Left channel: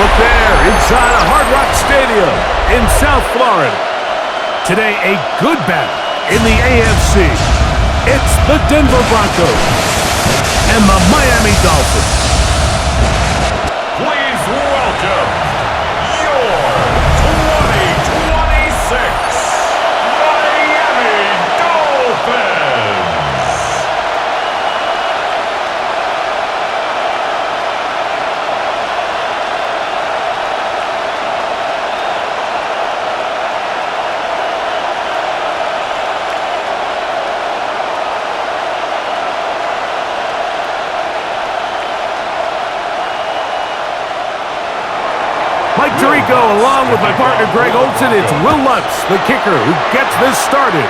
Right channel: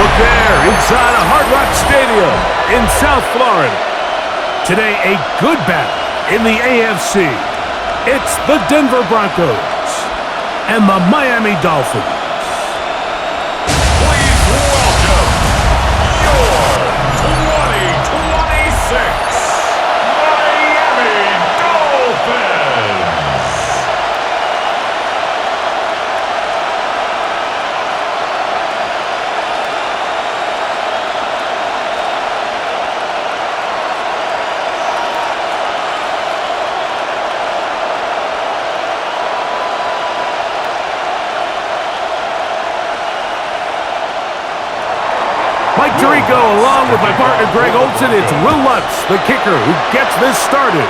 Look there, inside a Hard Rock Stadium in South Florida. Today, a good battle in the AFC. It's the Denver Broncos and the Miami Dolphins. Please welcome your 2026 Miami Dolphins. Mike Tirico, along with my partner Greg Olson, it's Will Lutz, the kicker, who gets this started.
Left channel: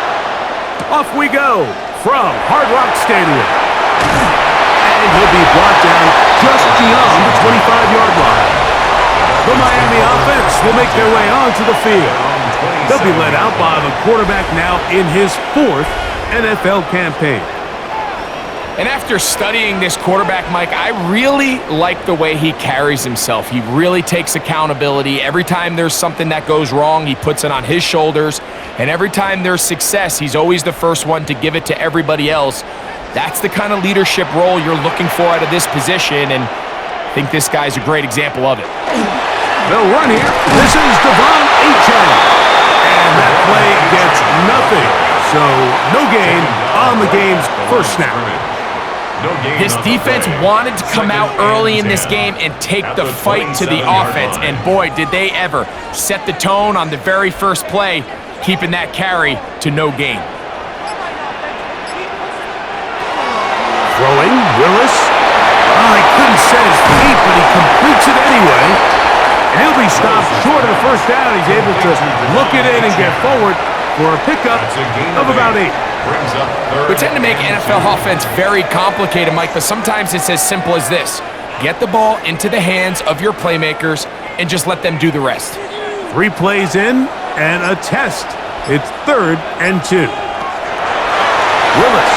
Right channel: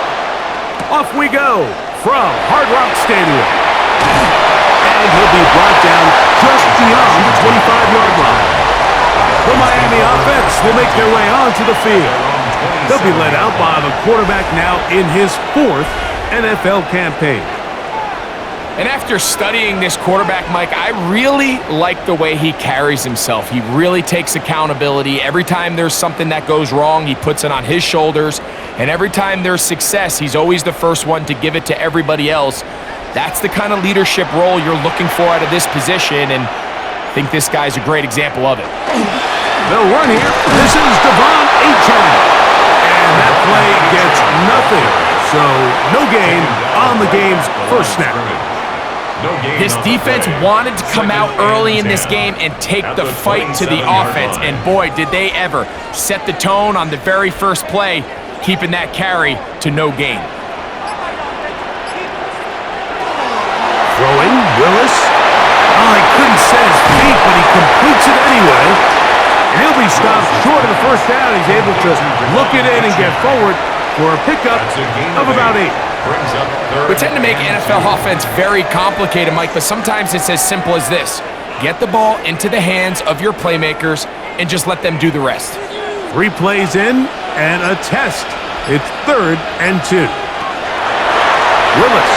Off we go from Hard Rock Stadium. And he'll be brought down just beyond the 25-yard line. The Miami offense will make their way onto the field. They'll be led out by the quarterback now in his 4th NFL campaign. And after studying this quarterback, Mike, I really like the way he carries himself. He really takes accountability. Every time there's something that goes wrong, he puts it on his shoulders. And every time there's success, he's always the first one to give it to everybody else. That's the kind of leadership role you're looking for out of this position, and I think this guy's a great example of it. They'll run here. This is Devon Achane. And that play gets nothing. So no gain on the game's first snap. This defense wanted to come out early in this game and take the fight to the offense, and boy, did they ever set the tone on the very first play, keeping that carry to no gain. Throwing, Willis. Oh, he couldn't set his feet, but he completes it anyway. And he'll be stopped short of the first down. He's able to look it in and get forward for a pickup of about 8. We tend to make NFL offense very complicated, Mike, but sometimes it's as simple as this. Get the ball into the hands of your playmakers and just let them do the rest. 3 plays in and a test. It's 3rd and 2. Willis.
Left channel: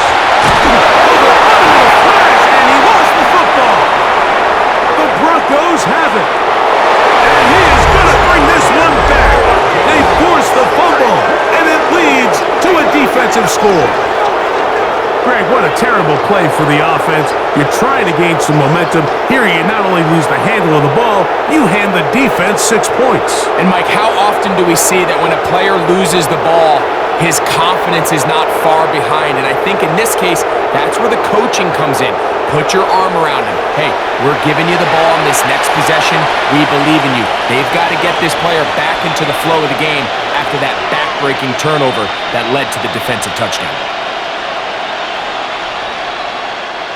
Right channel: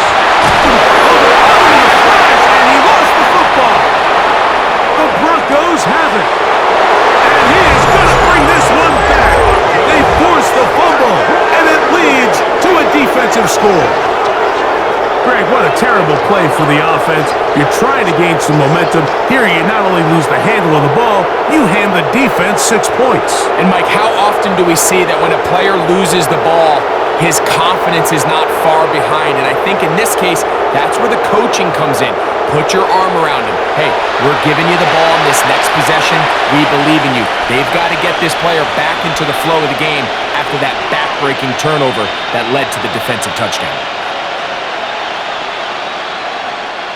Oh, they're on him in a flash, and he lost the football. The Broncos have it. And he is going to bring this one back. They force the fumble, and it leads to a defensive score. Greg, what a terrible play for the offense. You're trying to gain some momentum. Here you not only lose the handle of the ball, you hand the defense 6 points. And Mike, how often do we see that when a player loses the ball, his confidence is not far behind? And I think in this case, that's where the coaching comes in. Put your arm around him. Hey, we're giving you the ball in this next possession. We believe in you. They've got to get this player back into the flow of the game after that back-breaking turnover that led to the defensive touchdown.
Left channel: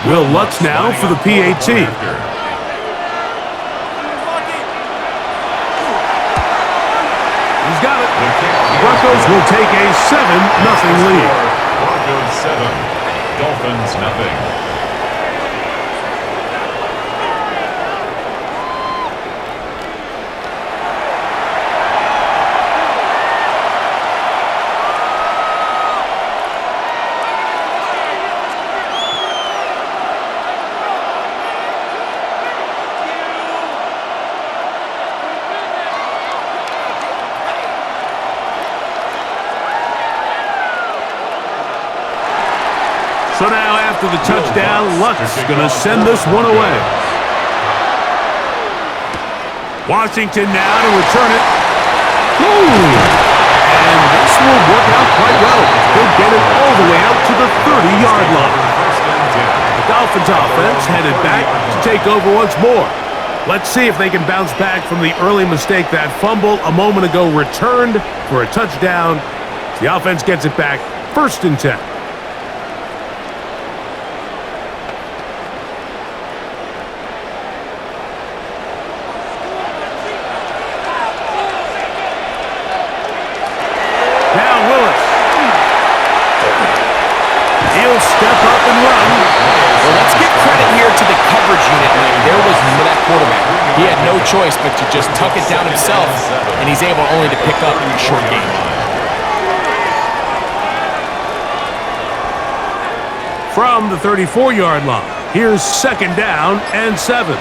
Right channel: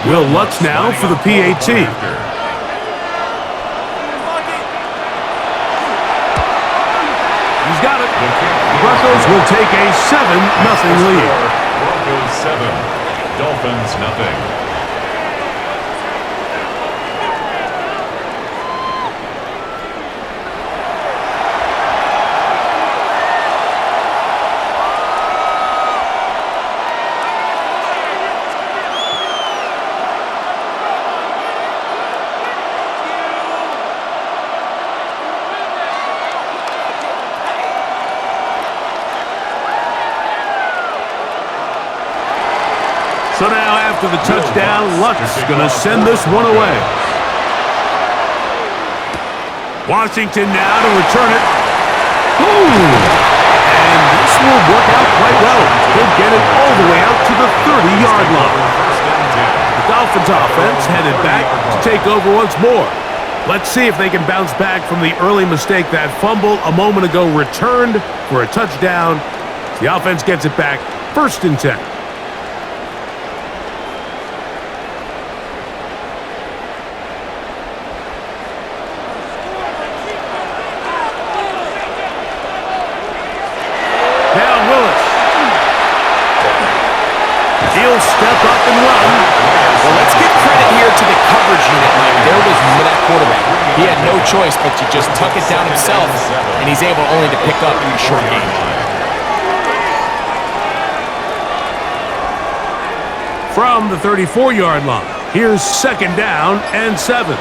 Will Lutz now for the PAT. He's got it. The Broncos will take a 7-0 lead. Broncos 7, Dolphins nothing. So now after the touchdown, Lutz is going to send this one away. Washington now to return it. Ooh! And this will work out quite well. He'll get it all the way out to the 30-yard line. The Dolphins offense headed back to take over once more. Let's see if they can bounce back from the early mistake. That fumble a moment ago returned for a touchdown. The offense gets it back, 1st and 10. Now Willis. He'll step up and run. Well, let's give credit here to the coverage unit, Mike. There was that quarterback. He had no choice but to just tuck it down himself, and he's able only to pick up a short gain. From the 34-yard line, here's 2nd down and 7.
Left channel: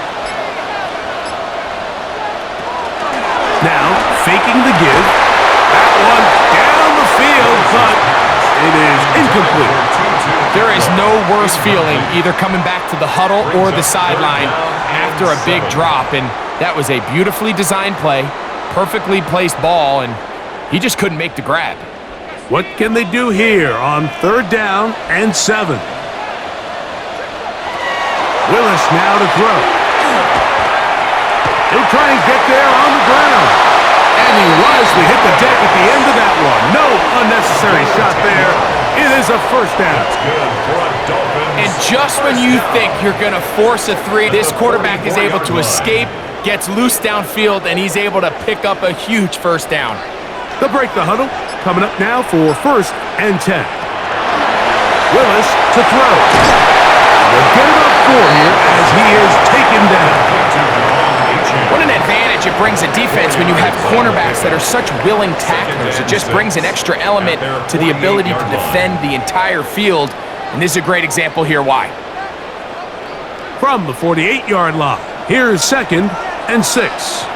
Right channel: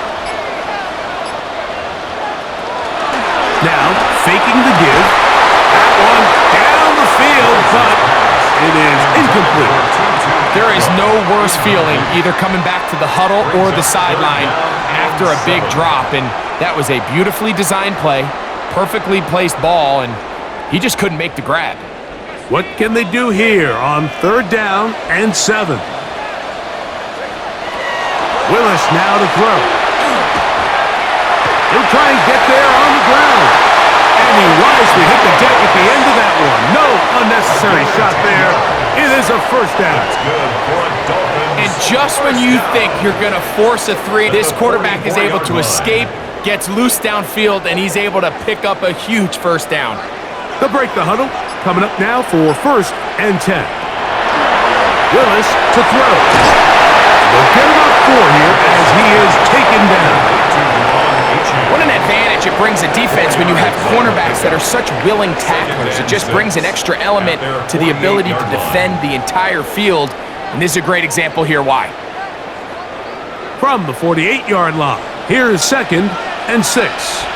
now, faking the give. That one down the field, but it is incomplete. There is no worse feeling either coming back to the huddle or the sideline after a big drop, and that was a beautifully designed play, perfectly placed ball, and he just couldn't make the grab. What can they do here on 3rd down and 7? Willis now to throw. He'll try and get there on the ground. And he wisely hit the deck at the end of that one. No unnecessary shot there. It is a first down. That's good for a Dolphins. And just when you think you're going to force a 3, this quarterback is able to escape, gets loose downfield, and he's able to pick up a huge first down. They'll break the huddle. Coming up now for 1st and 10. Willis to throw. They'll get about 4 here as he is taken down. What an advantage it brings a defense when you have cornerbacks that are such willing tacklers. It just brings an extra element to the ability to defend the entire field. And this is a great example here why. From the 48-yard line, here's 2nd and 6.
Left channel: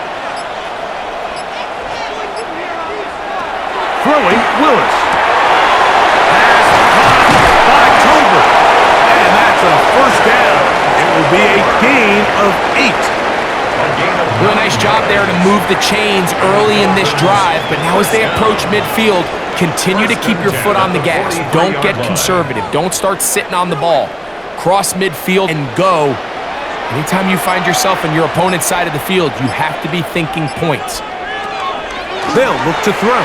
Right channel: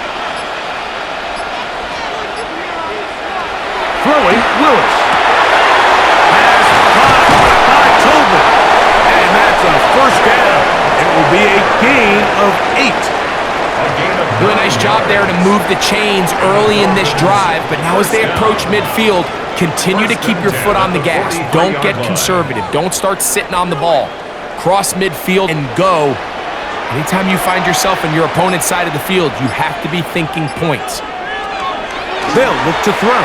Throwing, Willis. Pass caught by Tolbert. And that's a first down. It will be a gain of 8. Really nice job there to move the chains early in this drive, but now as they approach midfield, continue to keep your foot on the gas. Don't get conservative. Don't start sitting on the ball. Cross midfield and go. Anytime you find yourself on your opponent's side of the field, you have to be thinking points. They'll look to throw.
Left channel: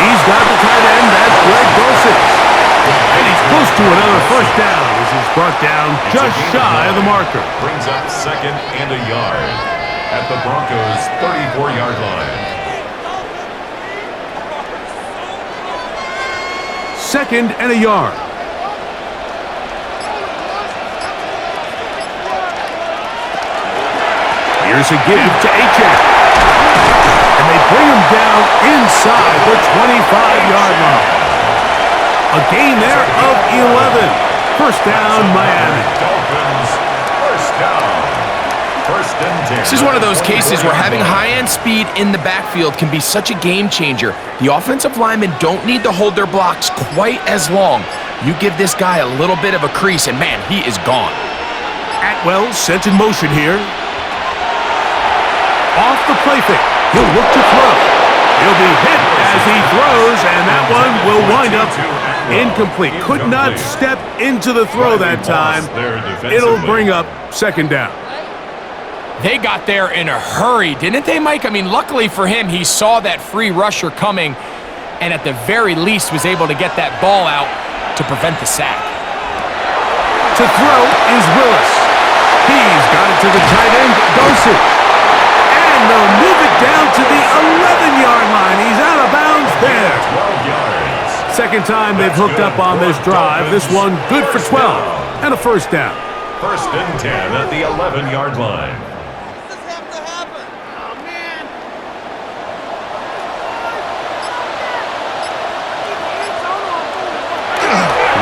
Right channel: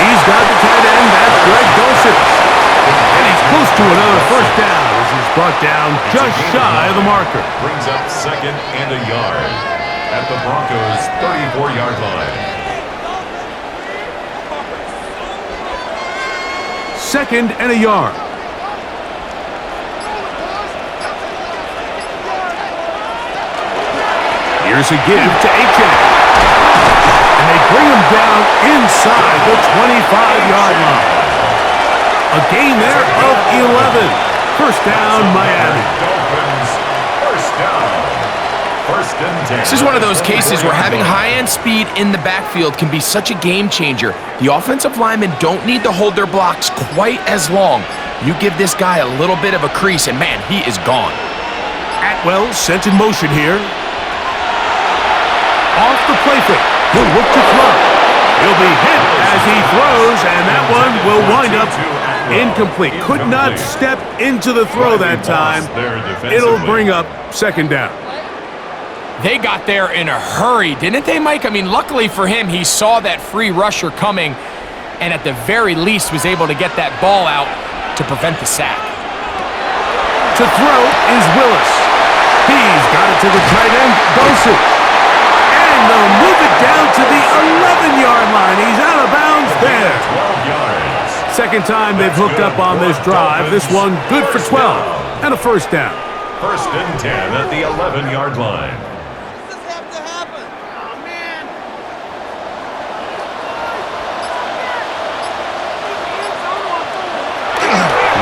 He's got the tight end. That's Greg Dulcich. And he's close to another first down as he's brought down just shy of the marker. Brings up 2nd and a yard at the Broncos' 34-yard line. 2nd and a yard. Here's a give to Achane. And they bring him down inside the 25-yard line. A gain there of 11. First down, Miami. Dolphins, first down. 1st and 10. This is one of those cases where having high-end speed in the backfield can be such a game changer. The offensive linemen don't need to hold their blocks quite as long. You give this guy a little bit of a crease, and man, he is gone. Atwell sent in motion here. Off the play fake. He'll look to throw. He'll be hit as he throws, and that one will wind up incomplete. Could not step into the throw that time. It'll bring up 2nd down. They got there in a hurry, didn't they, Mike? I mean, luckily for him, he saw that free rusher coming and at the very least was able to get that ball out to prevent the sack. To throw is Willis. He's got it to the tight end, Dulcich. And they'll move it down to the 11-yard line. He's out of bounds there. 12 yards. 2nd time they've hooked up on this drive. This one good for 12 and a first down. 1st and 10 at the 11-yard line. Does this have to happen? Oh, man.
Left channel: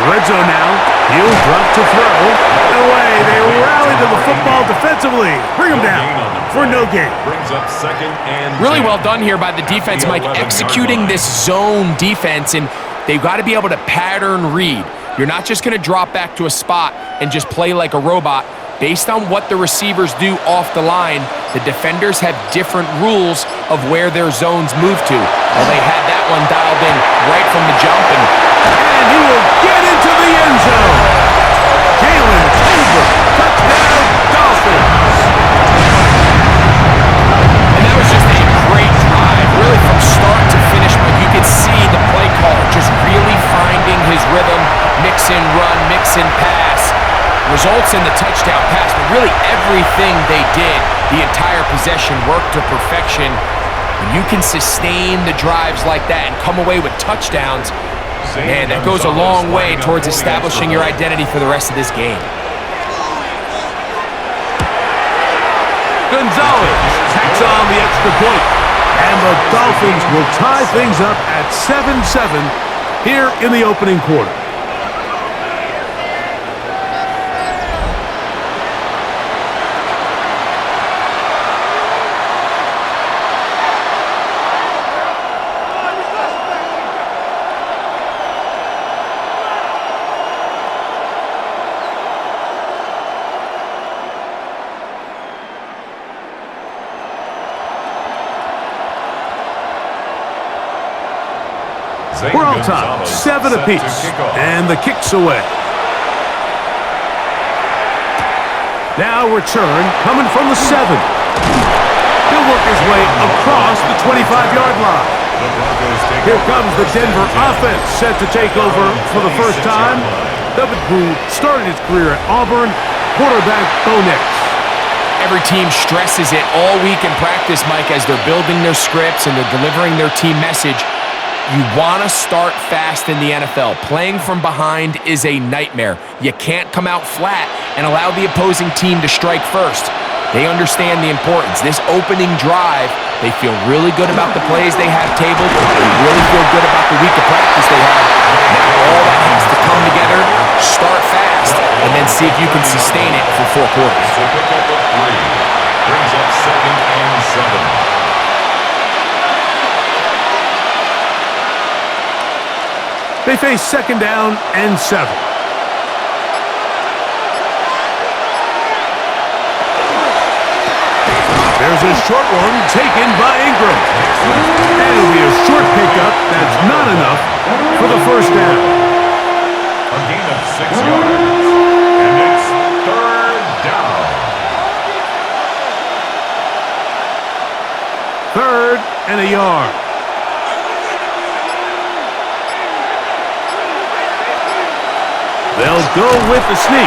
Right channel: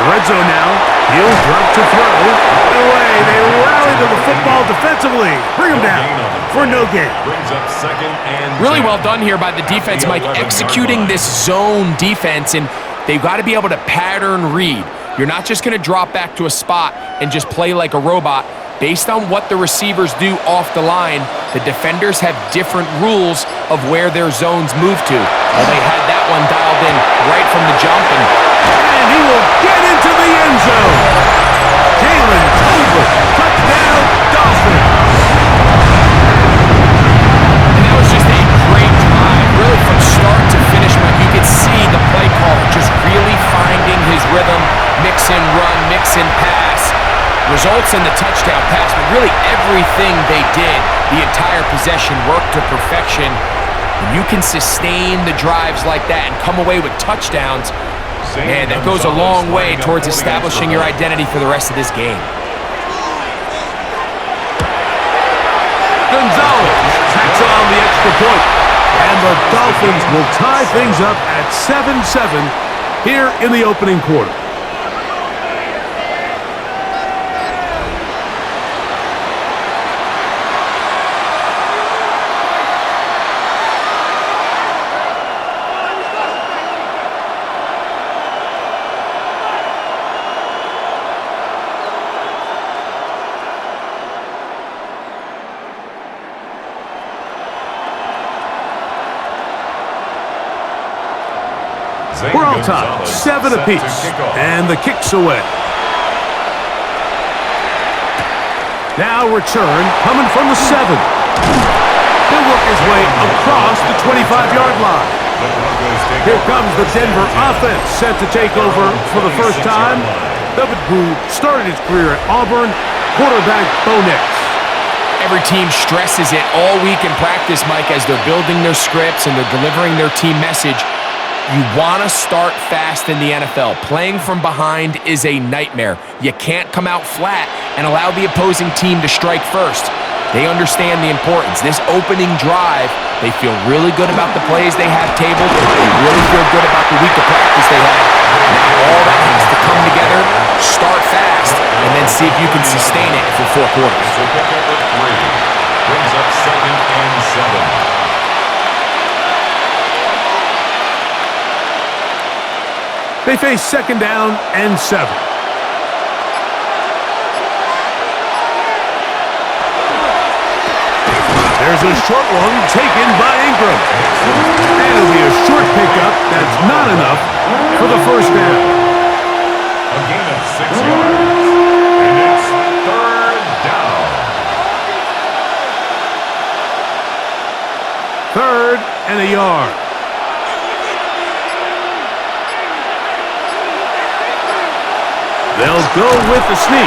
Red zone now. He'll drop to throw. Away. They rally to the football defensively. Bring him down for no gain. Brings up 2nd and Really 10. well done here by the defense, Mike, executing this zone defense, and they've got to be able to pattern read. You're not just going to drop back to a spot and just play like a robot. Based on what the receivers do off the line, the defenders have different rules of where their zones move to. Well, they had that one dialed in right from the jump, and he will get into the end zone. Jalen Tolbert, touchdown, Dolphins. And that was just a great drive, really from start to finish, Mike. You could see the play caller just really finding his rhythm, mix and run, mix and pass. Results in the touchdown pass, but really everything they did, the entire possession worked to perfection. When you can sustain the drives like that and come away with touchdowns, man, that goes a long way towards establishing your identity for the rest of this game. Gonzalez tacks on the extra point, and the Dolphins will tie things up at 7-7 here in the opening quarter. We're all tied, 7 apiece, and the kick's away. Now return, coming from the 7. He'll work his way across the 25-yard line. Here comes the Denver offense, set to take over for the first time. David, who started his career at Auburn, quarterback Bo Nix. Every team stresses it all week in practice, Mike, as they're building their scripts and they're delivering their team message. You want to start fast in the NFL. Playing from behind is a nightmare. You can't come out flat and allow the opposing team to strike first. They understand the importance. This opening drive, they feel really good about the plays they have tabled. They really feel good about the week of practice they had. Now all that has to come together, start fast, and then see if you can sustain it for 4 quarters. So pick up with 3. Brings up 2nd and 7. They face 2nd down and 7. There's a short one taken by Ingram. And it'll be a short pickup that's not enough for the first down. A gain of 6 yards. And it's 3rd down. 3rd and a yard. They'll go with the sneak.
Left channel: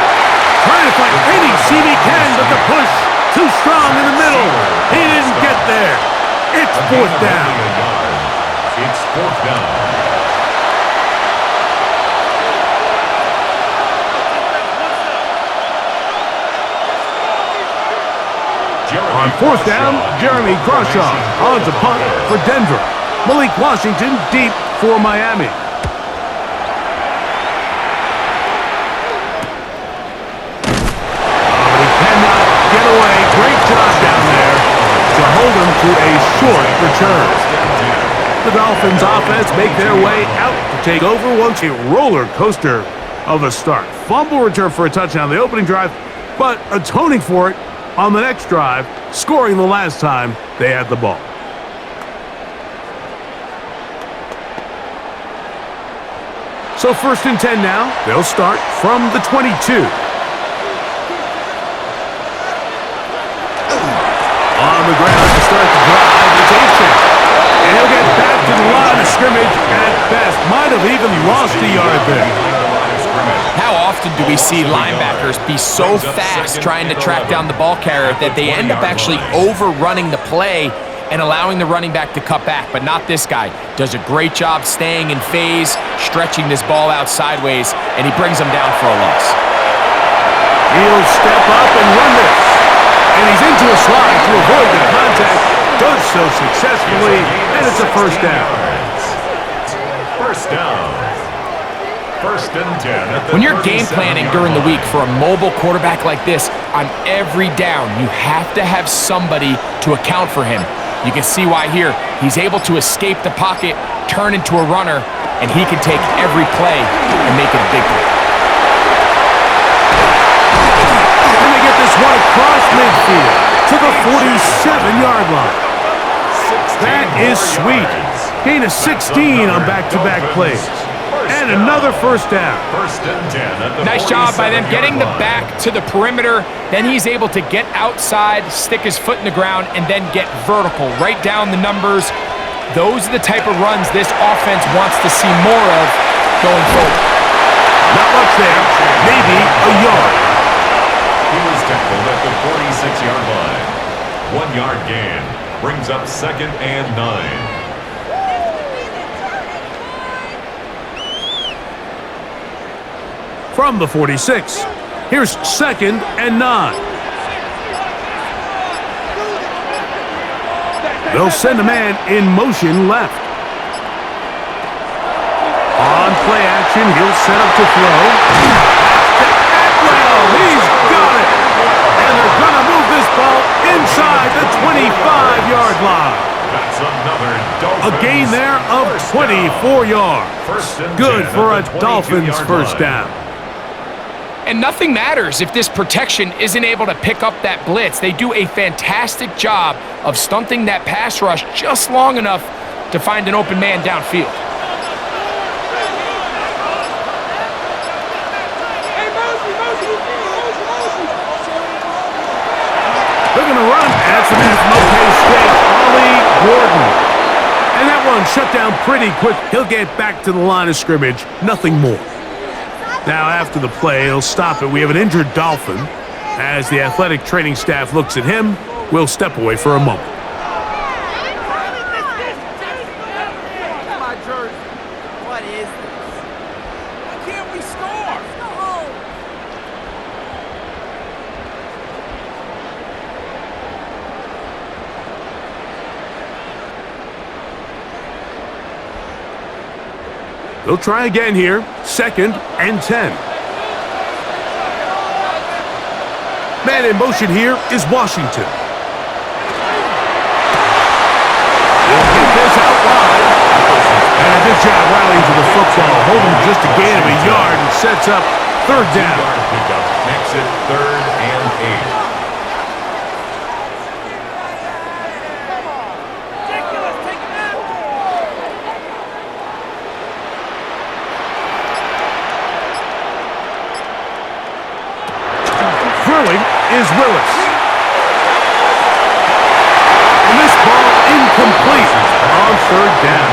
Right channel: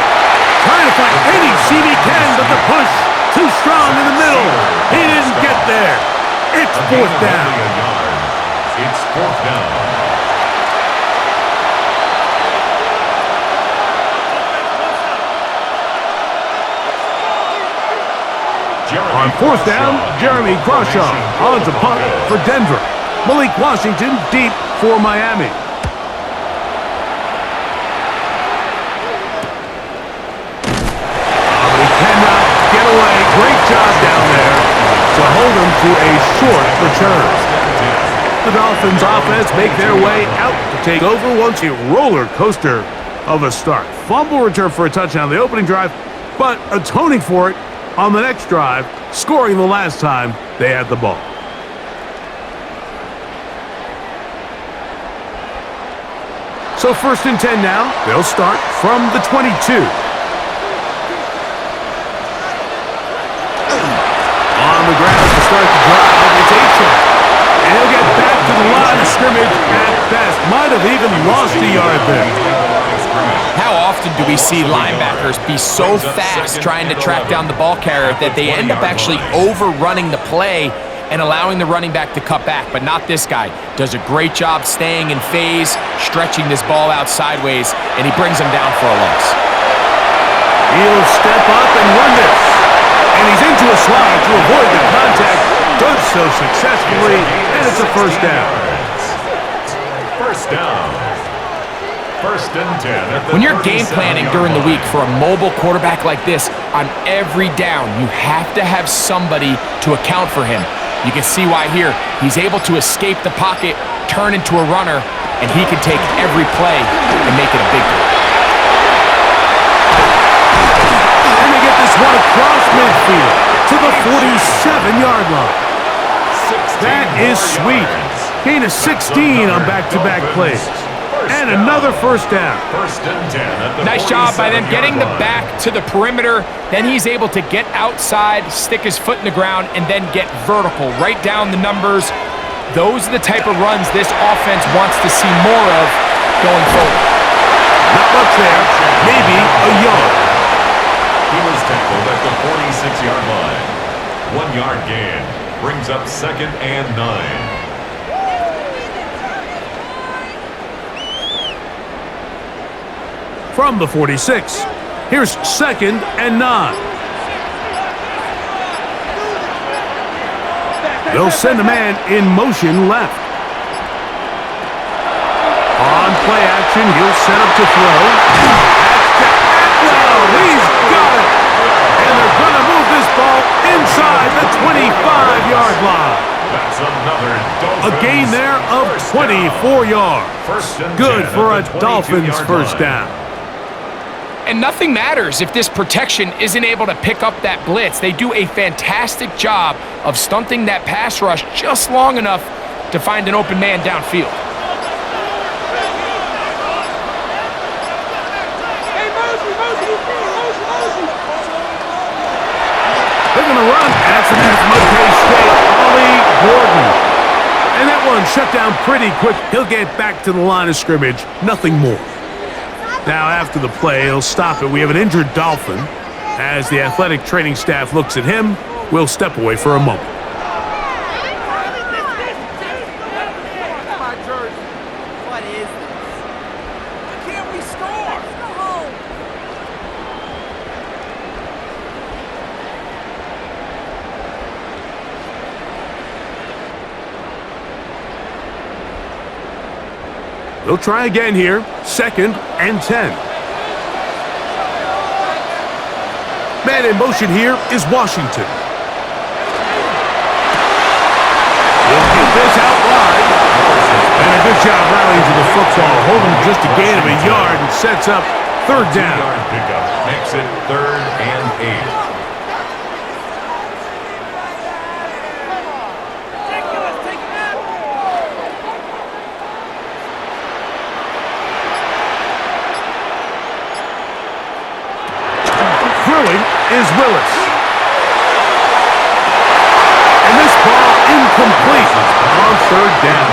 Trying to find any seam he can, but the push too strong in the middle. He didn't get there. It's 4th down. It's 4th down. On 4th down, Jeremy Crawshaw on to punt for Denver. Malik Washington deep for Miami. Cannot get away. Great job down there to hold him to a short return. The Dolphins offense make their way out to take over once a roller coaster of a start. Fumble return for a touchdown on the opening drive, but atoning for it on the next drive, scoring the last time they had the ball. So 1st and 10 now. They'll start from the 22. On the ground to start the drive, it's Achane. And he'll get back to the line of scrimmage at best. Might have even lost a yard there. How often do we see linebackers be so fast trying to track down the ball carrier that they end up actually overrunning the play and allowing the running back to cut back? But not this guy. Does a great job staying in phase, stretching this ball out sideways, and he brings him down for a loss. He'll step up and run this. And he's into a slide to avoid the contact. Does so successfully, and it's a 1st down. 1st down. 1st and 10. When you're game planning during the week for a mobile quarterback like this, on every down, you have to have somebody to account for him. You can see why here. He's able to escape the pocket, turn into a runner, and he can take every play and make it a big play. Get this one across midfield to the 47-yard line. That is sweet. Gain of 16 on back-to-back plays. And another 1st down. 1st and 10. Nice job by them getting the back to the perimeter. Then he's able to get outside, stick his foot in the ground, and then get vertical. Right down the numbers. Those are the type of runs this offense wants to see more of going forward. Not much there. Maybe a yard. He was tackled at the 46-yard line. 1 yard gain. Brings up 2nd and 9. From the 46, here's 2nd and 9. They'll send a man in motion left. On play action, he'll set up to throw. That's to Atwell. He's got it. And they're going to move this ball inside the 25-yard line. That's another Dolphins. A gain there of 24 yards. Good for a Dolphins 1st down. And nothing matters if this protection isn't able to pick up that blitz. They do a fantastic job of stunting that pass rush just long enough to find an open man downfield. They're going to run, and that's the man from OK State, Ollie Gordon. And that one shut down pretty quick. He'll get back to the line of scrimmage, nothing more. Now, after the play, he'll stop it. We have an injured Dolphin. As the athletic training staff looks at him, we'll step away for a moment. What is this? Why can't we score? Let's go home. They'll try again here. 2nd and 10. Man in motion here is Washington. He'll get this out wide. And a good job rallying to the football. Holding just a gain of a yard and sets up 3rd down. 2-yard pickup makes it 3rd and 8. Throwing is Willis. And this ball incomplete on 3rd down.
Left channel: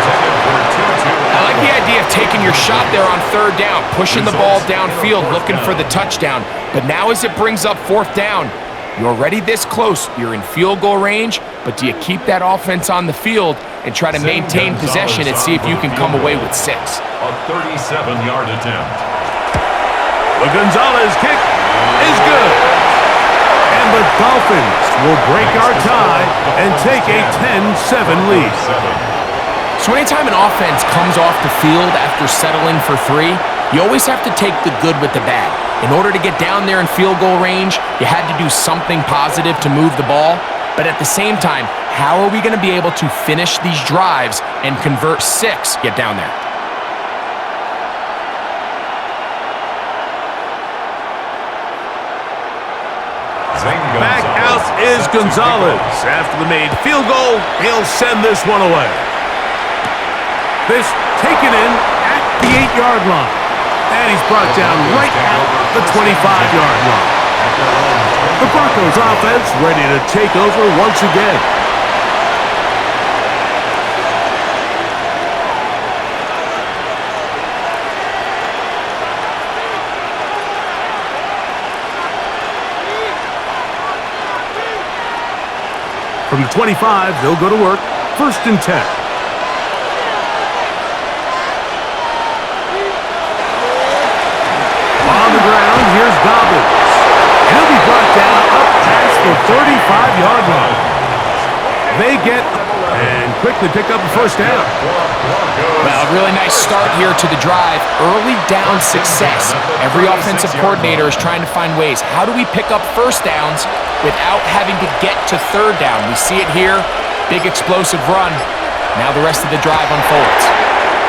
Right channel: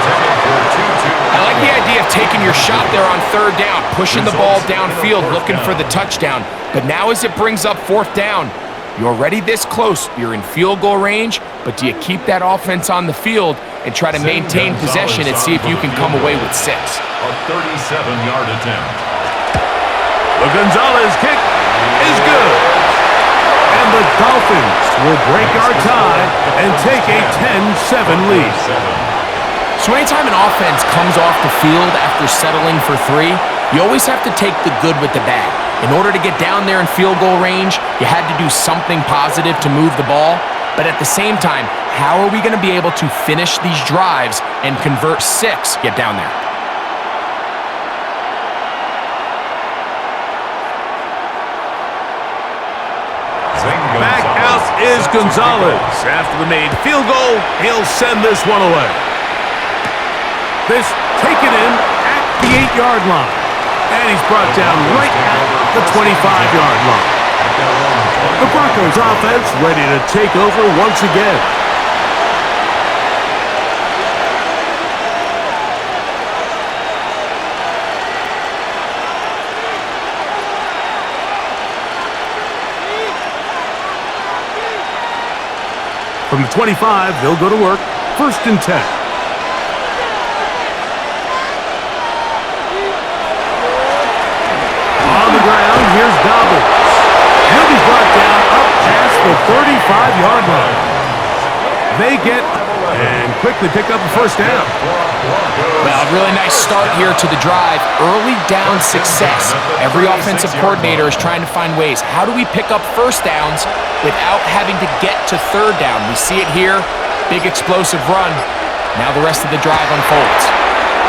I like the idea of taking your shot there on 3rd down, pushing the ball downfield, looking for the touchdown. But now as it brings up 4th down, you're already this close. You're in field goal range, but do you keep that offense on the field and try to maintain possession and see if you can come away with 6? A 37-yard attempt. The Gonzalez kick is good. And the Dolphins will break our tie and take a 10-7 lead. So anytime an offense comes off the field after settling for 3, you always have to take the good with the bad. In order to get down there in field goal range, you had to do something positive to move the ball. But at the same time, how are we going to be able to finish these drives and convert 6, get down there? Back out is Gonzalez. After the made field goal, he'll send this one away. This taken in at the 8-yard line. And he's brought down right at the 25-yard line. The Broncos offense ready to take over once again. From the 25, they'll go to work. 1st and 10. On the ground, here's Dobbins. He'll be brought down up past the 35-yard line. They get and quickly pick up a 1st down. Well, a really nice start here to the drive. Early down success. Every offensive coordinator is trying to find ways. How do we pick up 1st downs without having to get to 3rd down? We see it here. Big explosive run. Now the rest of the drive unfolds.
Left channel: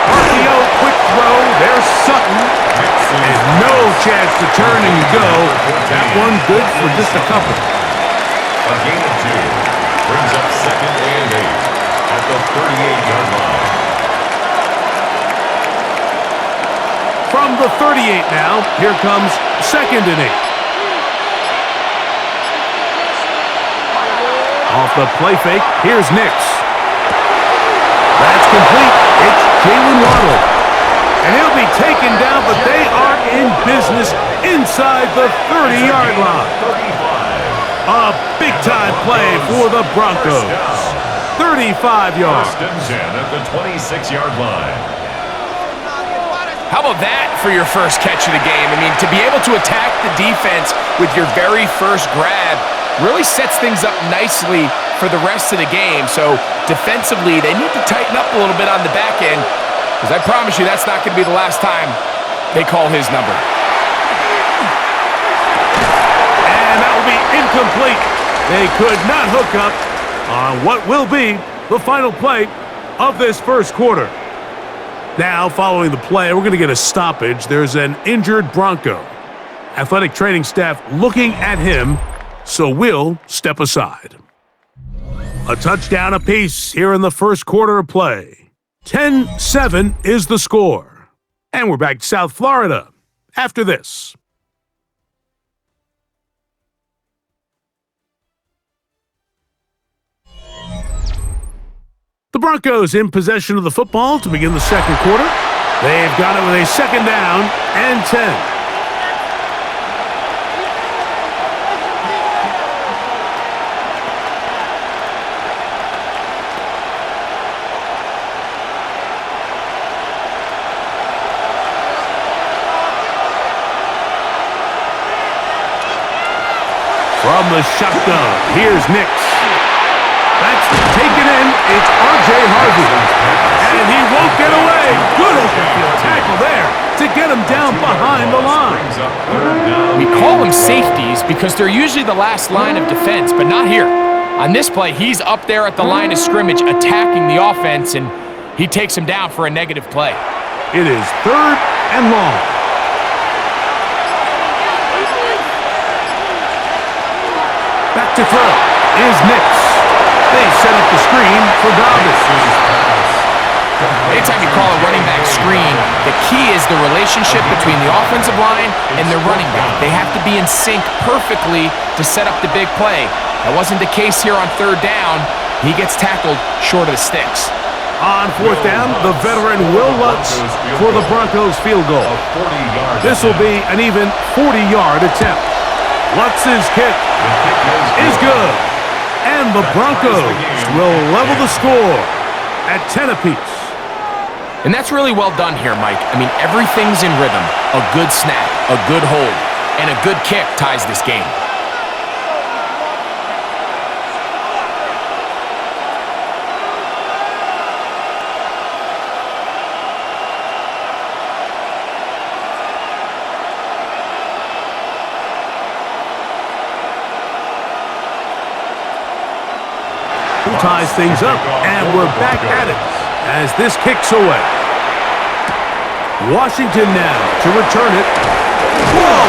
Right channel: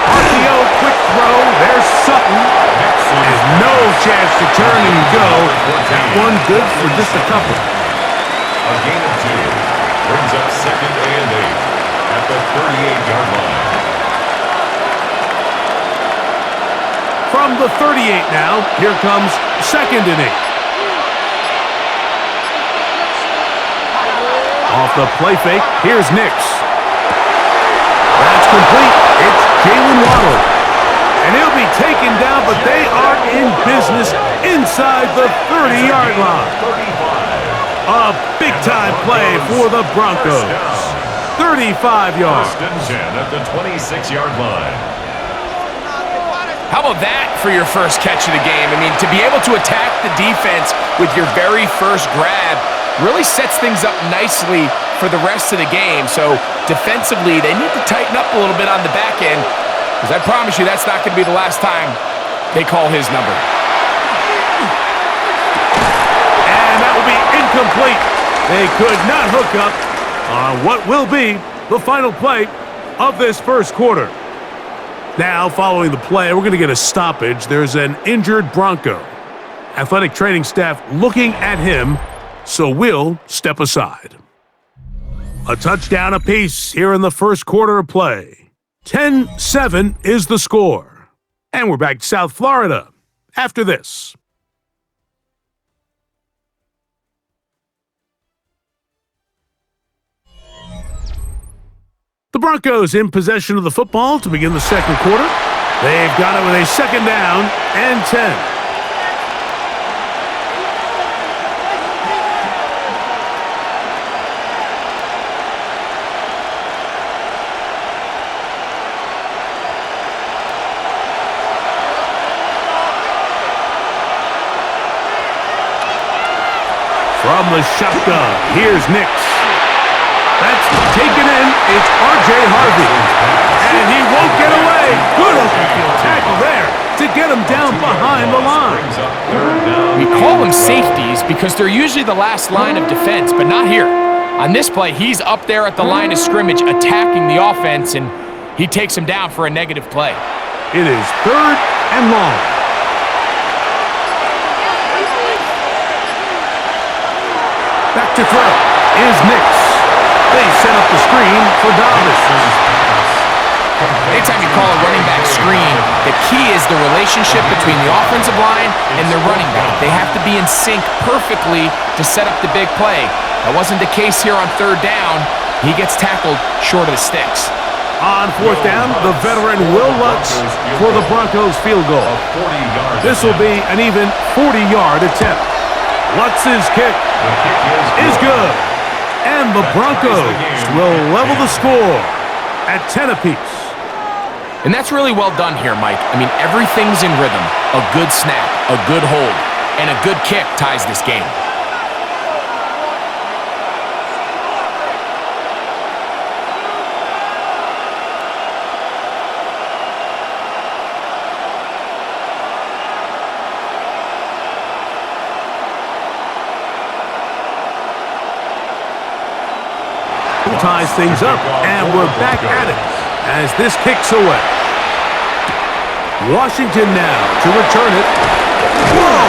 RPO, quick throw. There's Sutton. And no chance to turn and go. That one good for just a couple. A gain of 2 brings up 2nd and 8 at the 38-yard line. From the 38 now, here comes 2nd and 8. Off the play fake, here's Nix. That's complete. It's Jalen Waddle. And he'll be taken down, but they are in business inside the 30-yard line. 35. A big-time play for the Broncos. 35 yards. 1st and 10 at the 26-yard line. How about that for your first catch of the game? I mean, to be able to attack the defense with your very first grab really sets things up nicely for the rest of the game. So defensively, they need to tighten up a little bit on the back end, because I promise you that's not going to be the last time they call his number. And that will be incomplete. They could not hook up on what will be the final play of this first quarter. Now, following the play, we're going to get a stoppage. There's an injured Bronco. Athletic training staff looking at him, so we'll step aside. A touchdown apiece here in the first quarter of play. 10-7 is the score. And we're back to South Florida after this. The Broncos in possession of the football to begin the second quarter. They've got it with a second down and 10. From the shotgun, here's Nix. That's taken in. It's R.J. Harvey. And he won't get away. Good open field tackle there to get him down behind the line. We call them safeties because they're usually the last line of defense, but not here. On this play, he's up there at the line of scrimmage attacking the offense, and he takes him down for a negative play. It is 3rd and long. Back to throw is Nix. They set up the screen for Dobbins. Anytime you call a running back screen, the key is the relationship between the offensive line and the running back. They have to be in sync perfectly to set up the big play. That wasn't the case here on 3rd down. He gets tackled short of the sticks. On 4th down, the veteran Will Lutz for the Broncos field goal. This will be an even 40-yard attempt. Lutz's kick is good. And the Broncos will level the score at 10 apiece. And that's really well done here, Mike. I mean, everything's in rhythm. A good snap, a good hold, and a good kick ties this game. Ties things up, and we're back at it as this kicks away. Washington now to return it. Whoa!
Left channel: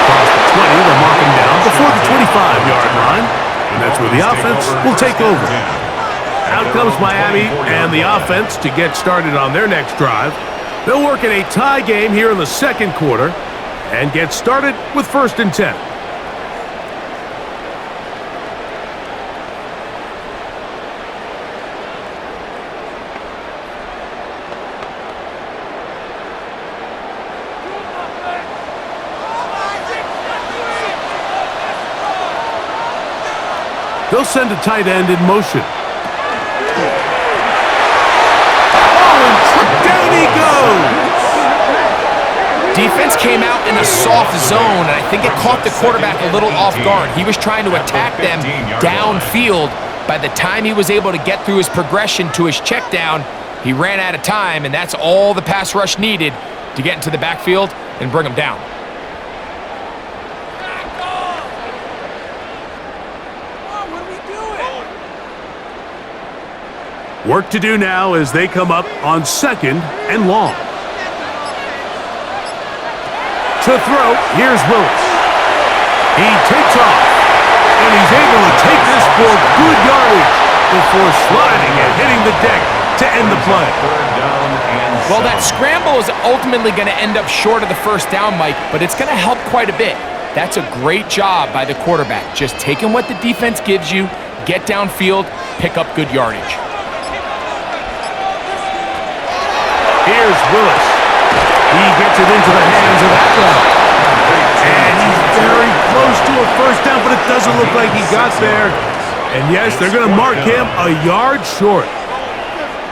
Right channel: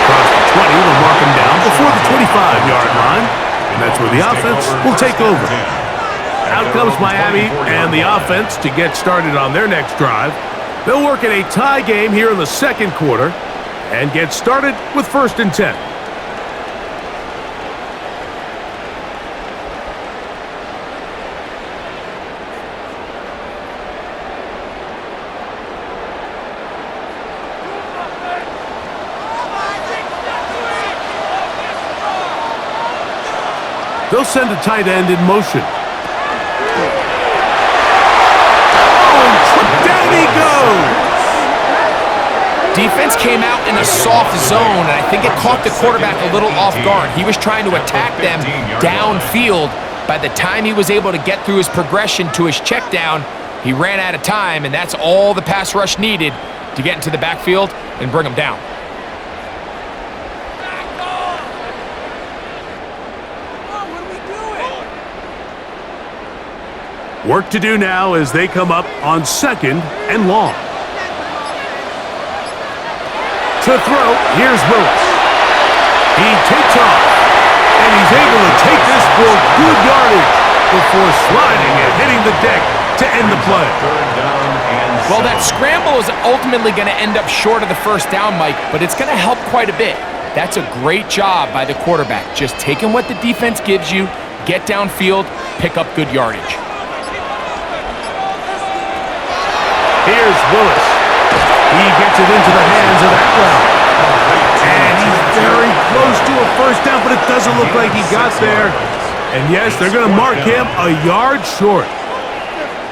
Across the 20, they'll mark him down before the 25-yard line, and that's where the offense will take over. Out comes Miami and the offense to get started on their next drive. They'll work in a tie game here in the second quarter and get started with 1st and 10. They'll send a tight end in motion. Oh, and down he goes! Defense came out in a soft zone, and I think it caught the quarterback a little off guard. He was trying to attack them downfield. By the time he was able to get through his progression to his check down, he ran out of time, and that's all the pass rush needed to get into the backfield and bring him down. Work to do now as they come up on 2nd and long. To throw, here's Willis. He takes off, and he's able to take this for good yardage before sliding and hitting the deck to end the play. Well, that scramble is ultimately going to end up short of the 1st down, Mike, but it's going to help quite a bit. That's a great job by the quarterback. Just taking what the defense gives you, get downfield, pick up good yardage. Here's Willis. He gets it into the hands of Atwell. And he's very close to a 1st down, but it doesn't look like he got there. And yes, they're going to mark him a yard short.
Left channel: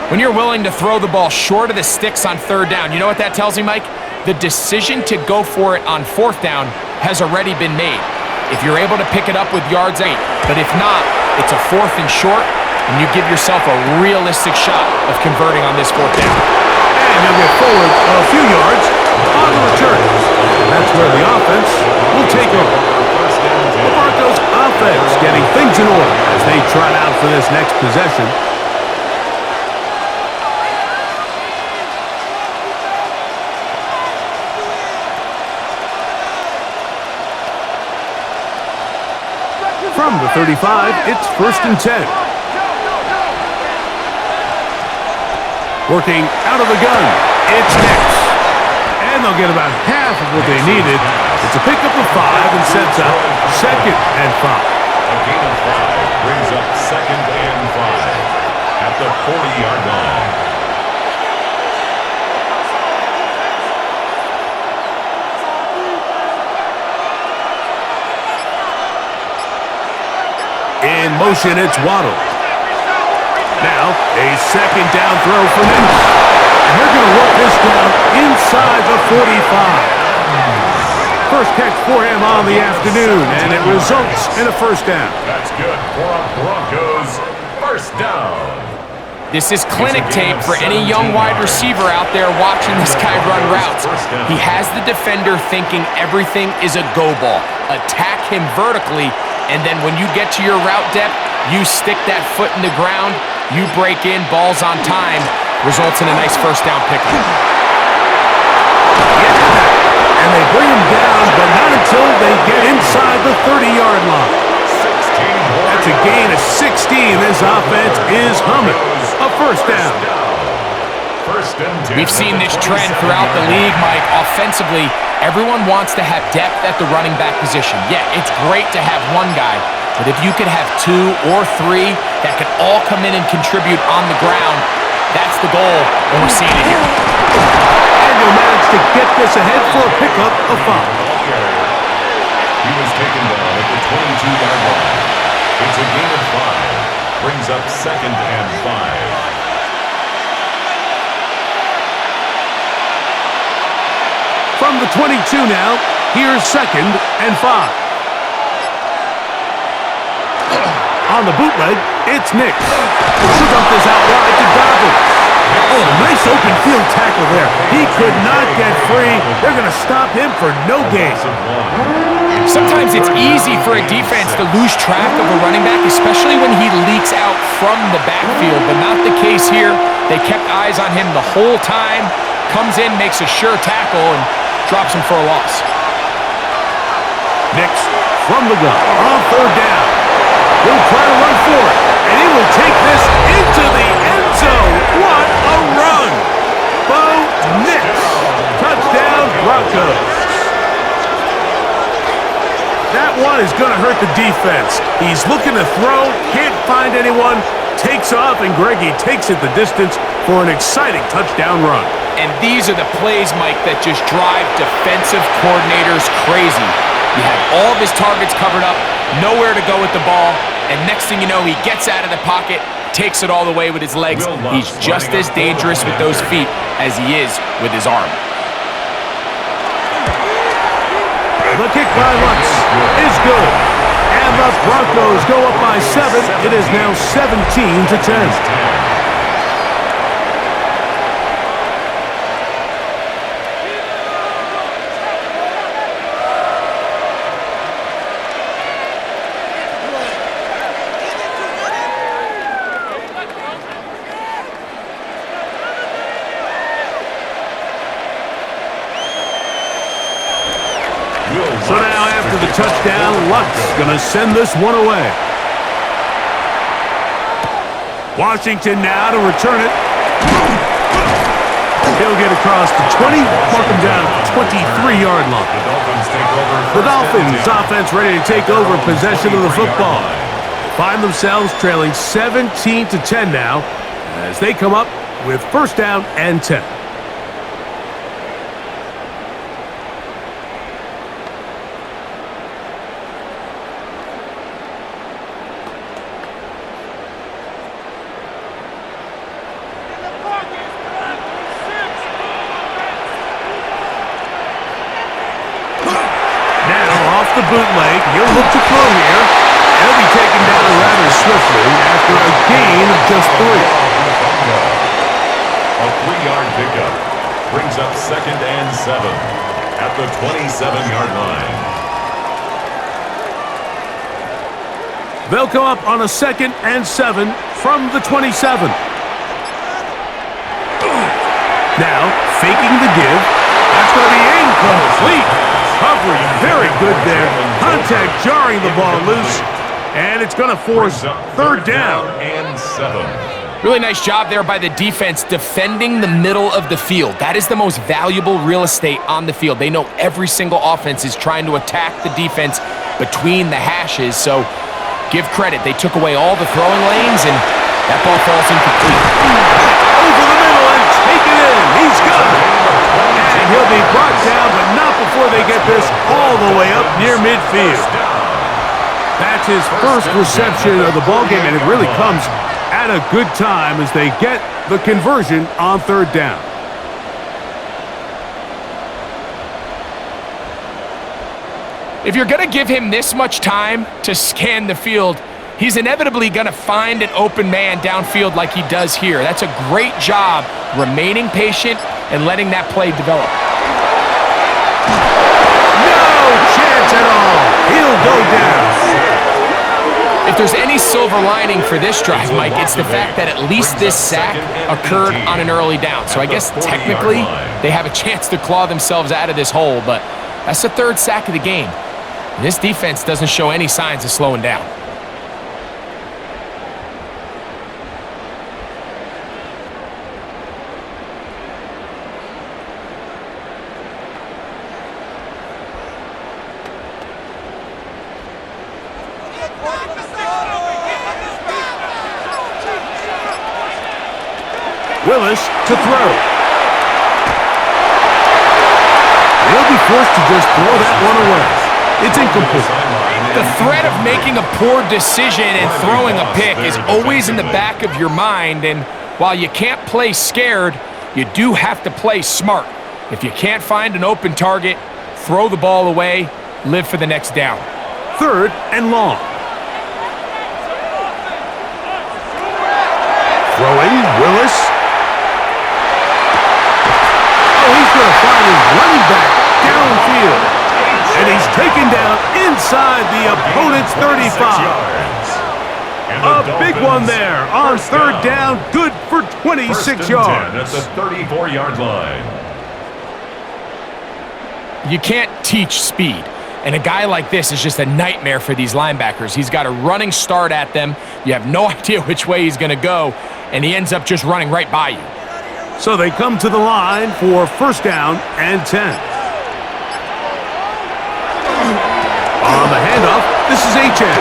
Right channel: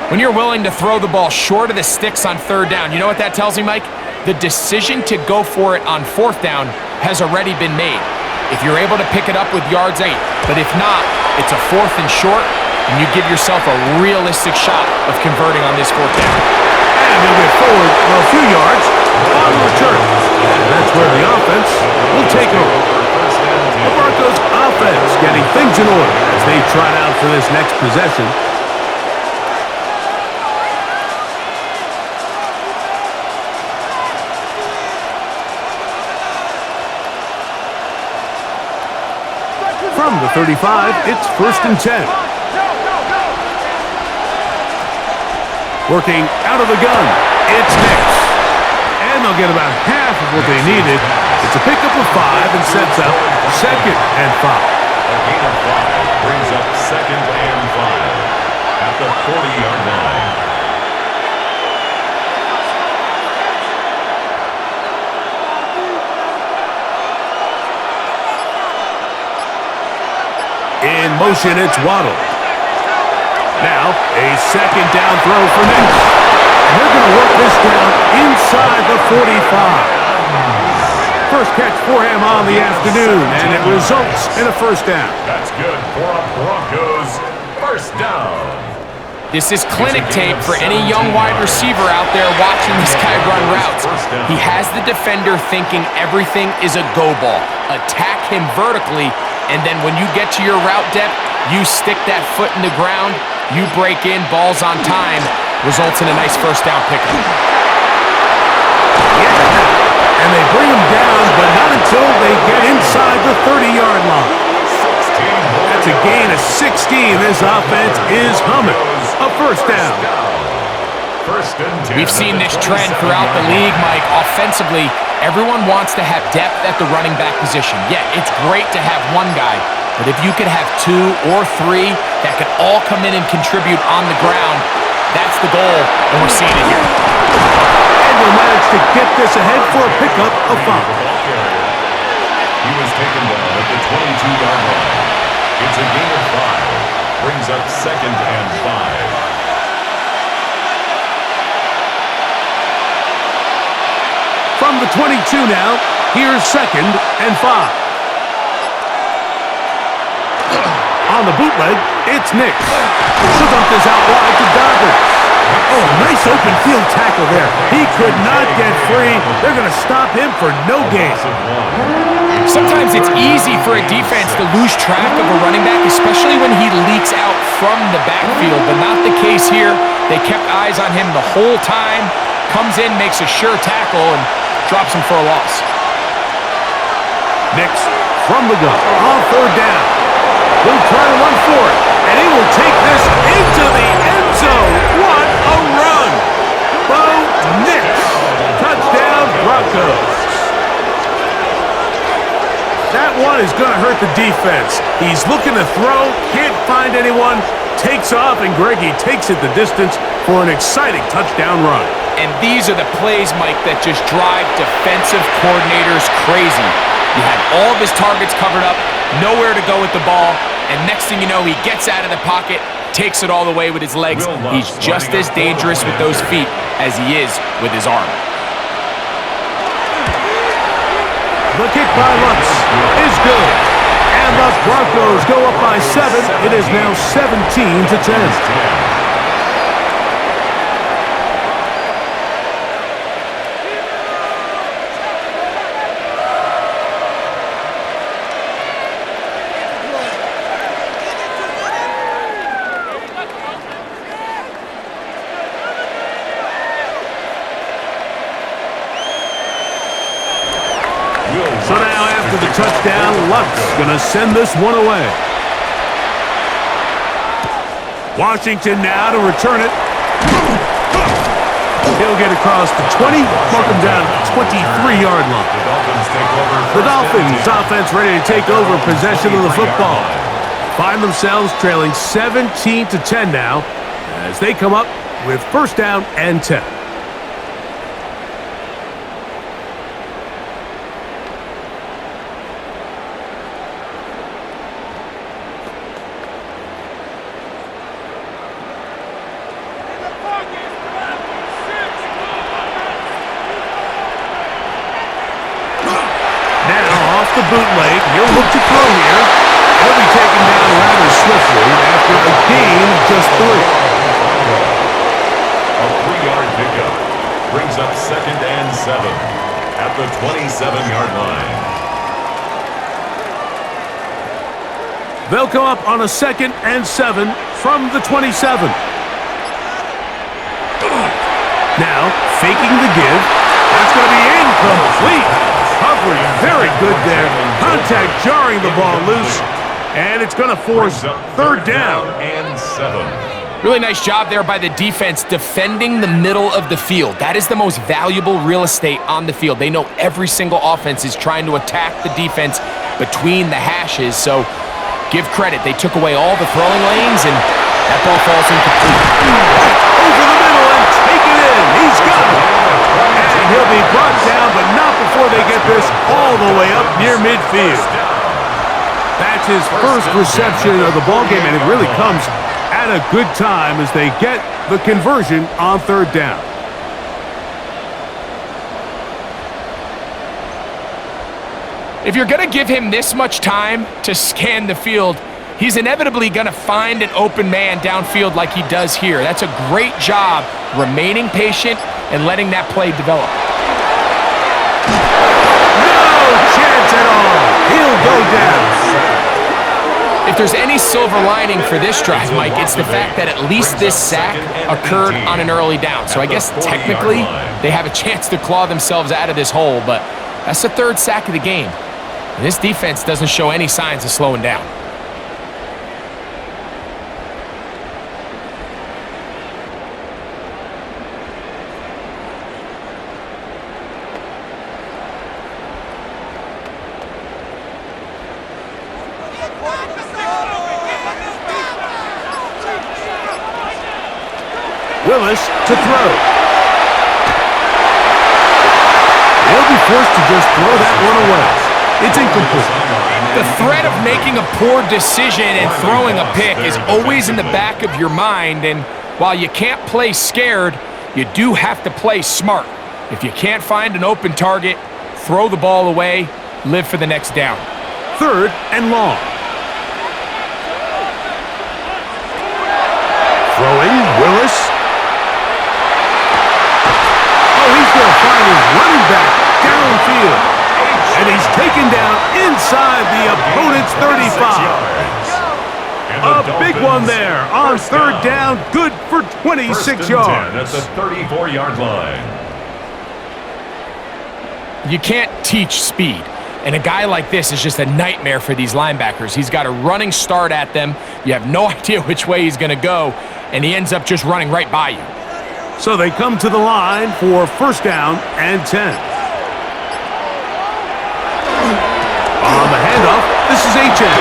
When you're willing to throw the ball short of the sticks on 3rd down, you know what that tells me, Mike? The decision to go for it on 4th down has already been made. If you're able to pick it up with yards 8, but if not, it's a 4th and short, and you give yourself a realistic shot of converting on this 4th down. And he'll get forward a few yards on the return. And that's where the offense will take over. The Broncos offense getting things in order as they trot out for this next possession. From the 35, it's 1st and 10. Working out of the gun, it's Nix. And they'll get about half of what they needed. It's a pickup of 5 and sets up 2nd and 5. A gain of 5 brings up 2nd and 5. at the 40-yard line. In motion, it's Waddle. Now, a second down throw for Nix. And they're going to work this down inside the 45. First catch for him on the afternoon, and it results in a first down. That's good for a Broncos first down. This is clinic tape for any young wide receiver out there watching this guy run routes. He has the defender thinking everything is a go ball. Attack him vertically, and then when you get to your route depth, you stick that foot in the ground, you break in, balls on time, results in a nice first down pickup. Yeah, and they bring him down, but not until they get inside the 30-yard line. That's a gain of 16. This offense is humming. A first down. We've seen this trend throughout the league, Mike. Offensively, everyone wants to have depth at the running back position. Yeah, it's great to have one guy, but if you could have two or three that could all come in and contribute on the ground, that's the goal, and we're seeing it here. And they'll manage to get this ahead for a pickup of 5. He was taken down at the 22-yard line. It's a gain of 5. Brings up second and 5. From the 22 now, here's second and 5. On the bootleg, it's Nix. She'll dump this out wide to Dobbins. Oh, nice open field tackle there. He could not get free. They're going to stop him for no gain. Sometimes it's easy for a defense to lose track of a running back, especially when he leaks out from the backfield, but not the case here. They kept eyes on him the whole time. Comes in, makes a sure tackle, and drops him for a loss. Nix from the gun on third down. He'll try to run for it, and he will take this into the end zone. What a run! Bo Nix. Touchdown, Broncos. That one is going to hurt the defense. He's looking to throw, can't find anyone, takes off, and Greggy takes it the distance for an exciting touchdown run. And these are the plays, Mike, that just drive defensive coordinators crazy. You have all of his targets covered up, nowhere to go with the ball, and next thing you know, he gets out of the pocket, takes it all the way with his legs. He's just as dangerous with those feet as he is with his arm. The kick by Lutz is good. And the Broncos go up by 7. It is now 17-10. So now after the touchdown, Lutz gonna send this one away. Washington now to return it. He'll get across the 20, mark him down at the 23-yard line. The Dolphins offense ready to take over possession of the football. Find themselves trailing 17-10 now as they come up with first down and 10. The bootleg, he'll look to throw here. He'll be taken down rather swiftly after a gain of just 3. A 3-yard pickup brings up second and 7 at the 27-yard line. They'll come up on a second and 7 from the 27. Now, faking the give. That's going to be incomplete. Coverage very good there. Contact jarring the ball loose. And it's going to force third down. And 7. Really nice job there by the defense defending the middle of the field. That is the most valuable real estate on the field. They know every single offense is trying to attack the defense between the hashes. So give credit. They took away all the throwing lanes, and That ball falls incomplete. Over the middle and taken in. He's got it. And he'll be brought down, but not before they get this all the way up near midfield. That's his first reception of the ballgame, and it really comes at a good time as they get the conversion on third down. If you're going to give him this much time to scan the field, he's inevitably going to find an open man downfield like he does here. That's a great job remaining patient and letting that play develop. No chance at all. He'll go down. If there's any silver lining for this drive, Mike, it's the fact that at least this sack occurred on an early down. So I guess technically they have a chance to claw themselves out of this hole, but that's the third sack of the game. And this defense doesn't show any signs of slowing down. Willis to throw. They'll be forced to just throw that one away. It's incomplete. The threat of making a poor decision and throwing a pick is always in the back of your mind, and while you can't play scared, you do have to play smart. If you can't find an open target, throw the ball away, live for the next down. Third and long. Throwing, Willis. Oh, he's going to find his running back downfield. And he's taken down inside the opponent's 35. A big one there on third down. Good for 26 yards. At the 34-yard line. You can't teach speed. And a guy like this is just a nightmare for these linebackers. He's got a running start at them. You have no idea which way he's going to go, and he ends up just running right by you. So they come to the line for first down and 10. On the handoff, this is H.N.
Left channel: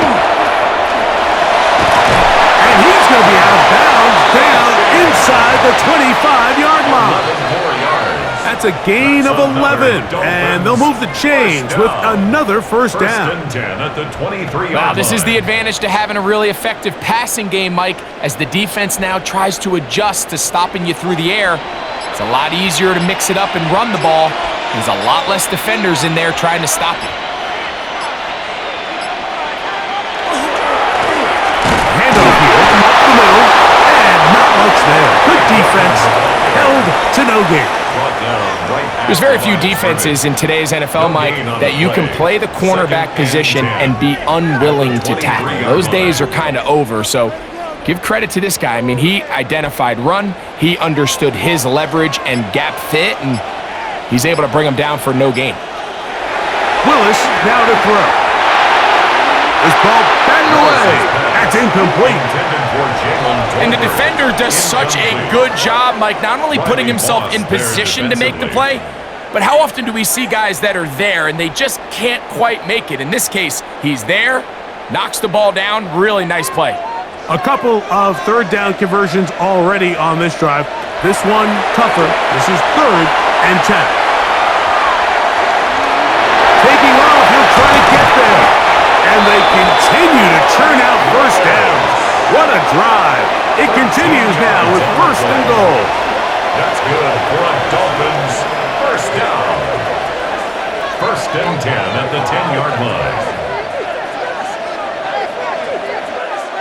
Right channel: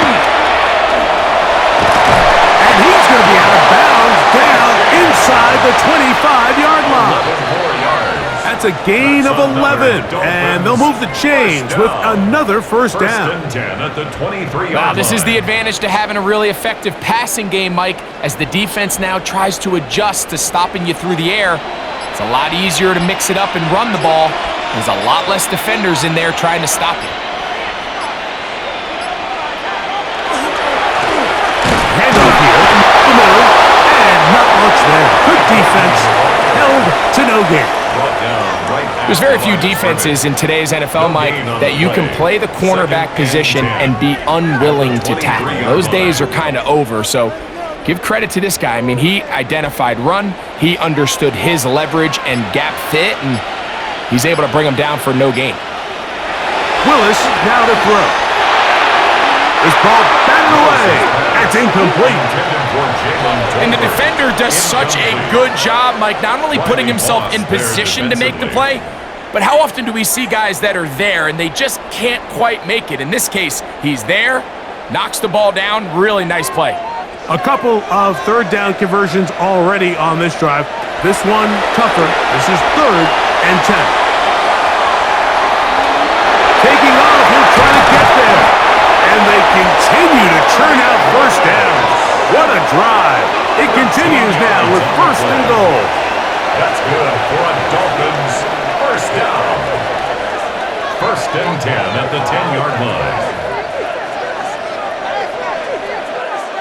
And he's going to be out of bounds down inside the 25-yard line. 11 more yards. That's a gain of 11, and they'll move the chains with another first down. First and 10 at the 23-yard Wow, this is line. the advantage to having a really effective passing game, Mike, as the defense now tries to adjust to stopping you through the air. It's a lot easier to mix it up and run the ball. There's a lot less defenders in there trying to stop you. Handoff here, the middle, and not much there. Good defense, held to no gain. There's very few defenses in today's NFL, Mike, that you can play the cornerback position and be unwilling to tackle. Those days are kind of over, so give credit to this guy. I mean, he identified run, he understood his leverage and gap fit, and he's able to bring him down for no gain. Willis now to throw. This ball batted away. That's incomplete. And the defender does such a good job, Mike, not only putting himself in position to make the play, but how often do we see guys that are there and they just can't quite make it? In this case, he's there, knocks the ball down, really nice play. A couple of third down conversions already on this drive. This one tougher. This is third and 10. Taking off, he'll try to get there. And they continue to churn out first downs. What a drive. It continues now with first and goal. That's good for a Dolphins first down. First and 10 at the 10-yard line.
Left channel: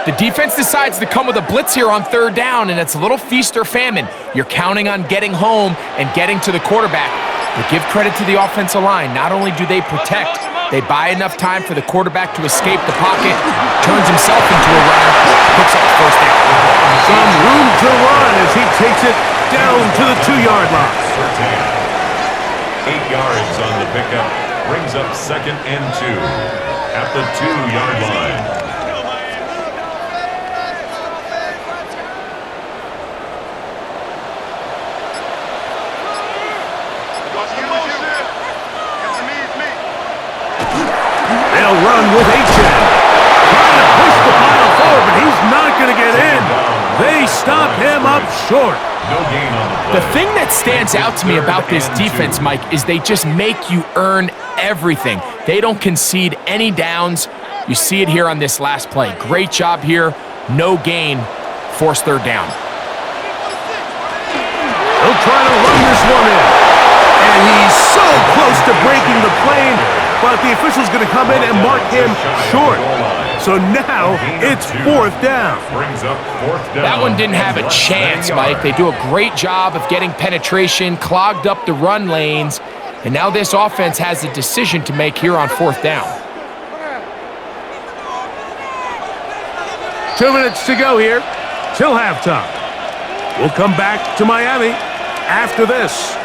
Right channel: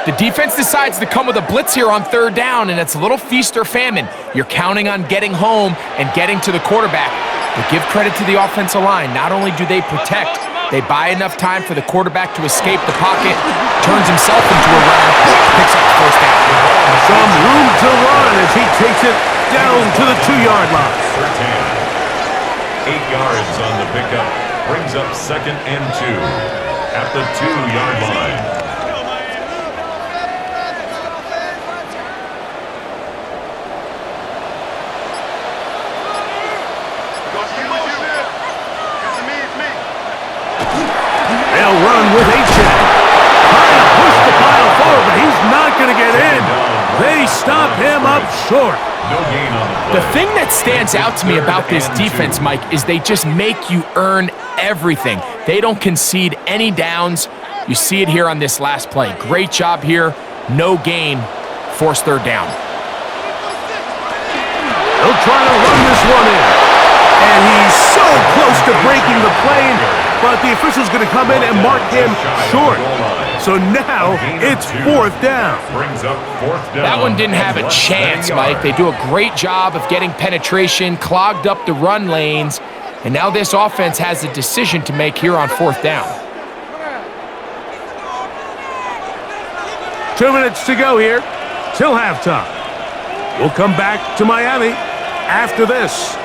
The defense decides to come with a blitz here on third down, and it's a little feast or famine. You're counting on getting home and getting to the quarterback. But give credit to the offensive line. Not only do they protect, they buy enough time for the quarterback to escape the pocket, turns himself into a runner, picks up the first down. Some room to run as he takes it down to the 2-yard line. 8 yards on the pickup, brings up second and 2 at the 2-yard line. They'll run with H.N. Trying to push the pile forward, but he's not going to get in. They stop him up short. No gain on the play. The thing that stands out to me about this defense, Mike, is they just make you earn everything. They don't concede any downs. You see it here on this last play. Great job here. No gain. Forced third down. They'll try to run this one in. And he's so close to breaking the plane, but the official's going to come in and mark him short. So now it's fourth down. Brings up fourth down. That one didn't have a chance, Mike. They do a great job of getting penetration, clogged up the run lanes, and now this offense has a decision to make here on fourth down. 2 minutes to go here till halftime. We'll come back to Miami after this.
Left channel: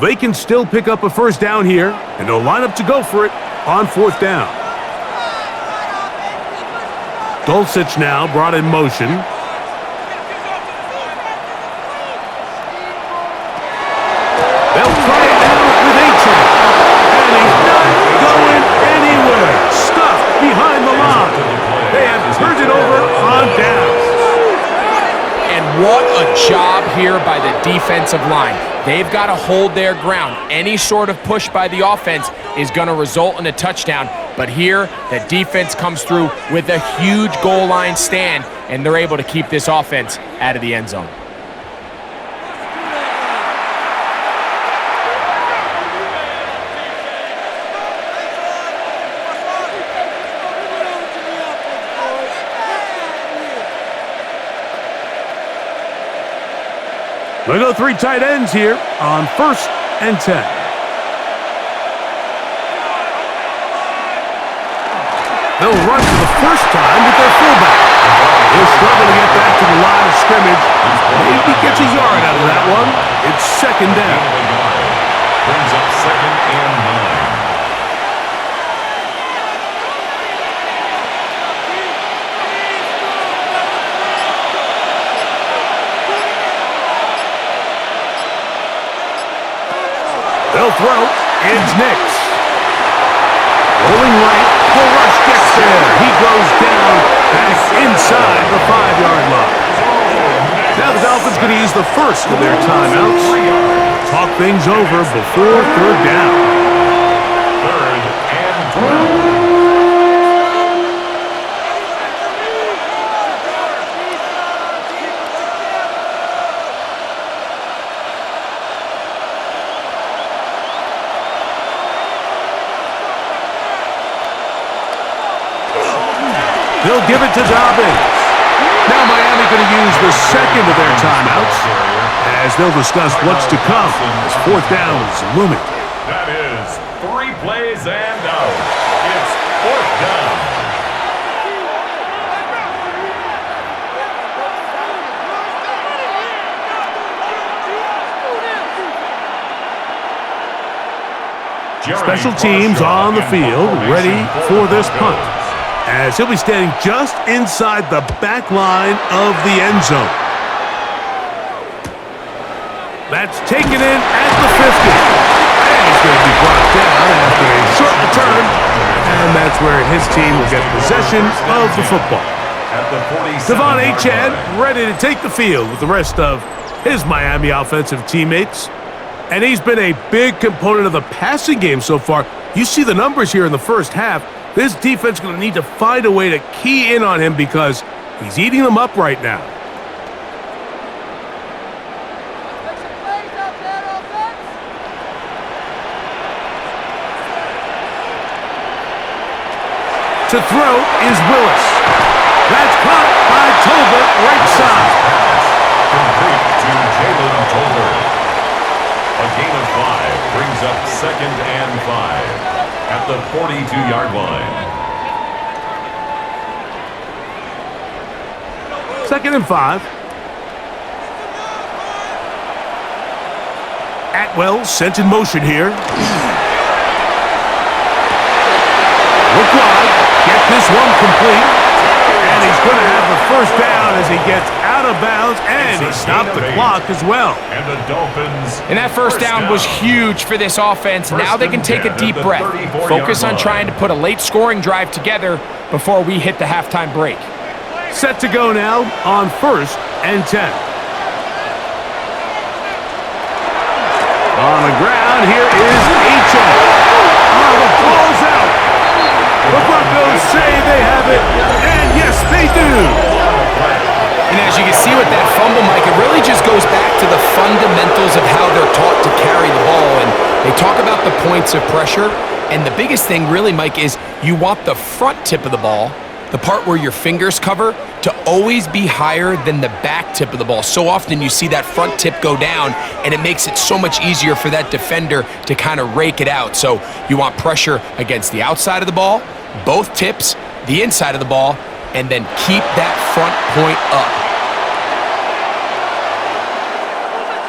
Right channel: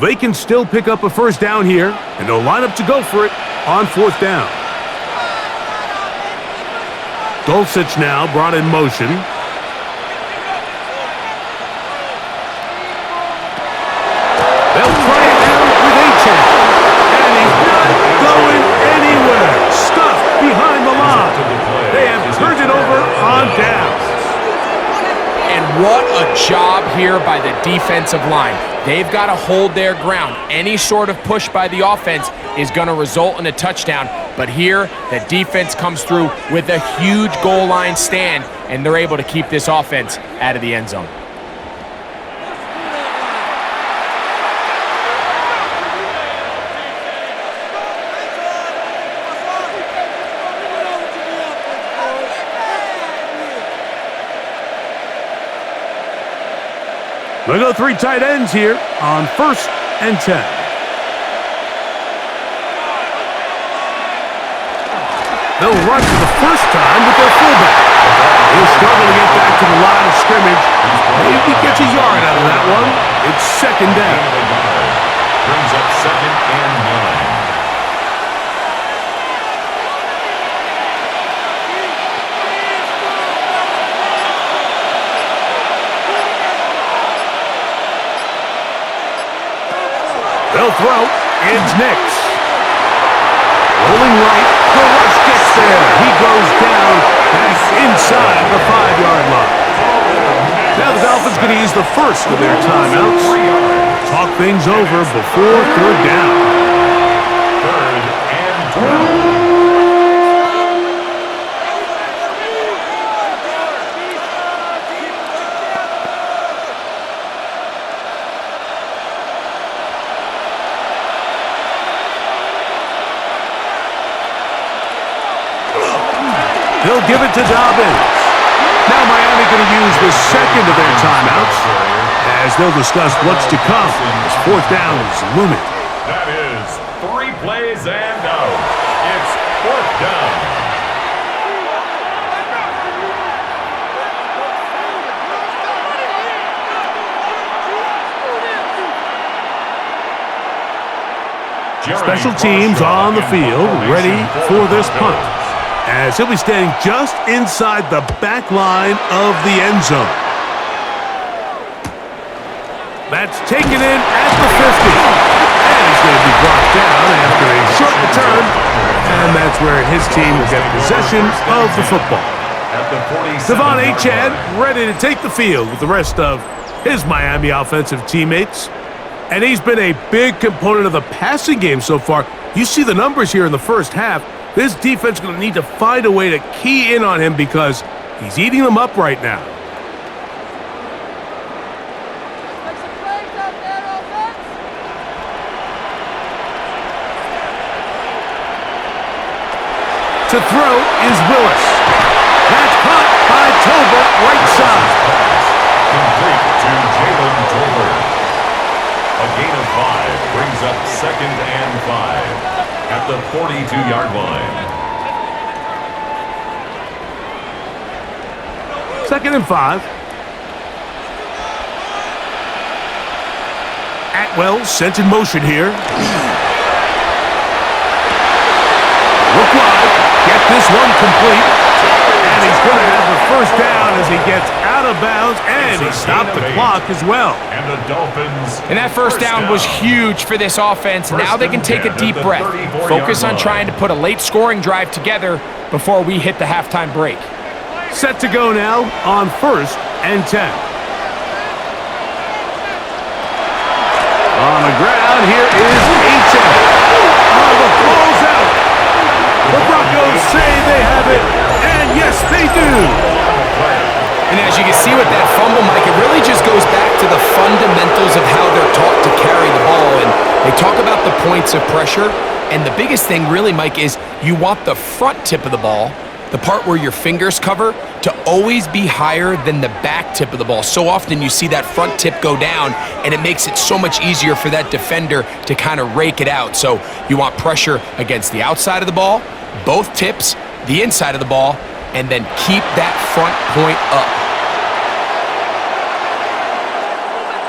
They can still pick up a first down here, and they'll line up to go for it on fourth down. Dulcich now brought in motion. They'll try it now with Achan. And he's not going anywhere. Stuffed behind the line. They have turned it over on downs. And what a job here by the defensive line. They've got to hold their ground. Any sort of push by the offense is going to result in a touchdown. But here, the defense comes through with a huge goal line stand, and they're able to keep this offense out of the end zone. They go three tight ends here on 1st and 10. They'll run for the first time with their fullback. He'll struggle to get back to the line of scrimmage. Maybe gets a yard out of that one. It's second down. Brings up 2nd and 9. They'll throw. It's Nix. Rolling right. The rush gets there. He goes down back inside the 5-yard line. Now the Dolphins going to use the first of their timeouts. Talk things over before third down. 3rd and 12. He'll give it to Dobbins. Now Miami going to use the second of their timeouts as they'll discuss what's to come as fourth down is looming. That is 3 plays and out. It's fourth down. Special teams on the field, ready for this punt, as he'll be standing just inside the back line of the end zone. That's taken in at the 50. And he's going to be brought down after a short return, and that's where his team will get possession of the football. Devon Achane ready to take the field with the rest of his Miami offensive teammates. And he's been a big component of the passing game so far. You see the numbers here in the first half. This defense is going to need to find a way to key in on him because he's eating them up right now. Let's make some plays out there, offense. To throw is Willis. That's caught by Tolbert, right side. Complete to Jalen Tolbert. A gain of 5 brings up 2nd and 5 at the 42-yard line. 2nd and 5. Atwell sent in motion here. Look wide. Get this one complete. And he's going to have the first down as he gets out out of bounds, and he stopped the clock as well. And the Dolphins. And that first down was huge for this offense. Now they can take a deep breath. Focus on trying to put a late scoring drive together before we hit the halftime break. Set to go now on 1st and 10. On the ground, here is H.O. Oh, the ball's out. The Broncos say they have it, and yes, they do. And as you can see with that fumble, Mike, it really just goes back to the fundamentals of how they're taught to carry the ball. And they talk about the points of pressure. And the biggest thing really, Mike, is you want the front tip of the ball, the part where your fingers cover, to always be higher than the back tip of the ball. So often you see that front tip go down, and it makes it so much easier for that defender to kind of rake it out. So you want pressure against the outside of the ball, both tips, the inside of the ball, and then keep that front point up.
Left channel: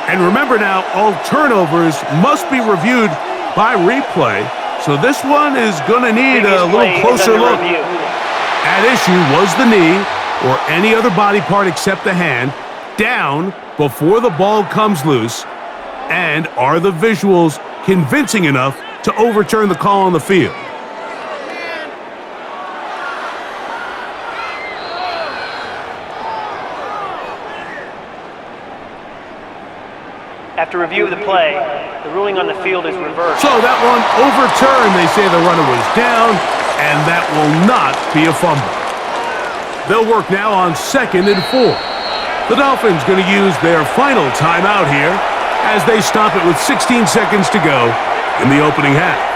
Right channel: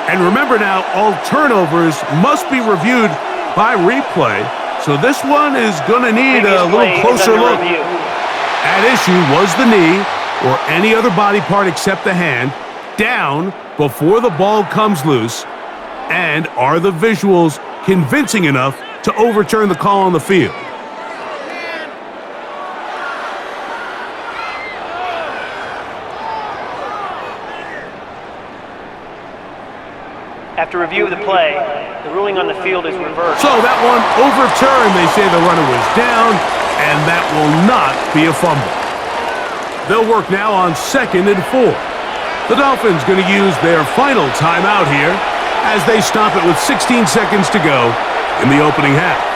And remember now, all turnovers must be reviewed by replay, so this one is going to need a little closer look. At issue was the knee, or any other body part except the hand, down before the ball comes loose, and are the visuals convincing enough to overturn the call on the field? After review of the play, the ruling on the field is reversed. So that one overturned. They say the runner was down, and that will not be a fumble. They'll work now on 2nd and 4. The Dolphins going to use their final timeout here as they stop it with 16 seconds to go in the opening half.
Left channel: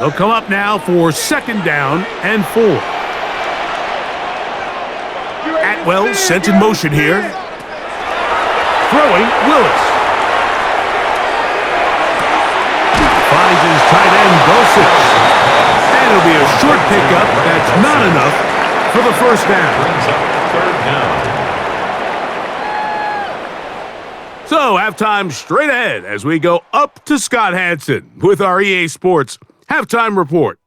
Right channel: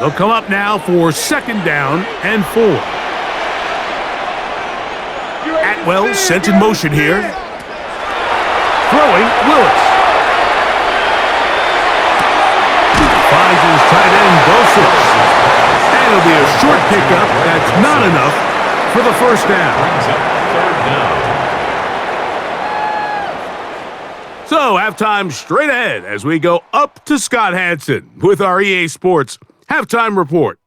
They'll come up now for 2nd down and 4. Atwell sent in motion here. Throwing, Willis. Finds his tight end, Dulcich. And it'll be a short pickup. That's not enough for the 1st down. Brings up 3rd down. So, halftime straight ahead as we go up to Scott Hanson with our EA Sports Halftime Report.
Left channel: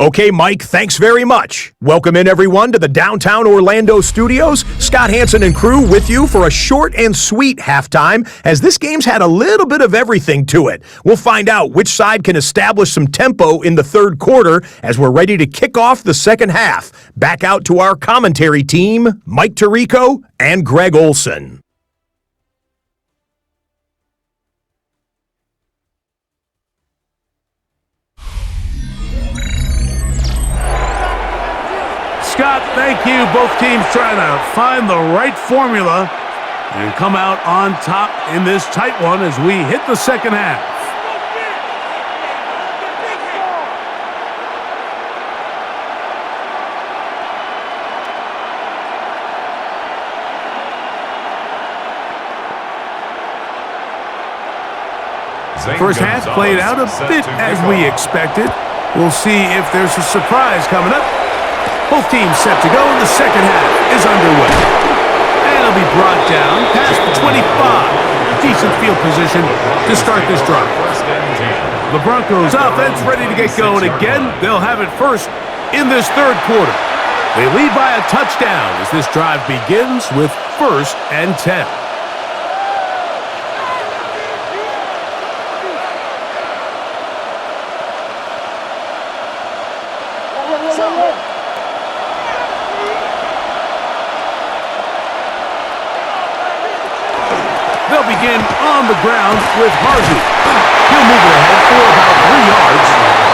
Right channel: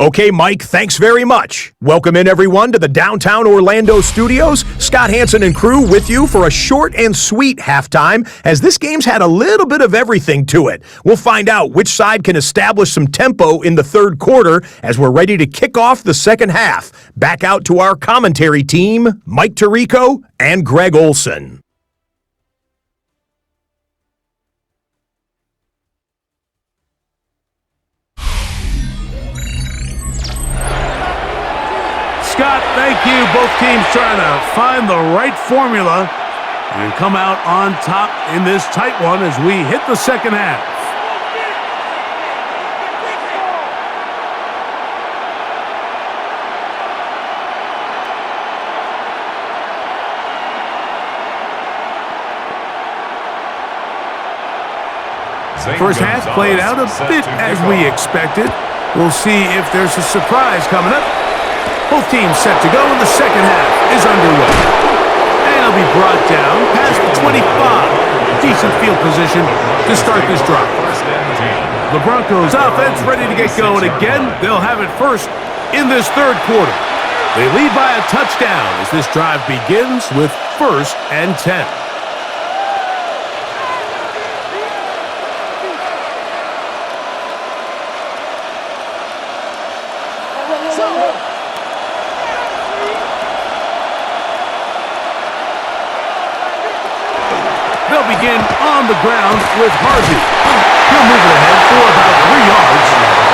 Okay, Mike, thanks very much. Welcome in, everyone, to the downtown Orlando studios. Scott Hanson and crew with you for a short and sweet halftime, as this game's had a little bit of everything to it. We'll find out which side can establish some tempo in the 3rd quarter as we're ready to kick off the 2nd half. Back out to our commentary team, Mike Tirico and Greg Olson. Scott, thank you. Both teams trying to find the right formula and come out on top in this tight one as we hit the 2nd half. First half played out a bit as we expected. We'll see if there's a surprise coming up. Both teams set to go, and the 2nd half is underway. And it'll be brought down past the 25. Decent field position to start this drive. The Broncos offense ready to get going again. They'll have it first in this 3rd quarter. They lead by a touchdown as this drive begins with 1st and 10. They'll begin on the ground with Harvey. He'll move it ahead for about 3 yards.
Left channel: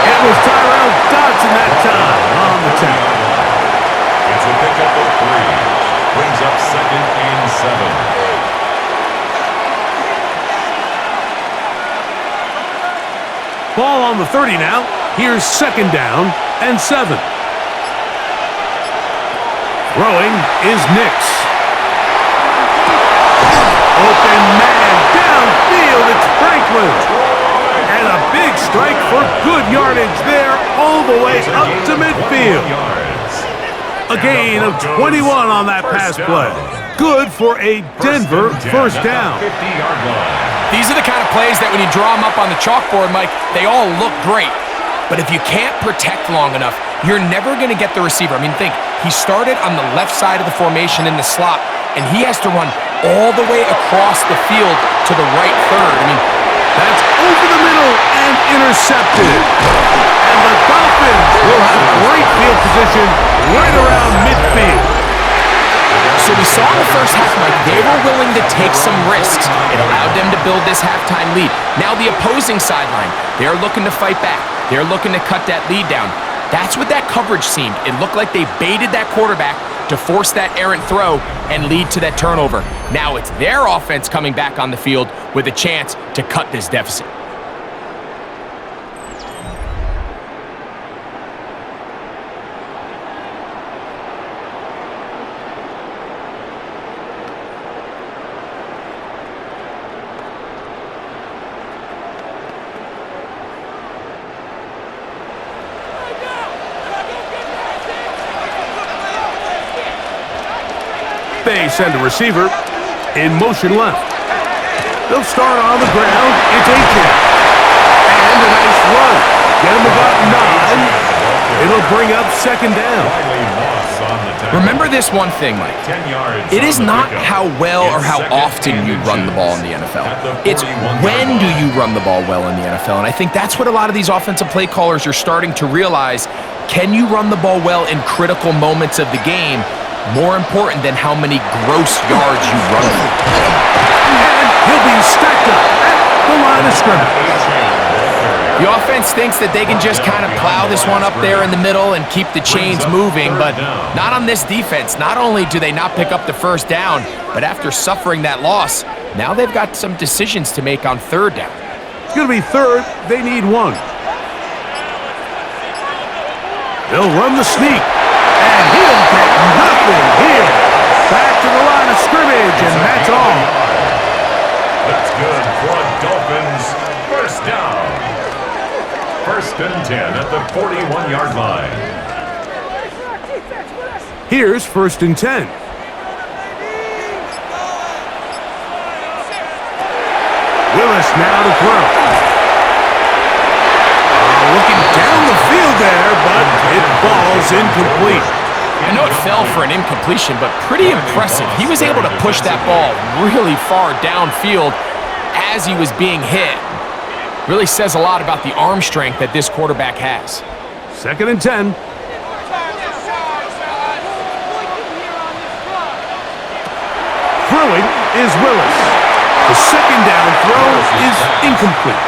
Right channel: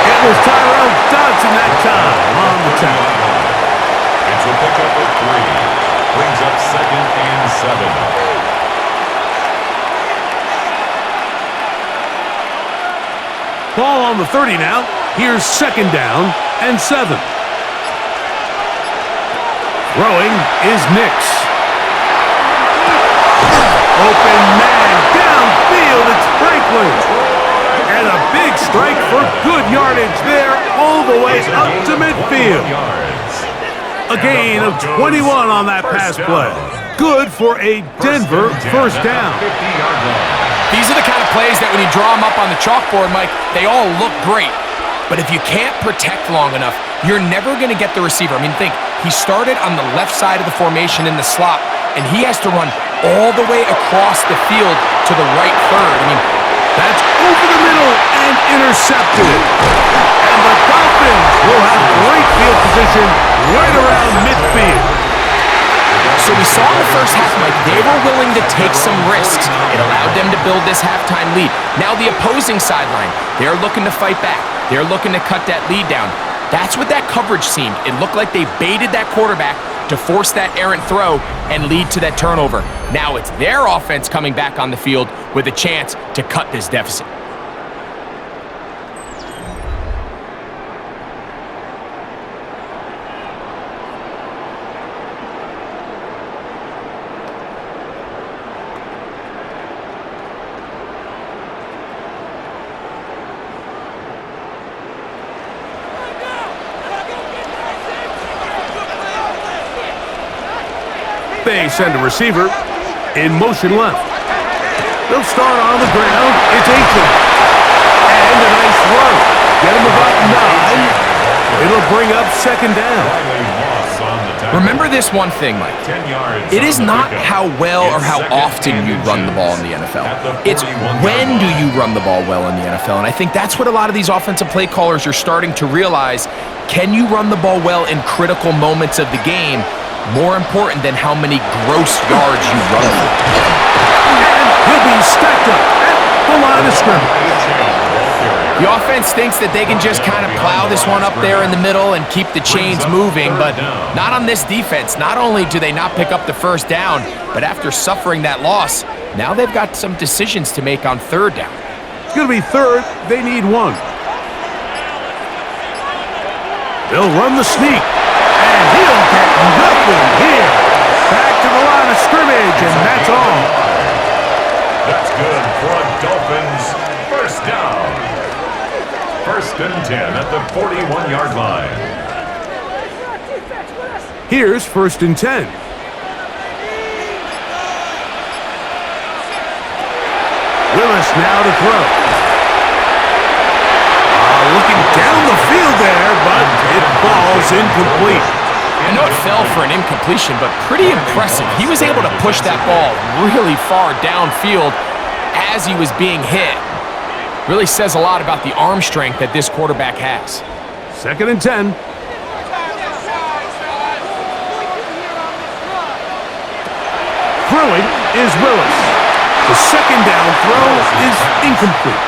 It was Tyrell Dodson that time on the tackle. It's a pickup of 3. Brings up 2nd and 7. Ball on the 30 now. Here's 2nd down and 7. Throwing is Nix. Open man downfield, it's Franklin. And a big strike for good yardage there all the way up to midfield. A gain of 21 on that pass play. Good for a Denver first down. 50-yard line. These are the kind of plays that when you draw them up on the chalkboard, Mike, they all look great. But if you can't protect long enough, you're never going to get the receiver. I mean, think, he started on the left side of the formation in the slot, and he has to run all the way across the field to the right third. I mean, that's over the middle and intercepted. And the Dolphins will have great field position right around midfield. so we saw in the first half, Mike, they were willing to take some risks. It allowed them to build this halftime lead. Now the opposing sideline, they're looking to fight back. They're looking to cut that lead down. That's what that coverage seemed. It looked like they baited that quarterback to force that errant throw and lead to that turnover. Now it's their offense coming back on the field with a chance to cut this deficit. They send a receiver in motion left. They'll start on the ground. It's Aiken. And a nice run. Get him about 9. It'll bring up second down. Remember this one thing, Mike. It is not how well or how often you run the ball in the NFL. It's when do you run the ball well in the NFL. And I think that's what a lot of these offensive play callers are starting to realize. Can you run the ball well in critical moments of the game? More important than how many gross yards you run for. And he'll be stacked up at the line of scrimmage. The offense thinks that they can just kind of plow this one up there in the middle and keep the chains moving, but not on this defense. Not only do they not pick up the first down, but after suffering that loss, now they've got some decisions to make on third down. It's going to be third. They need 1. They'll run the sneak. And he'll get nothing here. Back to the line of scrimmage, and that's all. That's good for a Dolphins first down. 1st and 10 at the 41-yard line. Here's 1st and 10. Willis now to throw. Looking down the field there, but it falls incomplete. I know it fell for an incompletion, but pretty impressive. He was able to push that ball really far downfield as he was being hit. Really says a lot about the arm strength that this quarterback has. 2nd and 10. Throwing is Willis. The second down throw is incomplete.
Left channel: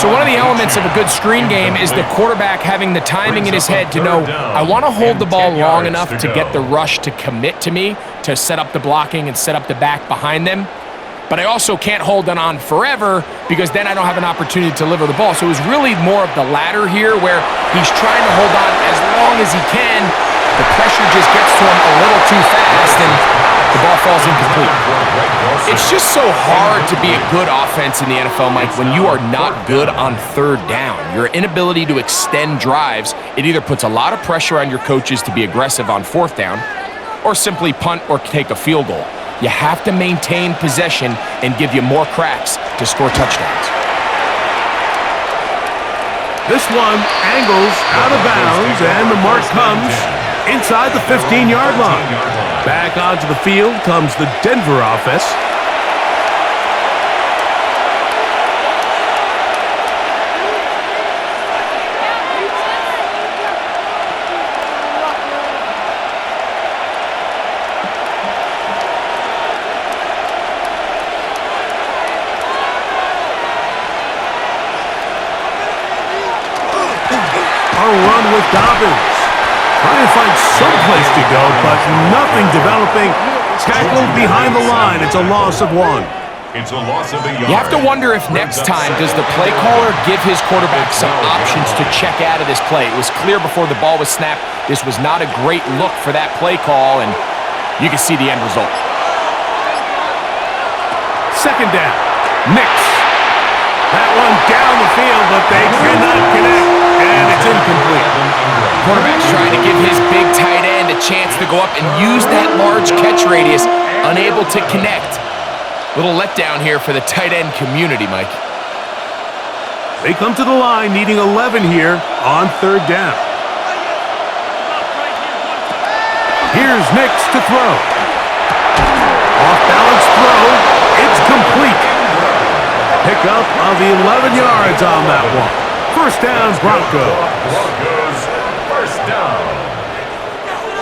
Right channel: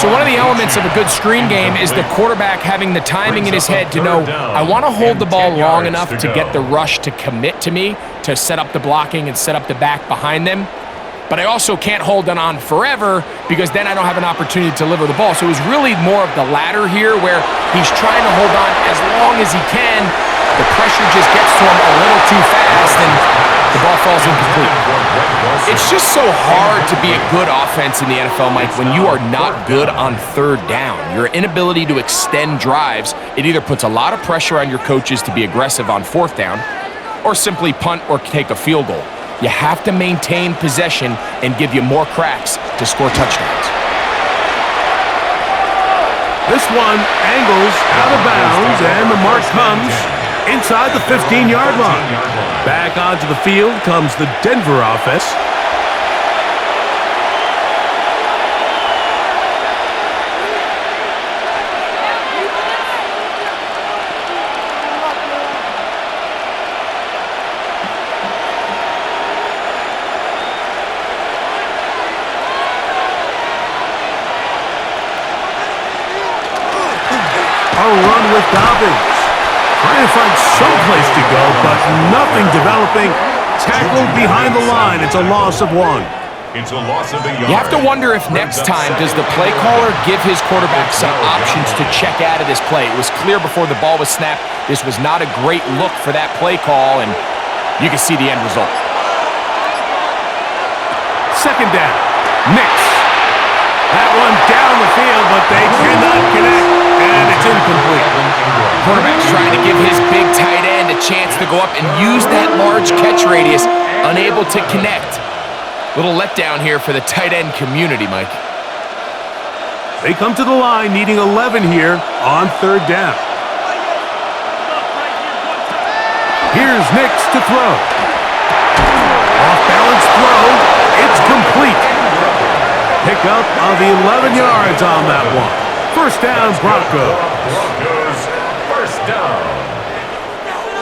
So one of the elements of a good screen game is the quarterback having the timing in his head to know, I want to hold the ball long enough to get the rush to commit to me, to set up the blocking and set up the back behind them. But I also can't hold it on forever because then I don't have an opportunity to deliver the ball. So it was really more of the latter here where he's trying to hold on as long as he can. The pressure just gets to him a little too fast and the ball falls incomplete. It's just so hard to be a good offense in the NFL, Mike, when you are not good on third down. Your inability to extend drives, it either puts a lot of pressure on your coaches to be aggressive on 4th down or simply punt or take a field goal. You have to maintain possession and give you more cracks to score touchdowns. This one angles out of bounds, and the mark comes inside the 15-yard line. Back onto the field comes the Denver offense. A run with Dobbins. Trying to find some place to go, but nothing developing. Tackled behind the line. It's a loss of 1. It's a loss of a yard. You have to wonder if next time does the play caller give his quarterback some options to check out of this play. It was clear before the ball was snapped. This was not a great look for that play call, and you can see the end result. 2nd down. Knicks. That one down the field, but they cannot connect. And it's incomplete. Quarterback's trying to give his big tight end a chance to go up and use that large catch radius, unable to connect. Little letdown here for the tight end community, Mike. They come to the line needing 11 here on third down. Here's Nix to throw. Off-balance throw. It's complete. Pickup of 11 yards on that one. First down, Broncos. Broncos, first down.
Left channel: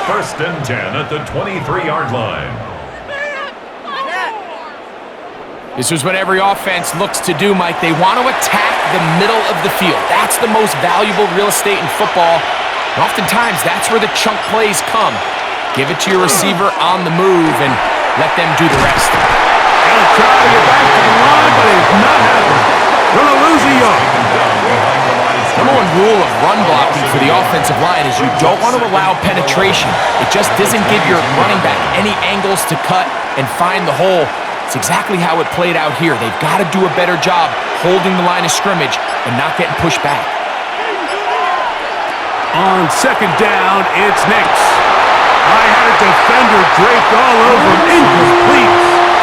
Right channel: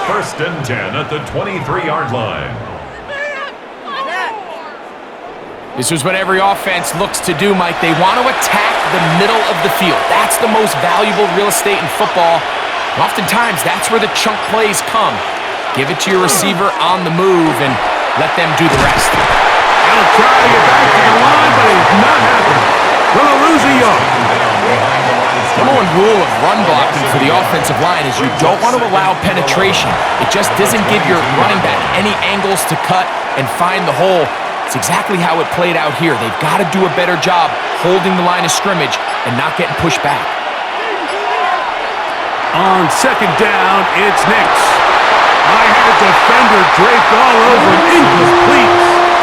First and 10 at the 23-yard line. This is what every offense looks to do, Mike. They want to attack the middle of the field. That's the most valuable real estate in football. And oftentimes, that's where the chunk plays come. Give it to your receiver on the move and let them do the rest. He'll try to get back to the line, but it's not happening. Gonna lose a yard. Number one rule of run blocking for the offensive line is you don't want to allow penetration. It just doesn't give your running back any angles to cut and find the hole. It's exactly how it played out here. They've got to do a better job holding the line of scrimmage and not getting pushed back. On second down, it's Nix. I had a defender draped all over him. Incomplete.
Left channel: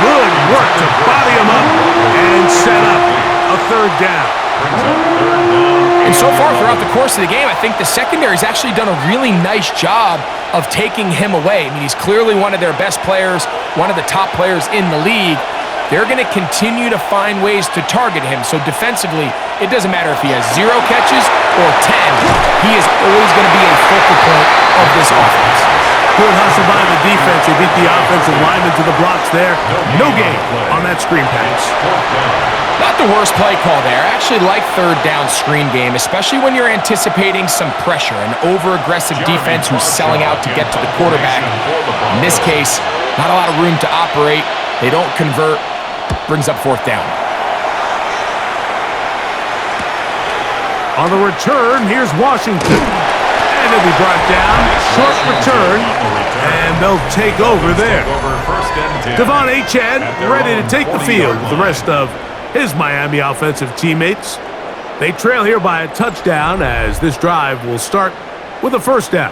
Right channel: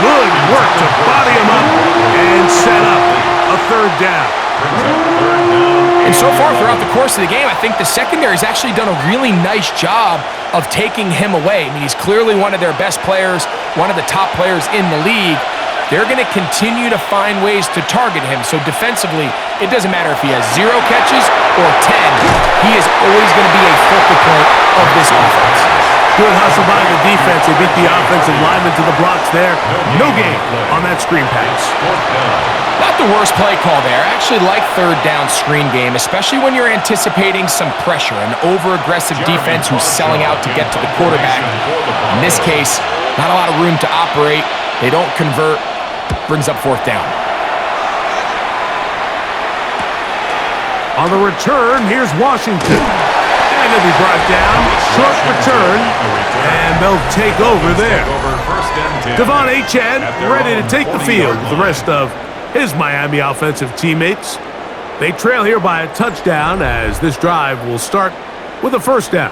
Good work to body him up and set up a third down. And so far throughout the course of the game, I think the secondary's actually done a really nice job of taking him away. I mean, he's clearly one of their best players, one of the top players in the league. They're going to continue to find ways to target him. So defensively, it doesn't matter if he has 0 catches or 10. He is always going to be a focal point of this offense. Good hustle by the defense. They beat the offensive lineman to the blocks there. No gain on that screen pass. Not the worst play call there. I actually like third down screen game, especially when you're anticipating some pressure, an over-aggressive defense who's selling out to get to the quarterback. In this case, not a lot of room to operate. They don't convert. Brings up fourth down. On the return, here's Washington. And he'll be brought down. Short return. And they'll take over there. Devon Achane ready to take the field with the rest of his Miami offensive teammates. They trail here by a touchdown as this drive will start with a first down.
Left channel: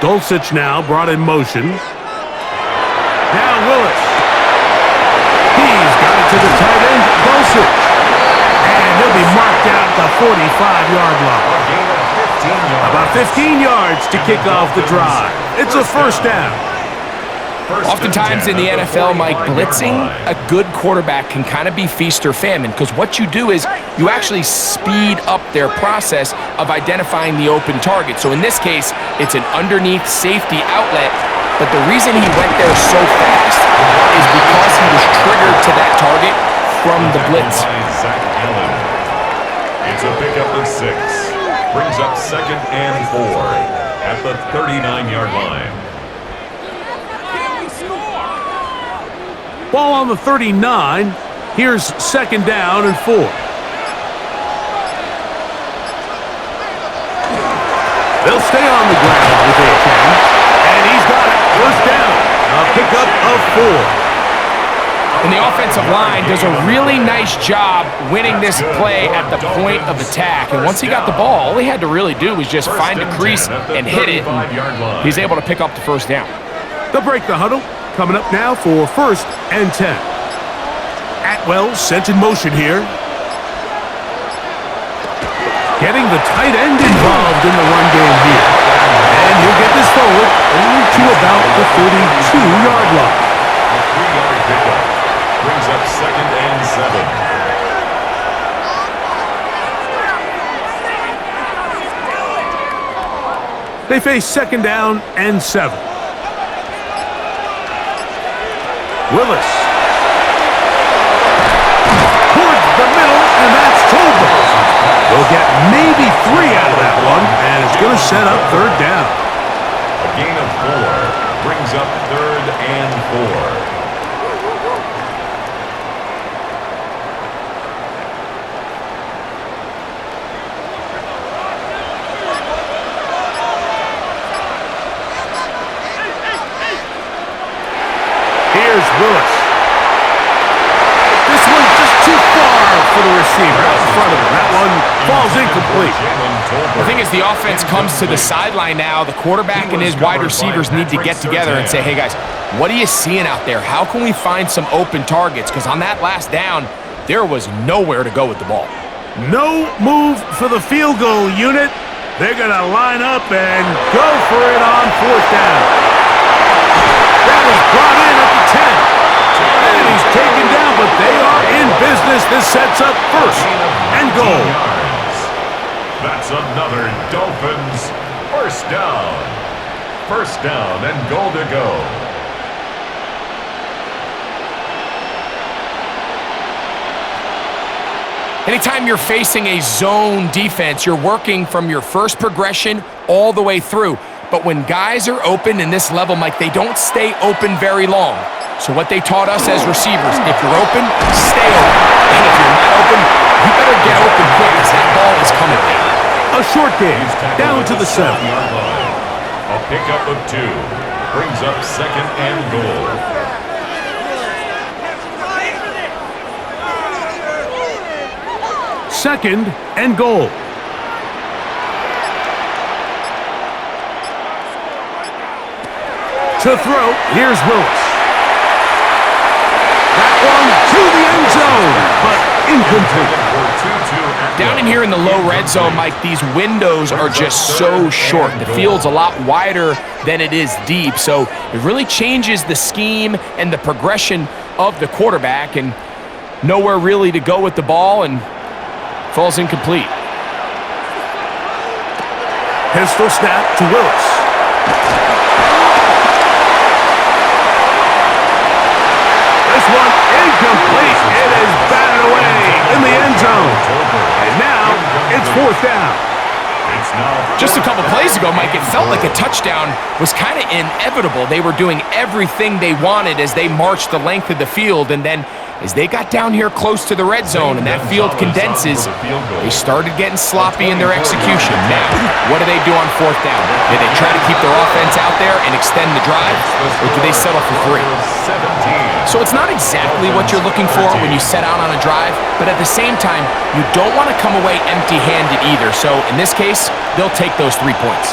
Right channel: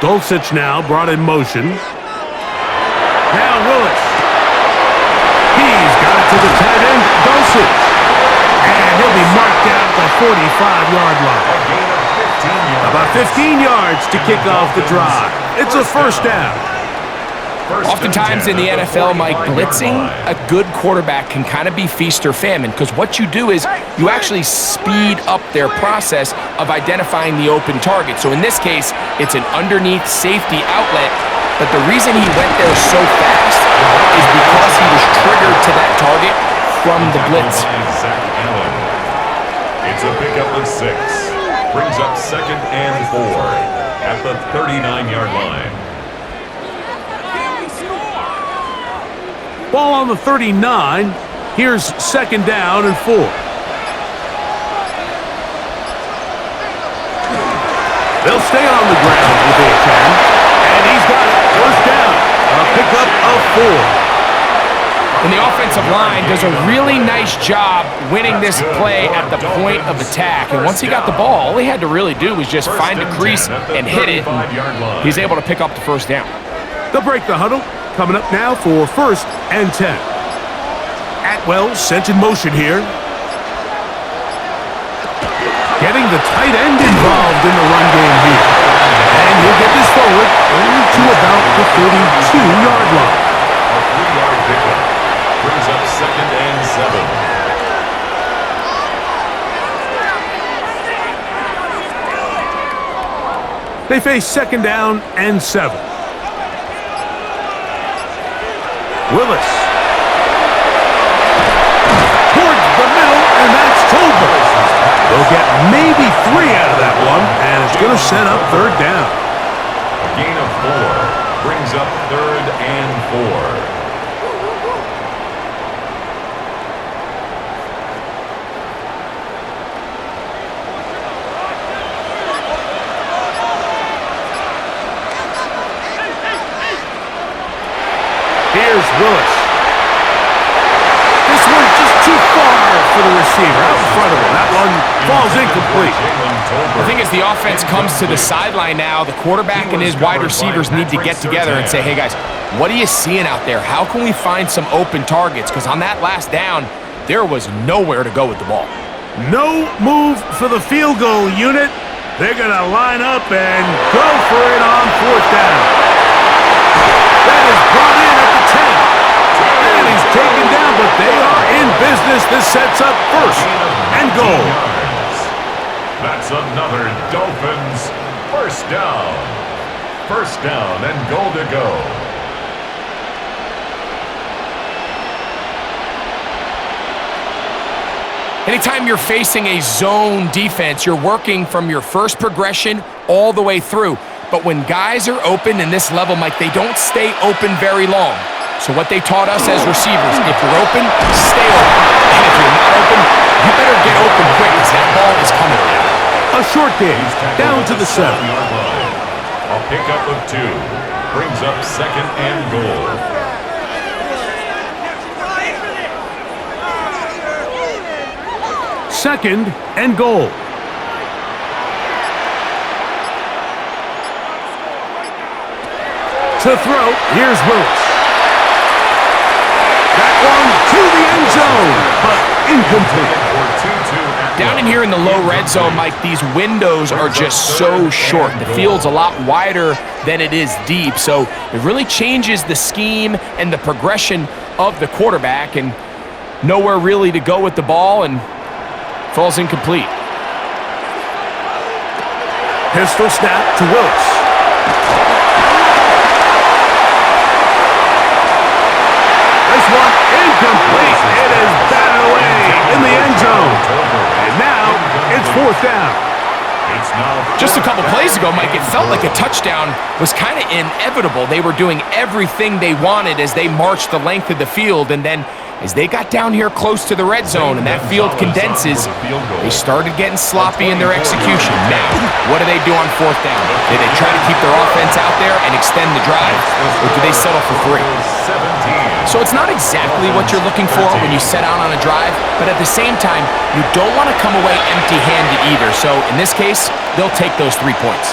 Dulcich now brought in motion. Now Willis. He's got it to the tight end, Dulcich. And he'll be marked down at the 45-yard line. About 15 yards to kick off the drive. It's a first down. Oftentimes in the NFL, Mike, blitzing a good quarterback can kind of be feast or famine because what you do is you actually speed up their process of identifying the open target. So in this case, it's an underneath safety outlet, but the reason he went there so fast is because he was triggered to that target from the blitz. It's a pickup of 6. Brings up second and 4 at the 39-yard line. Ball on the 39. Here's second down and 4. They'll stay on the ground with Achane. And he's got it. First down. A pickup of 4. And the offensive line does a really nice job winning this play at the point of attack. And once he got the ball, all he had to really do was just find a crease and hit it. And he's able to pick up the first down. They'll break the huddle. Coming up now for first and 10. Atwell sent in motion here. Getting the tight end involved in the run game here. And he'll get this forward only to about the 32-yard line. A 3-yard pickup brings up second and 7. They face second down and 7. Willis. Towards the middle, and that's Tolbert. They'll get maybe 3 out of that one, and it's going to set up third down. A gain of 4 brings up third and 4. Here's Willis. This one just too far for the receiver, out in front of him. That one falls incomplete. The thing is, the offense comes to the sideline now. The quarterback and his wide receivers need to get together and say, hey, guys, what are you seeing out there? How can we find some open targets? Because on that last down, there was nowhere to go with the ball. No move for the field goal unit. They're going to line up and go for it on fourth down. That is brought in at the 10. And he's taken down, but they are in business. This sets up first and goal. That's another Dolphins first down. First down and goal to go. Anytime you're facing a zone defense, you're working from your first progression all the way through. But when guys are open in this level, Mike, they don't stay open very long. So what they taught us as receivers, if you're open, stay open. And if you're not open, you better get open quick because that ball is coming down. A short game, down to the 7. A pickup of 2 brings up second and goal. Second and goal. To throw, here's Willis. That one to the end zone, but incomplete. Down in here in the low red zone, Mike, these windows are just so short. The field's a lot wider than it is deep, so it really changes the scheme and the progression of the quarterback, and nowhere really to go with the ball, and falls incomplete. Pistol snap to Willis. This one incomplete. It is batted away in the end zone. And now it's fourth down. Just a couple plays ago, Mike, it felt like a touchdown was kind of inevitable. They were doing everything they wanted as they marched the length of the field, and then as they got down here close to the red zone and that field condenses, they started getting sloppy in their execution. Now, what do they do on fourth down? Do they try to keep their offense out there and extend the drive, or do they settle for 3? So it's not exactly what you're looking for when you set out on a drive, but at the same time, you don't want to come away empty-handed either. So in this case, they'll take those 3 points.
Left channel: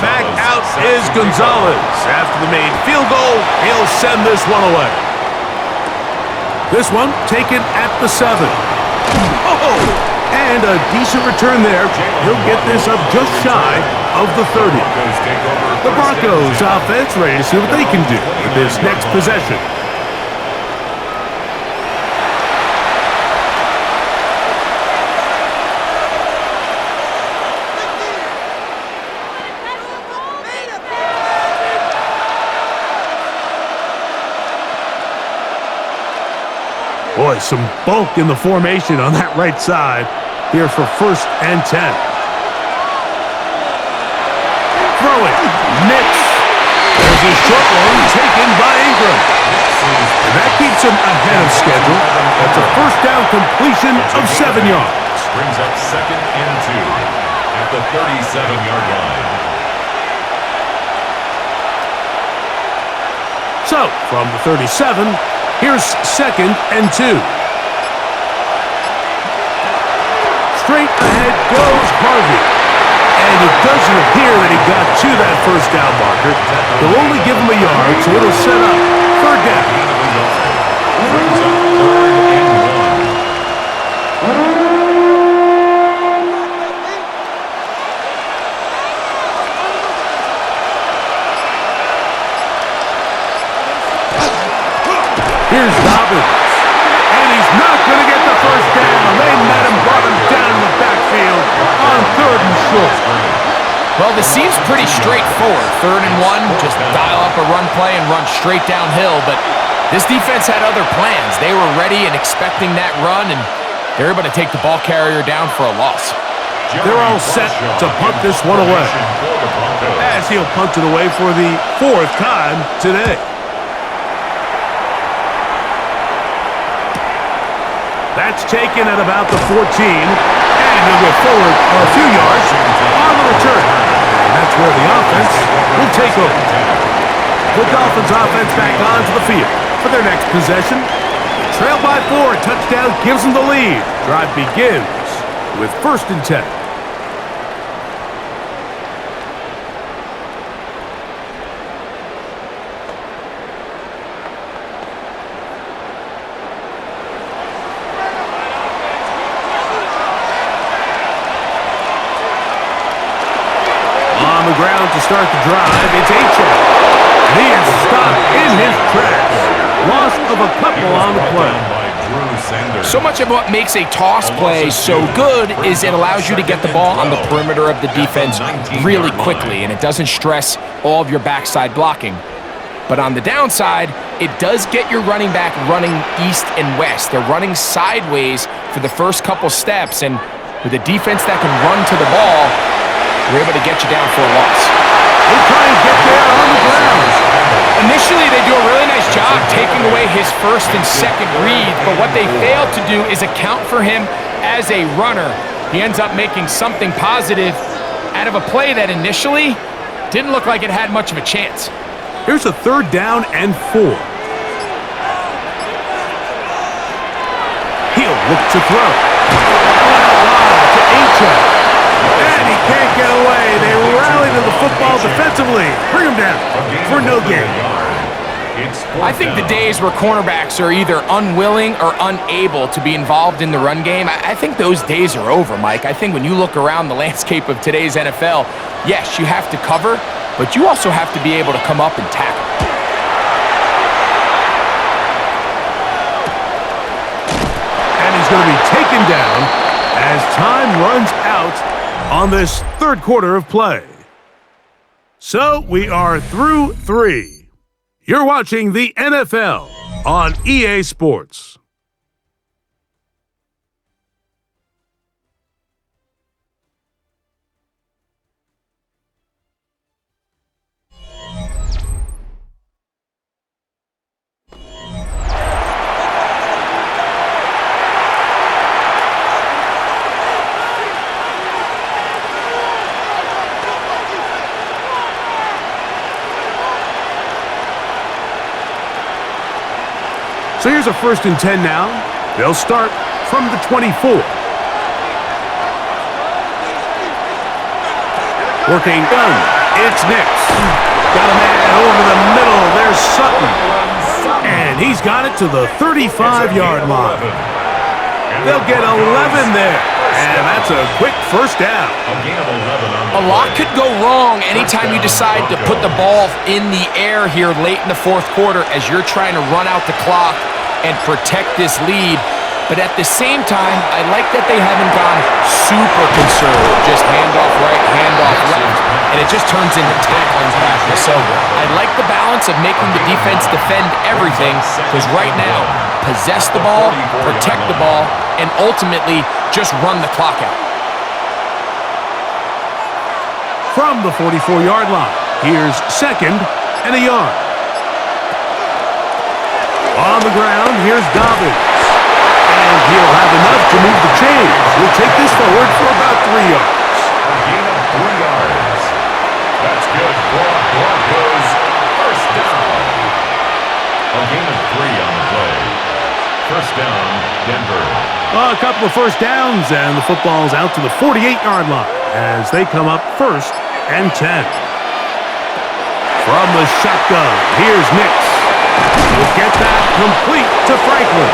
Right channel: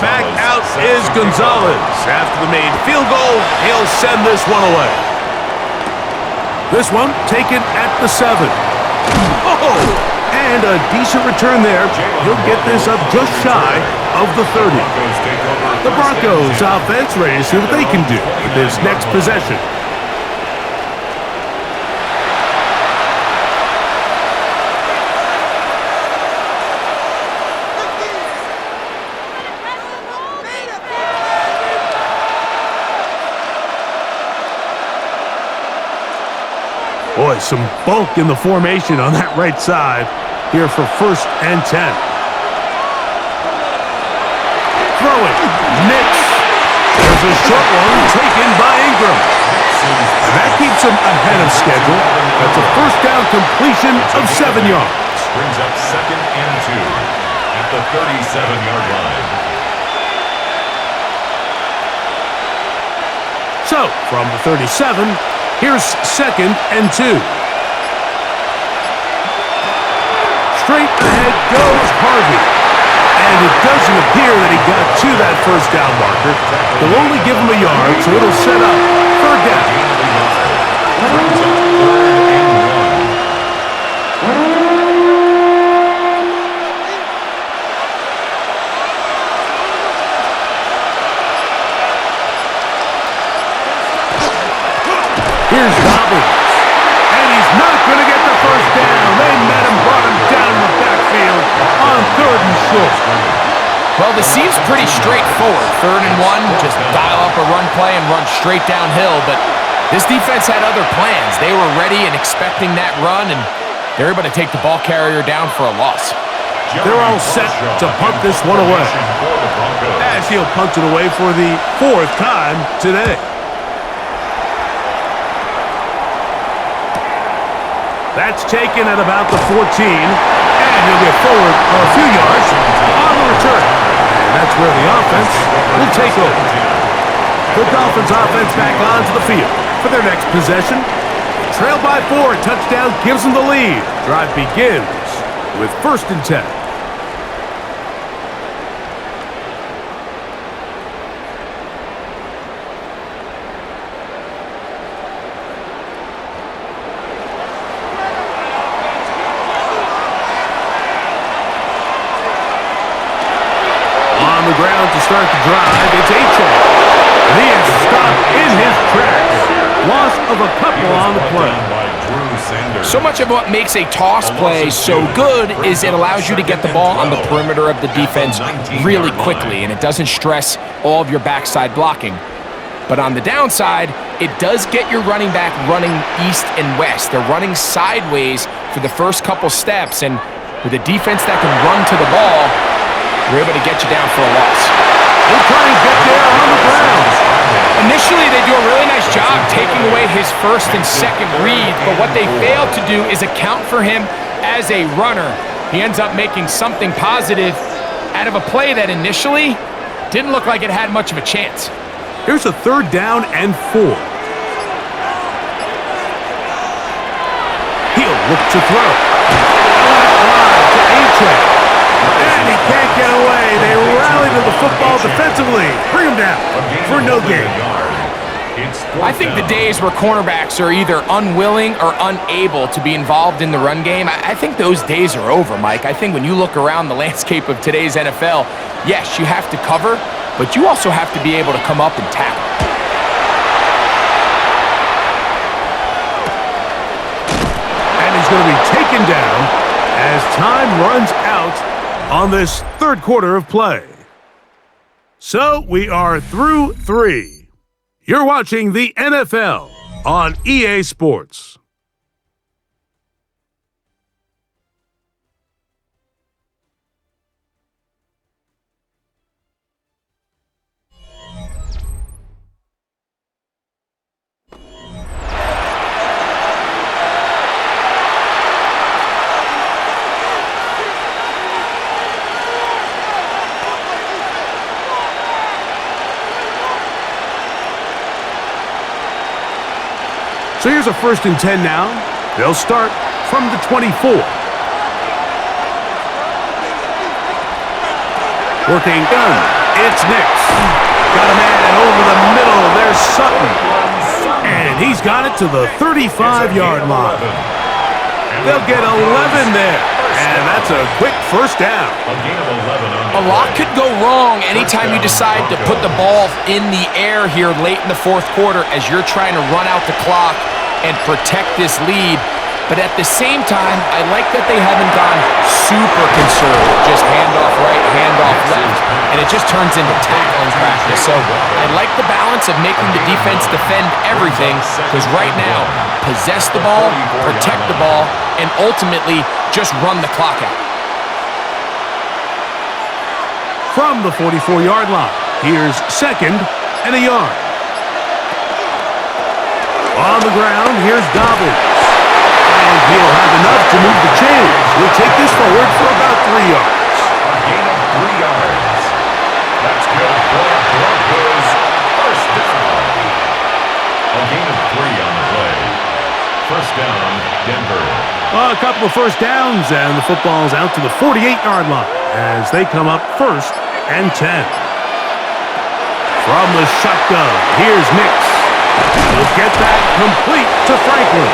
Back out is Gonzalez. After the made field goal, he'll send this one away. This one taken at the 7. Oh, and a decent return there. He'll get this up just shy of the 30. The Broncos offense ready to see what they can do with this next possession. Boy, some bulk in the formation on that right side here for first and 10. Throwing, Nix. There's a short one taken by Ingram. And that keeps him ahead of schedule. That's a first down completion of 7 yards. Brings up second and 2 at the 37-yard line. So, from the 37, here's second and 2. Straight ahead goes Harvey. And it doesn't appear that he got to that first down marker. They'll only give him a yard, so it'll set up third down. Brings up third and 1. Here's Dobbins. And he's not going to get the first down. They met him, brought him down in the backfield on third and short. Well, this seems pretty straightforward. Third and 1, just dial up a run play and run straight downhill. But this defense had other plans. They were ready and expecting that run, and they were able to take the ball carrier down for a loss. They're all set to punt this one away, as he'll punt it away for the 4th time today. That's taken at about the 14, and he'll get forward a few yards on the return. And that's where the offense will take over. The Dolphins offense back onto the field for their next possession. Trailed by 4, touchdown gives them the lead. Drive begins with 1st and 10. On the ground to start the drive, it's Achane. And he is stopped in his tracks. Loss of a couple on the play. So much of what makes a toss play so good is it allows you to get the ball on the perimeter of the defense really quickly, and it doesn't stress all of your backside blocking. But on the downside, it does get your running back running east and west. They're running sideways for the first couple steps, and with a defense that can run to the ball, we're able to get you down for a loss. They try and get there on the ground. Initially, they do a really nice job taking away his 1st and 2nd read, but what they fail to do is account for him as a runner. He ends up making something positive out of a play that initially didn't look like it had much of a chance. Here's a 3rd down and 4. He'll look to throw. Out wide to Achane. And he can't get away. They rally to the football defensively. Bring him down for no gain. I think the days where cornerbacks are either unwilling or unable to be involved in the run game, I think those days are over, Mike. I think when you look around the landscape of today's NFL, yes, you have to cover, but you also have to be able to come up and tackle. And he's going to be taken down as time runs out on this 3rd quarter of play. So we are through 3. You're watching the NFL on EA Sports. So here's a 1st and 10 now. They'll start from the 24. Working gun. It's Nix. Got a man over the middle. There's Sutton. And he's got it to the 35-yard line. They'll get 11 there. And that's a quick 1st down. A lot could go wrong anytime you decide to put the ball in the air here late in the 4th quarter as you're trying to run out the clock and protect this lead. But at the same time, I like that they haven't gone super conservative, just handoff right, handoff left, and it just turns into tackling practice. So I like the balance of making the defense defend everything, because right now, possess the ball, protect the ball, and ultimately just run the clock out. From the 44-yard line, here's 2nd and a yard. On the ground, here's Dobbins. And he'll have enough to move the chains. He'll take this forward for about 3 yards. A gain of 3 yards. That's good for Broncos. 1st down. A gain of 3 on the play. 1st down, Denver. A couple of 1st downs, and the football's out to the 48-yard line as they come up 1st and 10. From the shotgun, here's Nix. He'll get that complete to Franklin.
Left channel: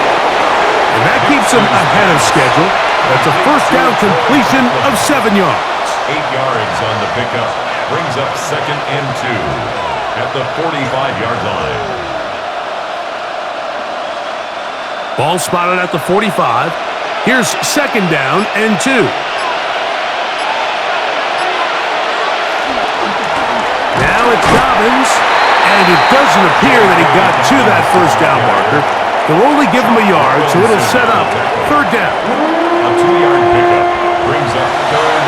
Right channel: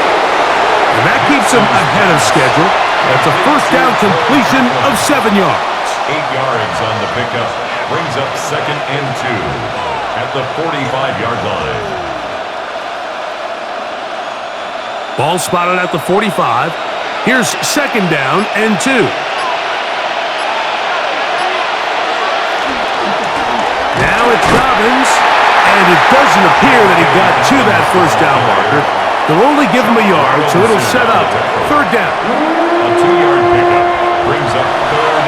And that keeps him ahead of schedule. That's a 1st down completion of 7 yards. 8 yards on the pickup. Brings up 2nd and 2 at the 45-yard line. Ball spotted at the 45. Here's 2nd down and 2. Now it's Dobbins, and it doesn't appear that he got to that 1st down marker. They'll only give him a yard, so it'll set up 3rd down. A 2-yard pickup brings up 3rd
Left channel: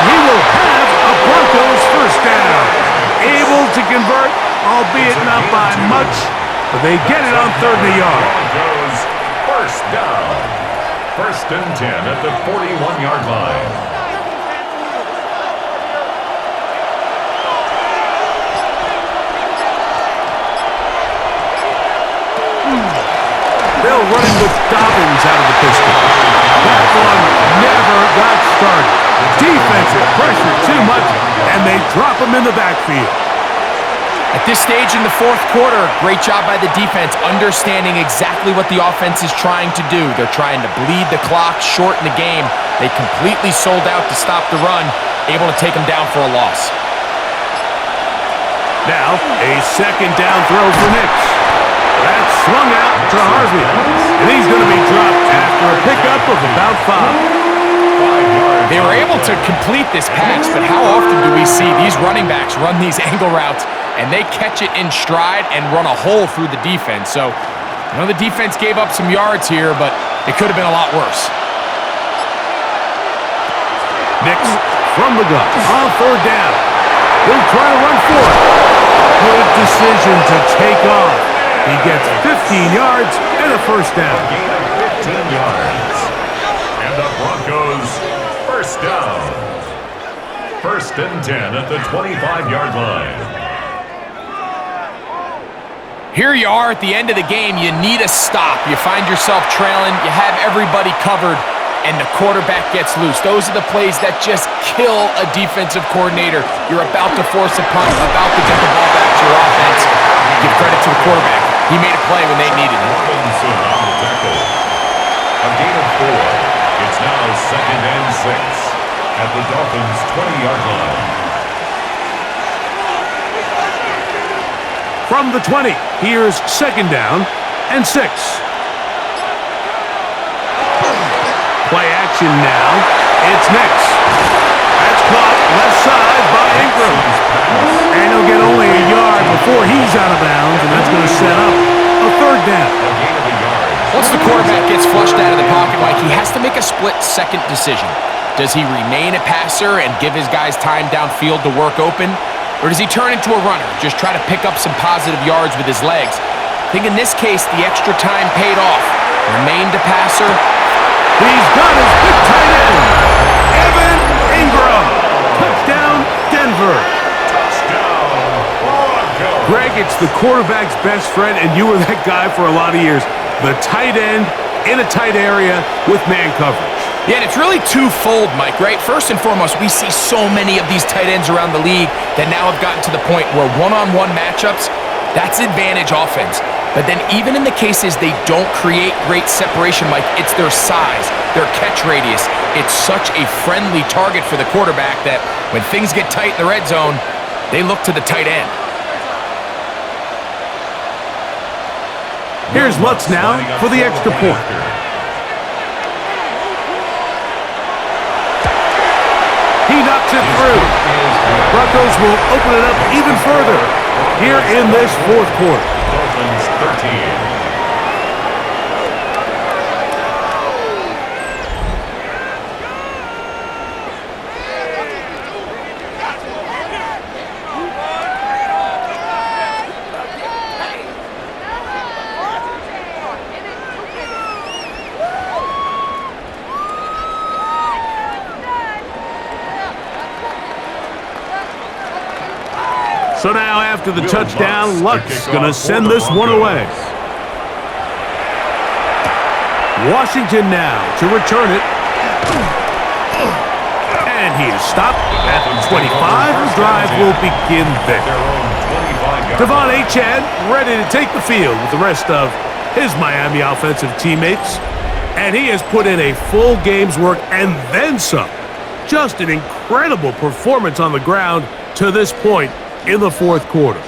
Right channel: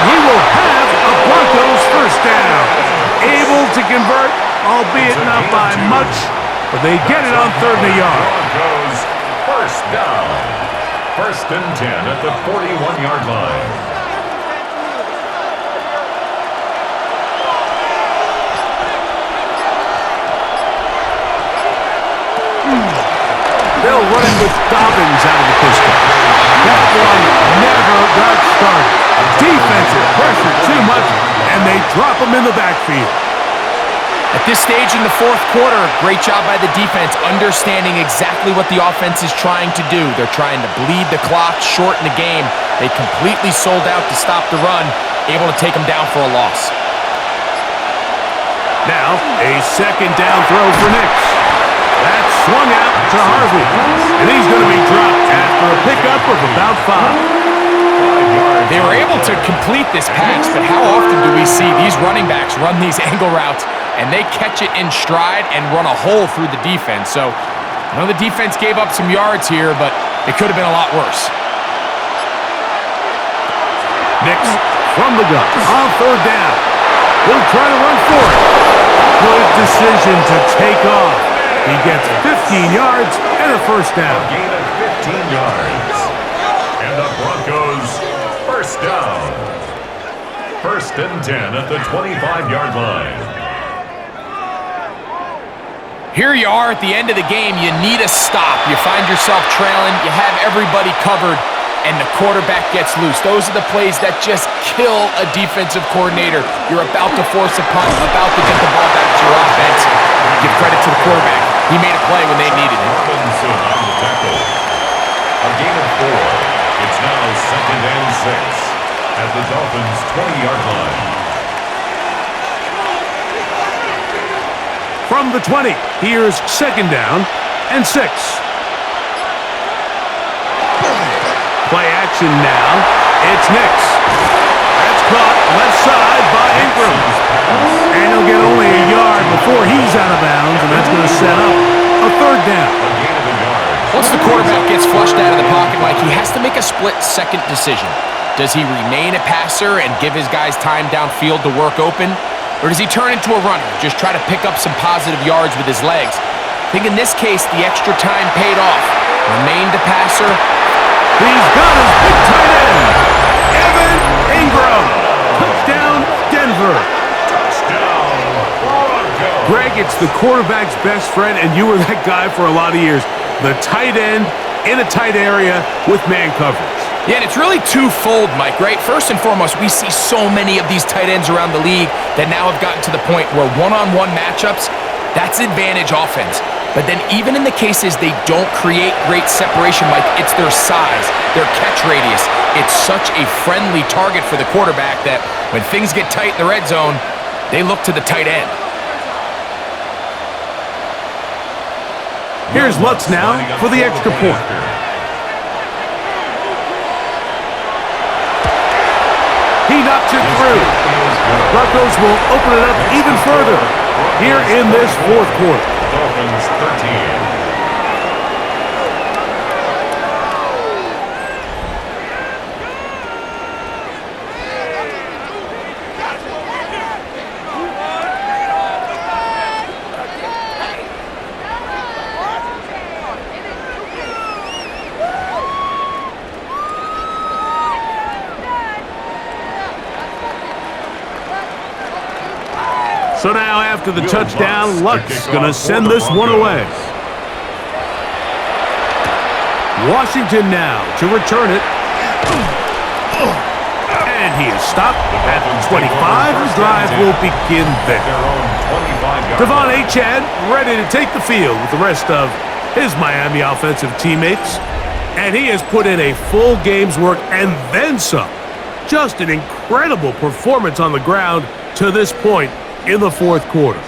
And he will have a Broncos first down. Able to convert, albeit not by much, but they get it on 3rd and a yard. Broncos first down. 1st and 10 at the 41-yard line. They'll run it with Dobbins out of the pistol. That one never got started. Defensive pressure too much, and they drop him in the backfield. At this stage in the 4th quarter, great job by the defense, understanding exactly what the offense is trying to do. They're trying to bleed the clock, shorten the game. They completely sold out to stop the run, able to take them down for a loss. Now, a 2nd down throw for Nix. That's swung out to Harvey, and he's going to be dropped after a pickup of about 5. 5 yards. They were able to complete this pass, but how often do we see these running backs run these angle routes and they catch it in stride and run a hole through the defense? So I know the defense gave up some yards here, but it could have been a lot worse. Nix from the gun on 3rd down. He'll try to run for it. Good decision to take off. He gets 15 yards and a first down. A gain of 15 yards. And the Broncos first down. 1st and 10 at the 25-yard line. Here you are at the end of the game. You need a stop. You find yourself trailing. You have everybody covered, and the quarterback gets loose. Those are the plays that just kill a defensive coordinator. You're about to force a punt, about to get the ball back to your offense. Give credit to the quarterback. He made a play when they needed it. Robinson on the tackle. A gain of 4. It's now 2nd and 6 at the Dolphins' 20-yard line. From the 20, here's 2nd down and 6. Play action now. It's Nix. That's caught left side by Ingram. And he'll get only a yard before he's out of bounds, and that's going to set up a 3rd down. A gain of a yard. Once the quarterback gets flushed out of the pocket, Mike, he has to make a split-second decision. Does he remain a passer and give his guys time downfield to work open? Or does he turn into a runner, just try to pick up some positive yards with his legs? I think in this case, the extra time paid off. Remained a passer. He's got his big tight end, Evan Ingram. Touchdown, Denver. Touchdown, Broncos. Greg, it's the quarterback's best friend, and you were that guy for a lot of years. The tight end in a tight area with man coverage. Yeah, and it's really twofold, Mike, right? First and foremost, we see so many of these tight ends around the league that now have gotten to the point where one-on-one matchups, that's advantage offense. But then even in the cases they don't create great separation, Mike, it's their size, their catch radius. It's such a friendly target for the quarterback that when things get tight in the red zone, they look to the tight end. Here's Lutz now for the extra point. He knocks it through. Broncos will open it up even further here in this 4th quarter. Dolphins 13. So now after the touchdown, Lutz going to send this one away. Washington now to return it. And he is stopped at 25. The drive will begin there. Devon Achane ready to take the field with the rest of his Miami offensive teammates. And he has put in a full game's work and then some. Just an incredible performance on the ground to this point in the 4th quarter.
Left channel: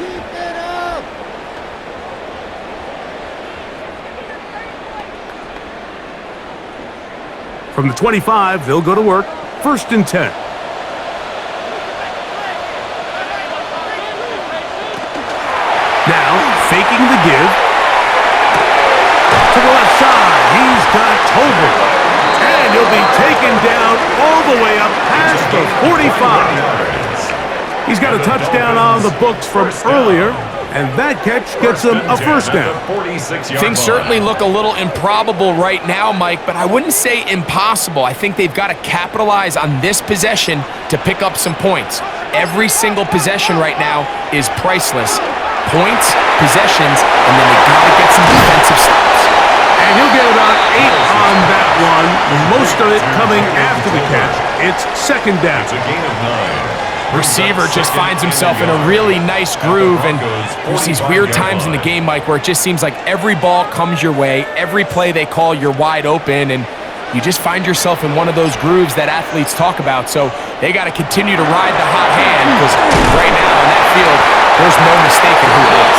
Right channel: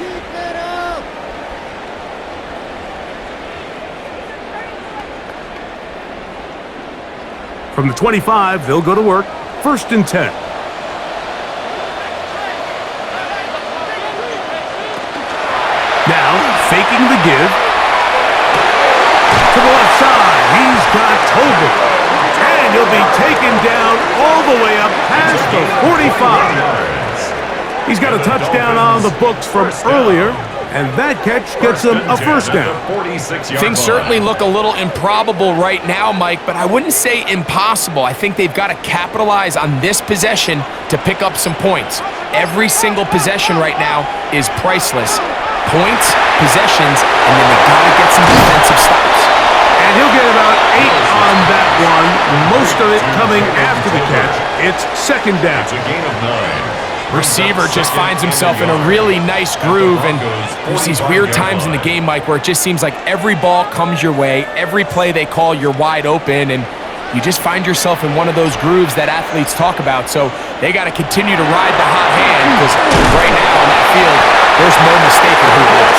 From the 25, they'll go to work. 1st and 10. Now, faking the give. To the left side, he's got Tolbert. And And he'll be taken down all the way up past the 45. He's got a touchdown on the books from earlier, and that catch gets him a first down. Things certainly look a little improbable right now, Mike, but I wouldn't say impossible. I think they've got to capitalize on this possession to pick up some points. Every single possession right now is priceless. Points, possessions, and then they got to get some defensive stops. And he'll get about 8 on that one, most of it coming after the catch. It's second down. It's a gain of 9. Receiver just finds himself in a really nice groove, and there's these weird times in the game, Mike, where it just seems like every ball comes your way, every play they call, you're wide open, and you just find yourself in one of those grooves that athletes talk about. So they got to continue to ride the hot hand, because right now in that field, there's no mistaking who it is.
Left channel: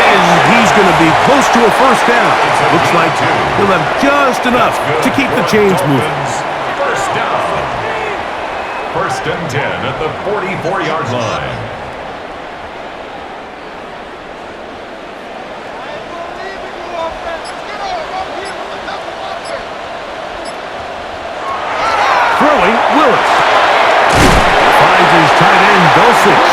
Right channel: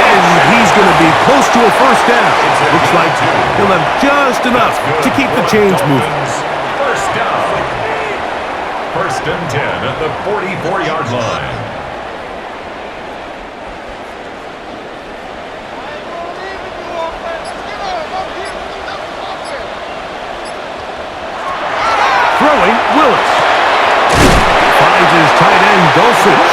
And he's going to be close to a first down. Looks like he'll have just enough to keep the chains moving. First down. First and 10 at the 44-yard line. Throwing, Willis. Finds his tight end, Dulcich.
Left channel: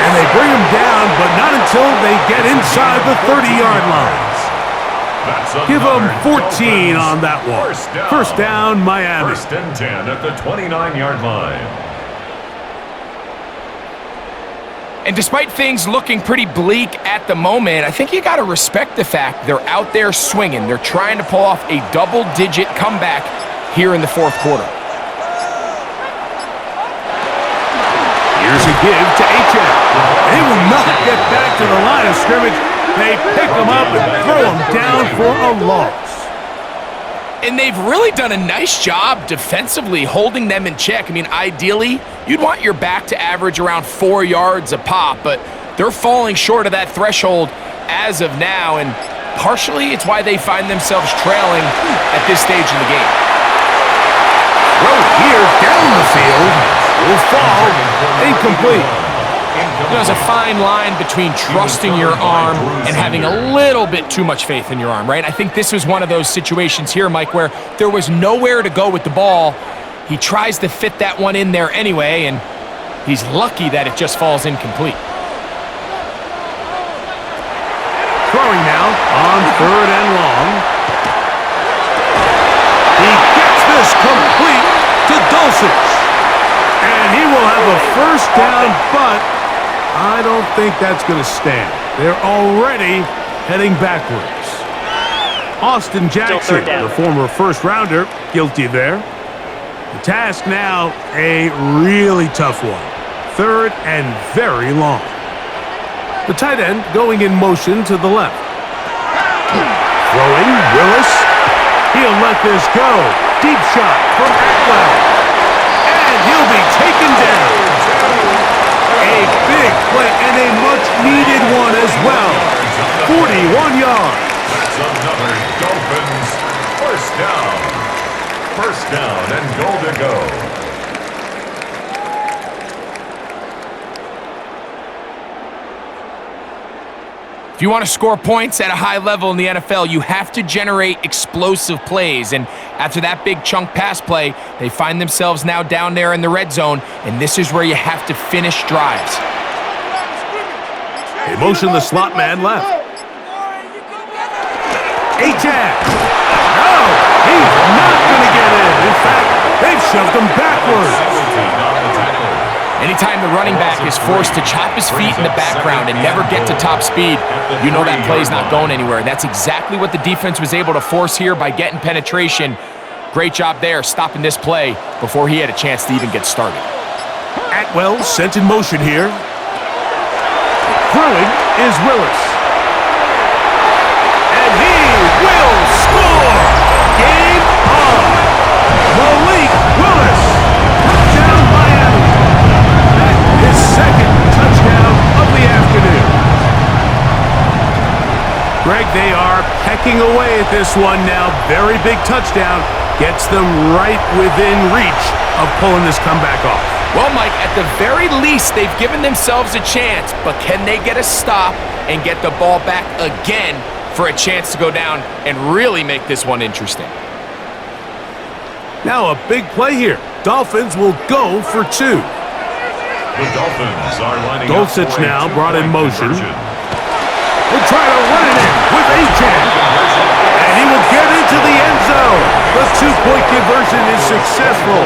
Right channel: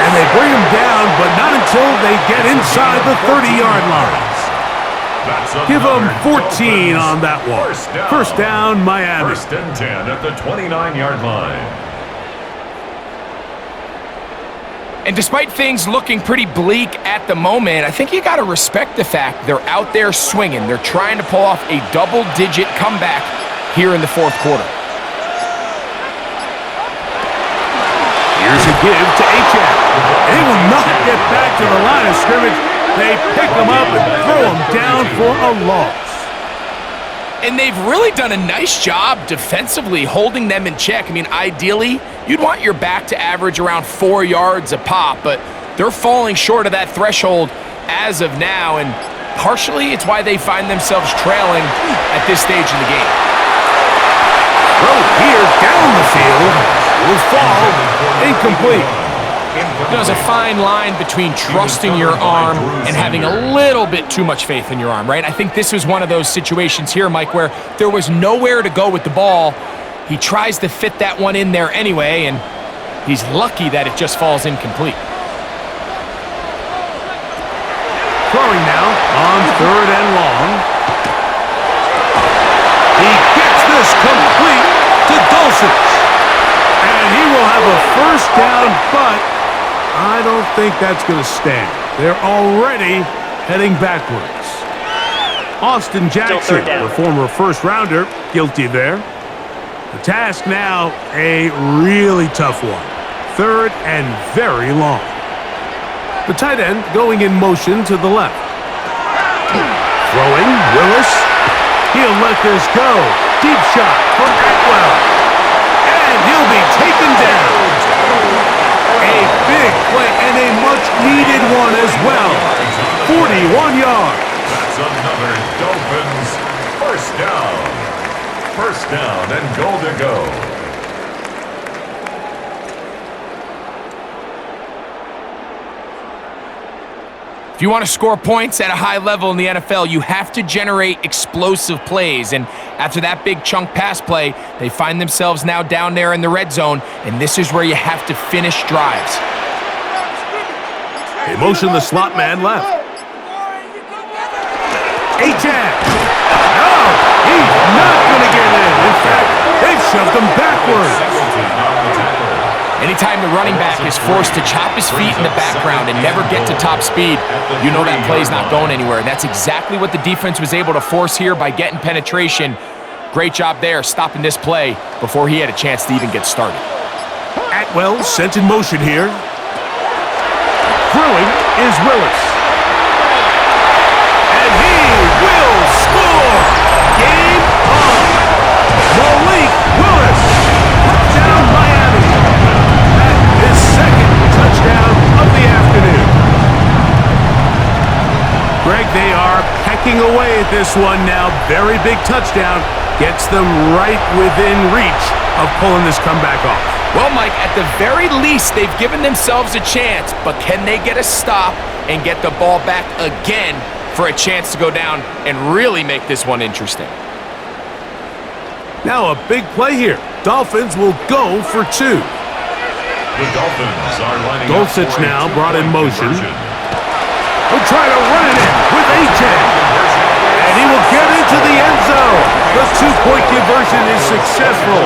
And they bring him down, but not until they get inside the 30-yard line. Give him 14 on that one. First down, Miami. First and 10 at the 29-yard line. And despite things looking pretty bleak at the moment, I think you got to respect the fact they're out there swinging. They're trying to pull off a double-digit comeback here in the fourth quarter. Here's a give to Achane. They will not get back to the line of scrimmage. They pick him up and throw him down for a loss. And they've really done a nice job defensively holding them in check. I mean, ideally, you'd want your back to average around 4 yards a pop, but they're falling short of that threshold as of now, and partially it's why they find themselves trailing at this stage in the game. Throw here down the field will fall incomplete. You know, there's a fine line between trusting your arm and having a little bit too much faith in your arm, right? I think this was one of those situations here, Mike, where there was nowhere to go with the ball. He tries to fit that one in there anyway, and he's lucky that it just falls incomplete. Throwing now on third and long. He gets this complete to Dulcich. And he will have a first down, but I don't think that's going to stand. They're already heading backwards. Austin Jackson, the former first-rounder, guilty there. The task now, a really tough one. Third and very long. The tight end going in motion to the left. Throwing, Willis. He'll let this go. Deep shot from Atwell. And he'll be taken down. A big play and a much-needed one as well. 41 yards. That's another Dolphins first down. First down and goal to go. If you want to score points at a high level in the NFL, you have to generate explosive plays. And after that big chunk pass play, they find themselves now down there in the red zone, and this is where you have to finish drives. They motion the slot man left. Achane. No, he's not going to get in. In fact, they've shoved him backwards. Anytime the running back is forced to chop his feet in the background and never get to top speed, you know that play's not going anywhere. That's exactly what the defense was able to force here by getting penetration. Great job there, stopping this play before he had a chance to even get started. Atwell sent in motion here. Throwing is Willis. And he will score! Game on! Malik Willis! Touchdown Miami! His second touchdown of the afternoon. Greg, they are pecking away at this one now. Very big touchdown. Gets them right within reach of pulling this comeback off. Well, Mike, at the very least, they've given themselves a chance, but can they get a stop and get the ball back again for a chance to go down and really make this one interesting? Now a big play here. Dolphins will go for 2. The Dolphins are lining up Dulcich for a now brought in two-point motion. conversion. He'll try to run it in with Achan. And he will get into the end zone. The 2-point conversion is successful.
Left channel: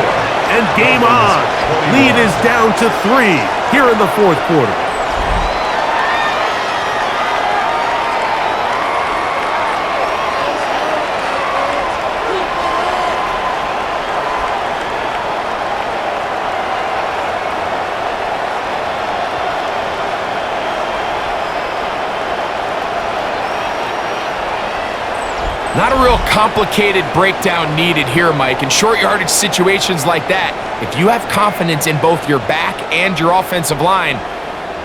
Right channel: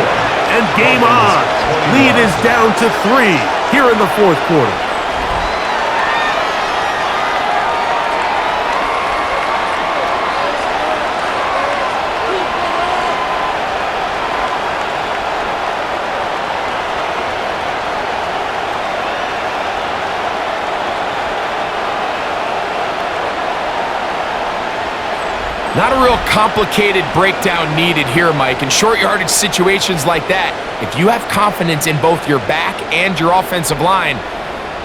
And game on. Lead is down to 3 here in the fourth quarter. Not a real complicated breakdown needed here, Mike. In short yardage situations like that, if you have confidence in both your back and your offensive line,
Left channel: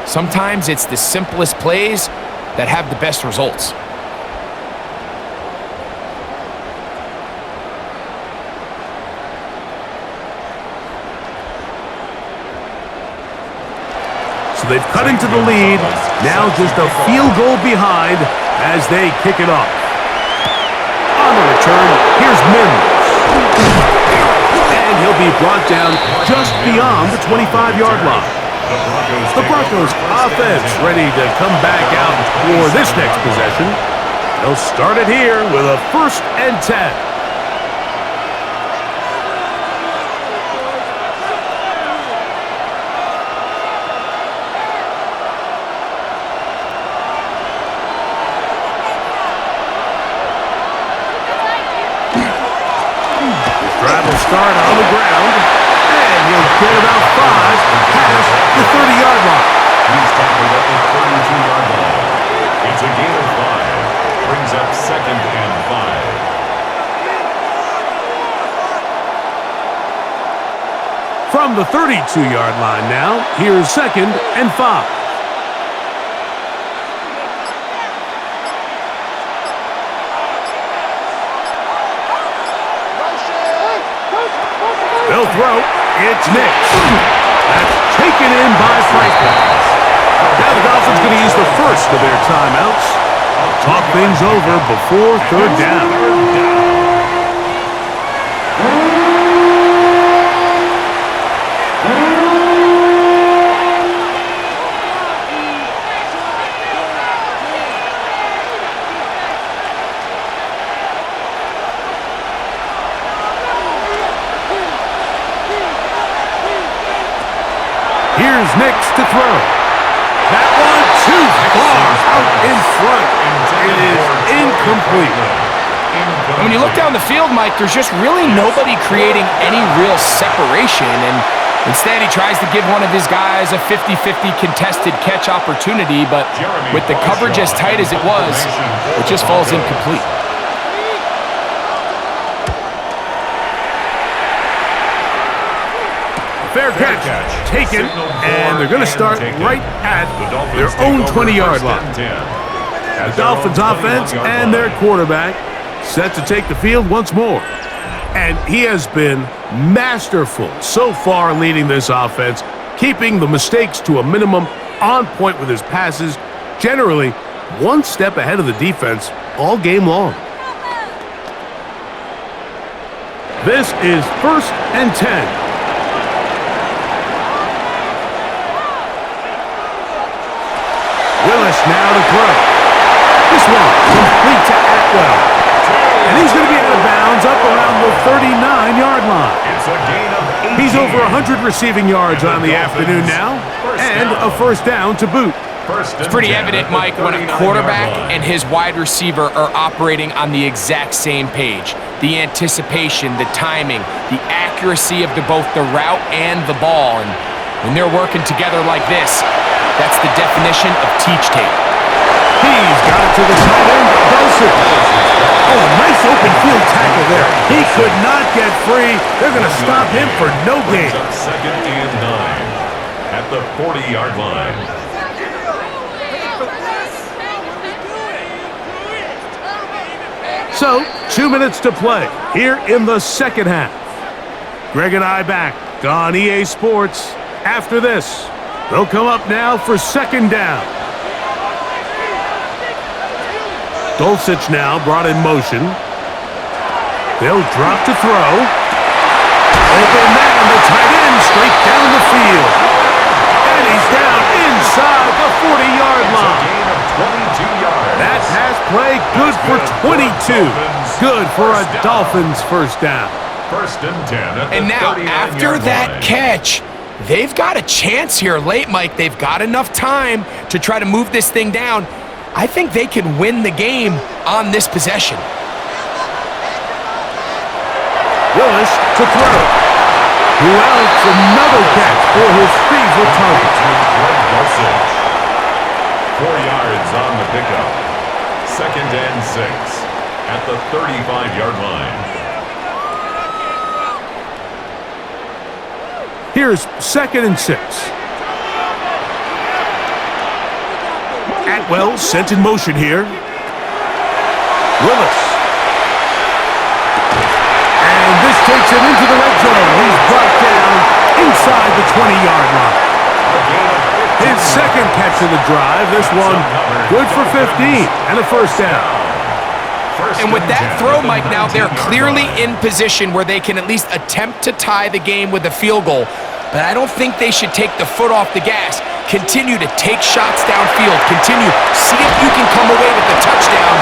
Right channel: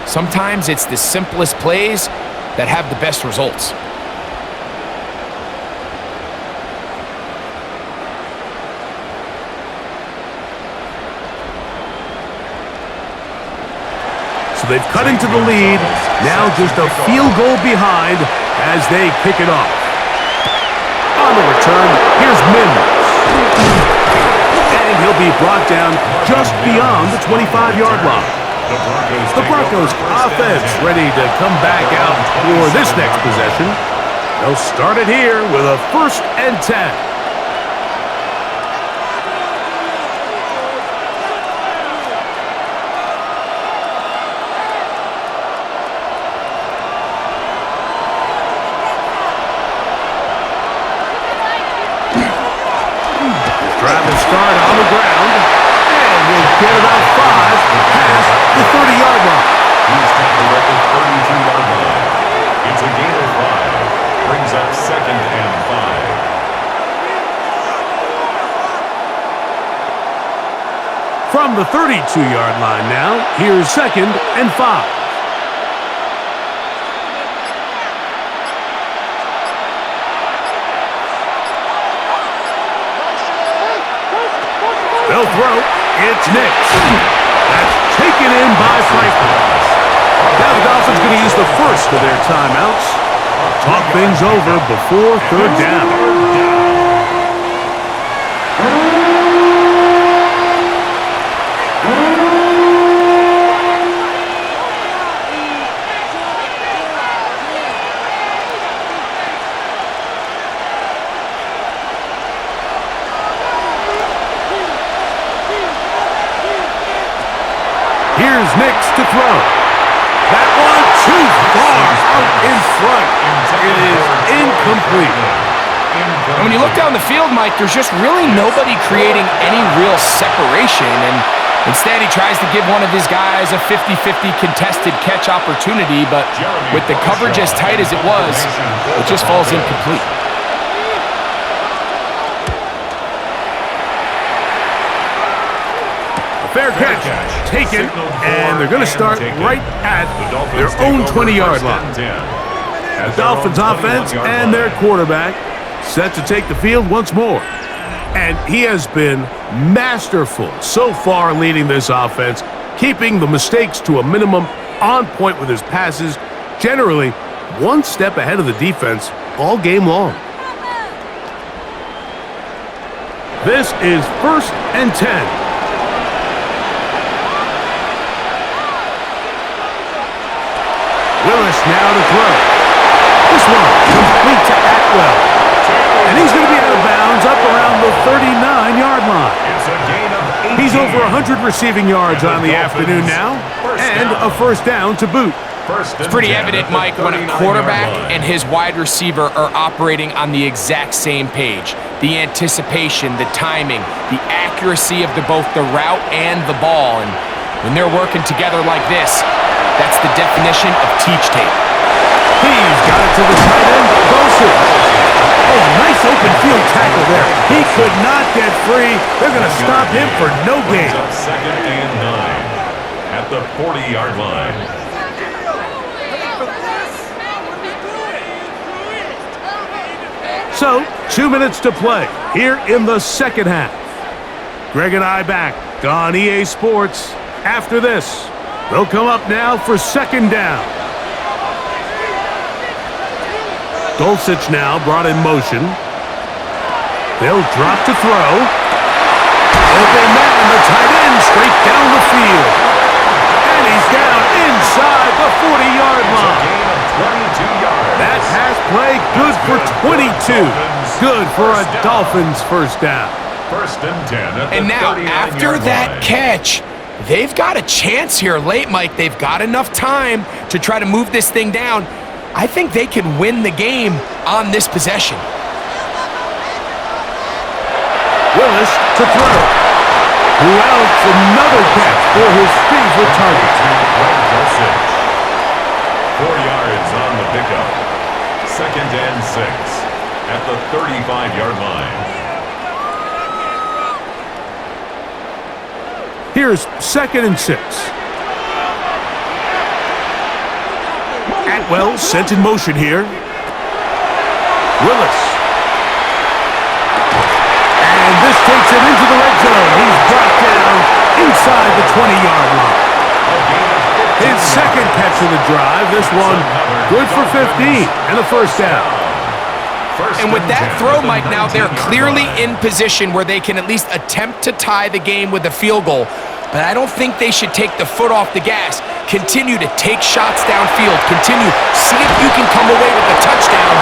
sometimes it's the simplest plays that have the best results. So they've cut into the lead. Now just a field goal behind as they kick it off. On the return, here's Mims. And he'll be brought down just beyond the 25-yard line. The Broncos offense ready to come back out for this next possession. They'll start it here with a 1st and 10. Drive will start on the ground, and he'll get about 5 past the 30-yard line. He's tackled at the 32-yard line. It's a gain of 5. Brings up 2nd and 5. From the 32-yard line now, here's 2nd and 5. They'll throw. It's Nix. That's taken in by Franklin. Now the Dolphins going to use the first of their timeouts. Talk things over before 3rd down. Here's Nix to throw. That one too far out in front. It is incomplete. And when you look down the field, Mike, there's just really nobody creating any real separation. And instead, he tries to give one of his guys a 50-50 contested catch opportunity. But with the coverage as tight as it was, it just falls incomplete. Fair catch taken, and they're going to start right at their own 20-yard line. The Dolphins offense and their quarterback set to take the field once more. And he has been masterful so far leading this offense, keeping the mistakes to a minimum, on point with his passes, generally one step ahead of the defense all game long. This is 1st and 10. Willis now to throw. This one complete to Atwell. And he's going to be out of bounds up around the 39-yard line. It's a gain of 18. He's over 100 receiving yards on the afternoon now, and a 1st down to boot. It's pretty evident, Mike, when a quarterback and his wide receiver are operating on the exact same page. The anticipation, the timing, the accuracy of both the route and the ball. And when they're working together like this, that's the definition of teach tape. He's got it to the tight end, Dulcich. Oh, nice open field tackle there. He could not get free. They're going to stop him for no gain. 2nd and 9 at the 40-yard line. So, 2 minutes to play here in the second half. Greg and I back on EA Sports. After this, they'll come up now for 2nd down. Dulcich now brought in motion. They'll drop to throw. Open man, the tight end, straight down the field. And he's down inside the 40-yard It's a line. gain of 22 yards. That pass play, good for 22. Good for a Dolphins first down. First and 10 at the And now, 39-yard after that line. catch, they've got a chance here late, Mike. They've got enough time to try to move this thing down. I think they can win the game on this possession. Willis to throw. Who else? Another catch for his favorite target. To Greg Dulcich. 4 yards on the pickup. Second and 6 at the 35-yard line. Here's second and 6. Atwell sent in motion here. Willis. And this takes him into the red zone. He's brought down inside the 20-yard line. His second catch of the drive. This one good for 15 and a first down. And with that throw, Mike, now they're clearly in position where they can at least attempt to tie the game with a field goal. But I don't think they should take the foot off the gas. Continue to take shots downfield. Continue. See if you can come away with the touchdown,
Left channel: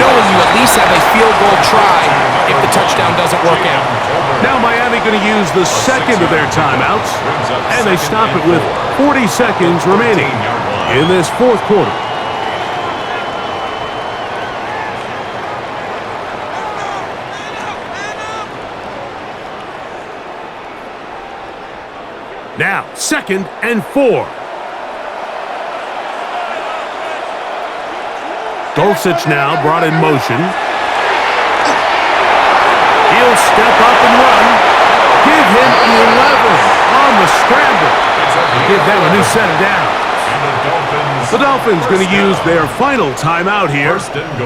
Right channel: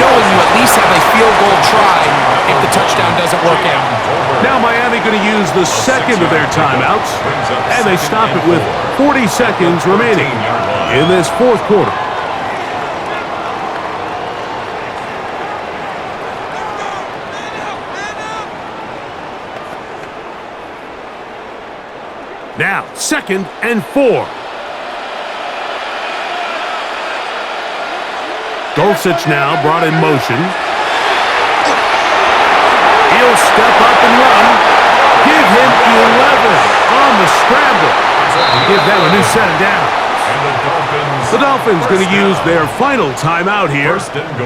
knowing you at least have a field goal try if the touchdown doesn't work out. Now Miami going to use the second of their timeouts, and they stop it with 40 seconds remaining in this fourth quarter. Now, second and 4. Dulcich now brought in motion. He'll step up and run. Give him 11 on the scramble. Give them a new set of downs. The Dolphins going to use their final timeout here.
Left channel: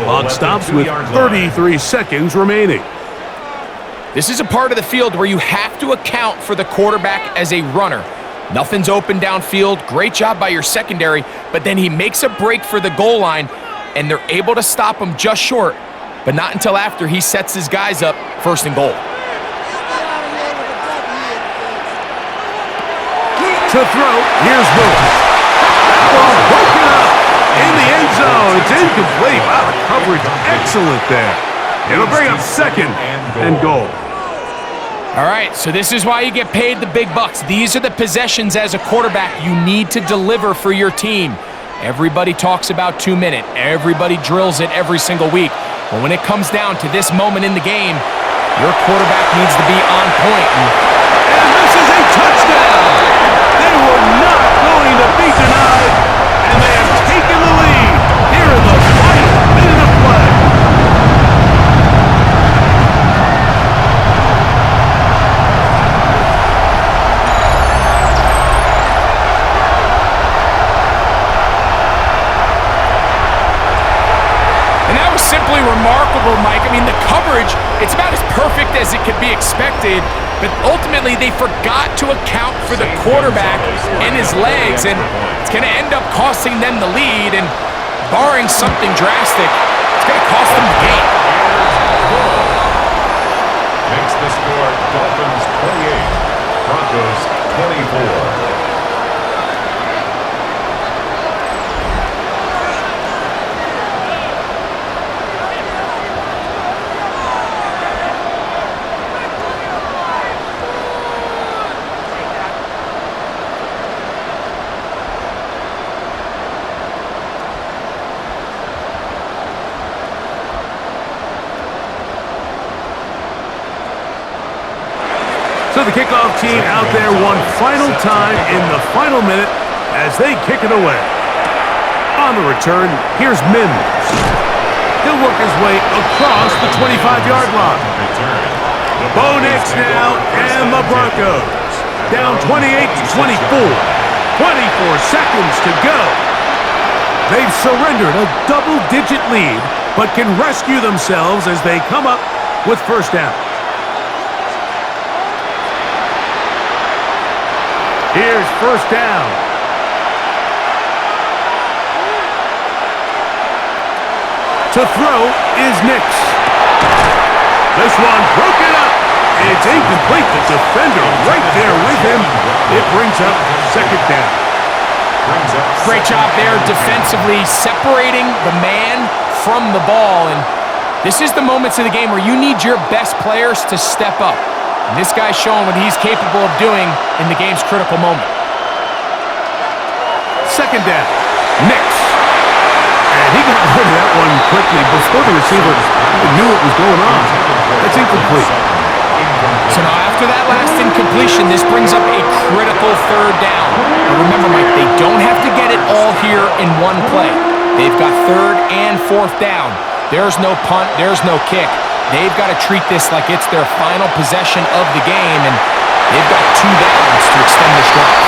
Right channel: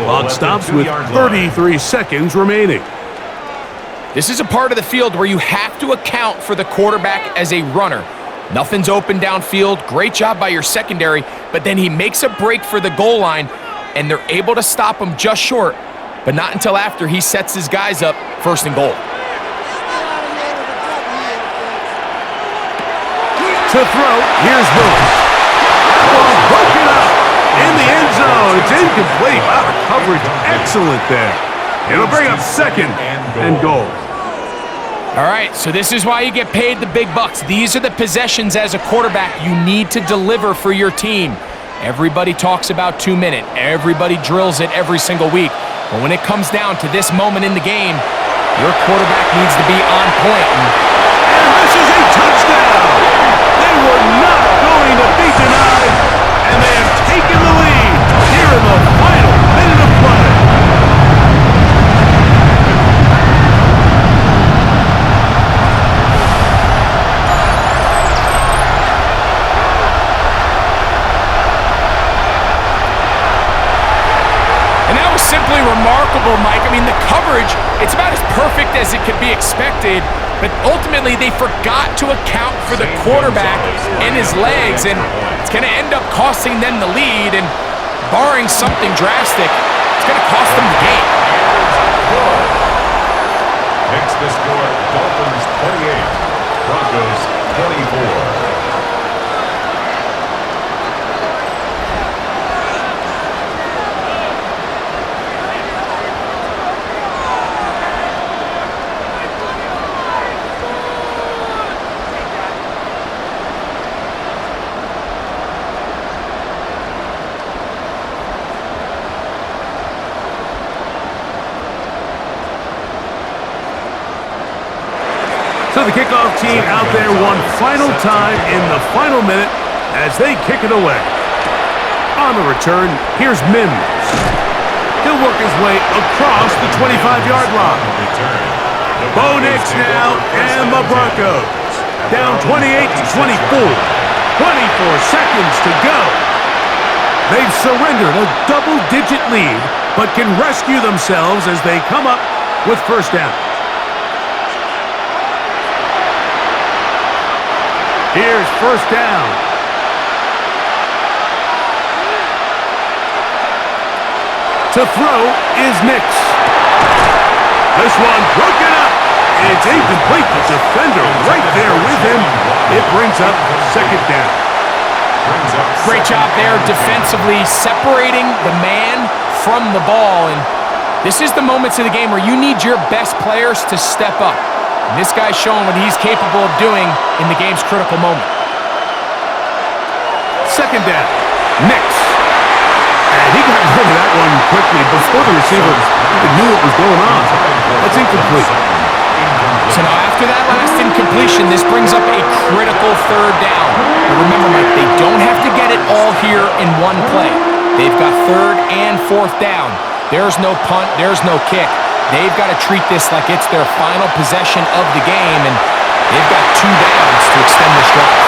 Clock stops with 33 seconds remaining. This is a part of the field where you have to account for the quarterback as a runner. Nothing's open downfield. Great job by your secondary, but then he makes a break for the goal line, and they're able to stop him just short, but not until after he sets his guys up first and goal. To throw, here's Willis. That one broken up in the end zone. It's incomplete. Wow, the coverage excellent there. It'll bring up second and goal. All right, so this is why you get paid the big bucks. These are the possessions as a quarterback you need to deliver for your team. Everybody talks about 2 minute. Everybody drills it every single week. But when it comes down to this moment in the game, your quarterback needs to be on point. And this is a touchdown. They were not going to be denied, and they have taken the lead here in the final minute of play. And that was simply remarkable, Mike. I mean, the coverage, it's about as perfect as it could be expected, but ultimately they forgot to account for the quarterback and his legs, and it's going to end up costing them the lead, and barring something drastic, it's going to cost them the game. Makes the score Dolphins 28, Broncos 24. So the kickoff team out there one final time in the final minute as they kick it away. On the return, here's Mims. He'll work his way across the 25-yard line. Bo Nix now and the Broncos. Down 28-24. 24 seconds to go. They've surrendered a double-digit lead, but can rescue themselves as they come up with first down. Here's first down. To throw is Nix. This one broken up It's incomplete. The defender right there with him. It brings up second down. Great job there defensively, separating the man from the ball. And this is the moments of the game where you need your best players to step up. And this guy's showing what he's capable of doing in the game's critical moment. Second down. Nix. And he got rid of that one quickly before the receiver even knew what was going on. That's incomplete. So now after that last incompletion, this brings up a critical third down. But remember, Mike, they don't have to get it all here in one play. They've got third and fourth down. There's no punt, there's no kick. They've got to treat this like it's their final possession of the game, and they've got 2 downs to extend this drive.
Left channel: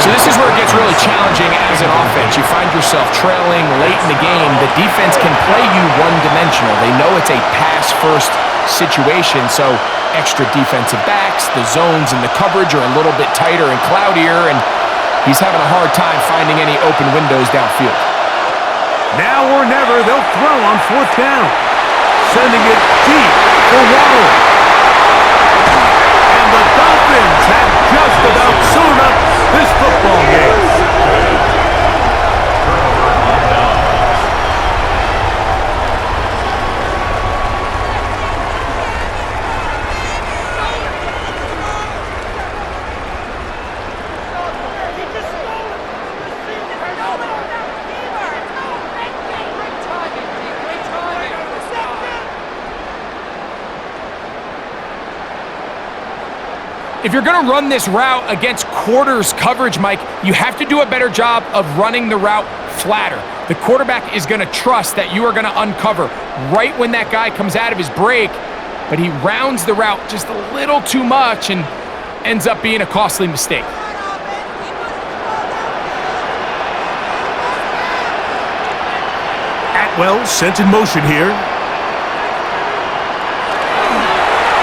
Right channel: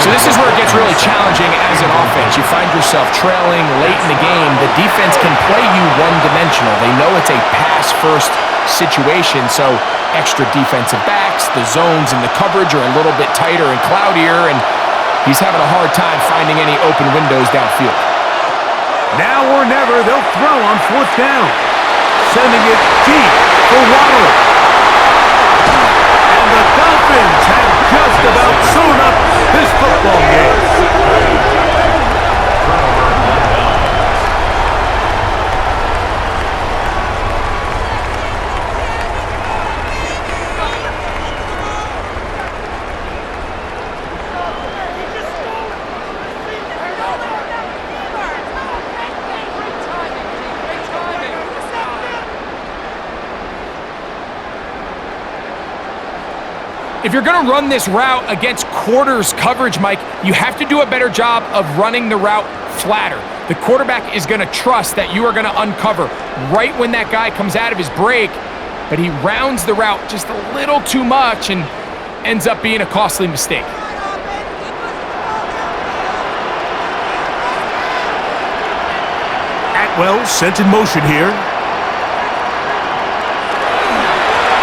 So this is where it gets really challenging as an offense. You find yourself trailing late in the game. The defense can play you one-dimensional. They know it's a pass-first situation, so extra defensive backs, the zones and the coverage are a little bit tighter and cloudier, and he's having a hard time finding any open windows downfield. Now or never, they'll throw on fourth down. Sending it deep for Waddle. And the Dolphins have just about sewn up this football game. If you're going to run this route against quarters coverage, Mike, you have to do a better job of running the route flatter. The quarterback is going to trust that you are going to uncover right when that guy comes out of his break, but he rounds the route just a little too much and ends up being a costly mistake. Atwell sent in motion here.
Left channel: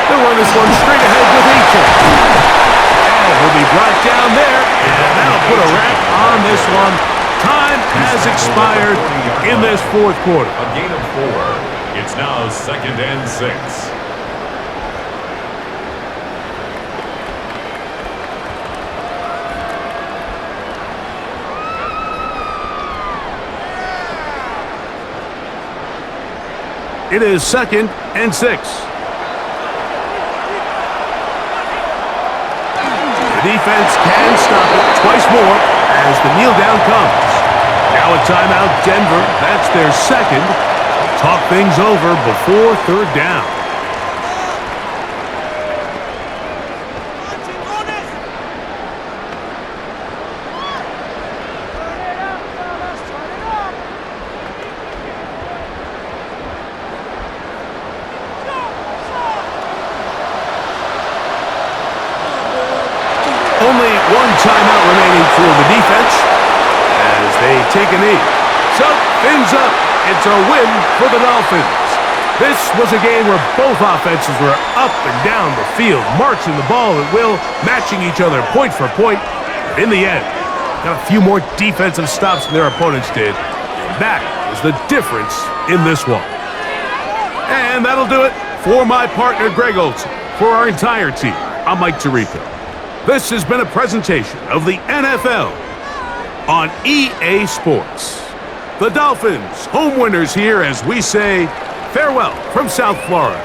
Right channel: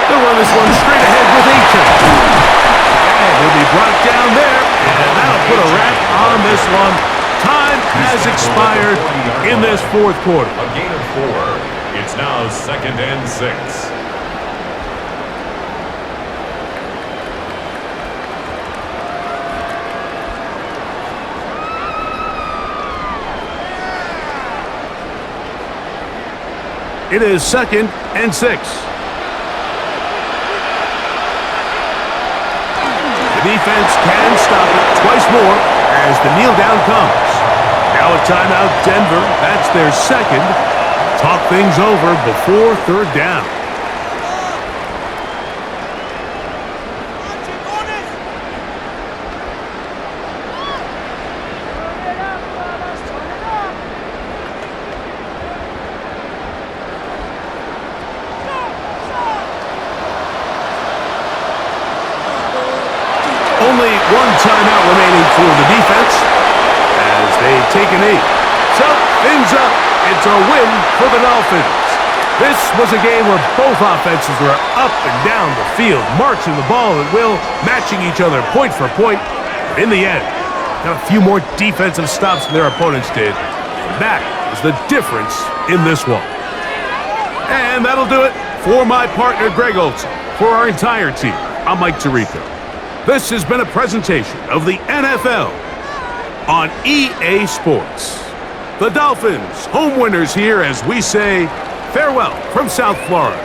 They'll run this one straight ahead with Achane. And he'll be brought down there, and that'll put a wrap on this one. Time has expired in this fourth quarter. A gain of 4. It's now 2nd and 6. It is 2nd and 6. The defense can stop it twice more as the kneel down comes. Now a timeout, Denver. That's their second. Talk things over before third down. Only one timeout remaining for the defense as they take a knee. So, fins up. It's a win for the Dolphins. This was a game where both offenses were up and down the field, marching the ball at will, matching each other point for point. But in the end, got a few more defensive stops than their opponents did. And that is the difference in this one. And that'll do it for my partner, Greg Olson. For our entire team, I'm Mike Tirico. This has been a presentation of the NFL on EA Sports. The Dolphins, home winners here as we say farewell from South Florida.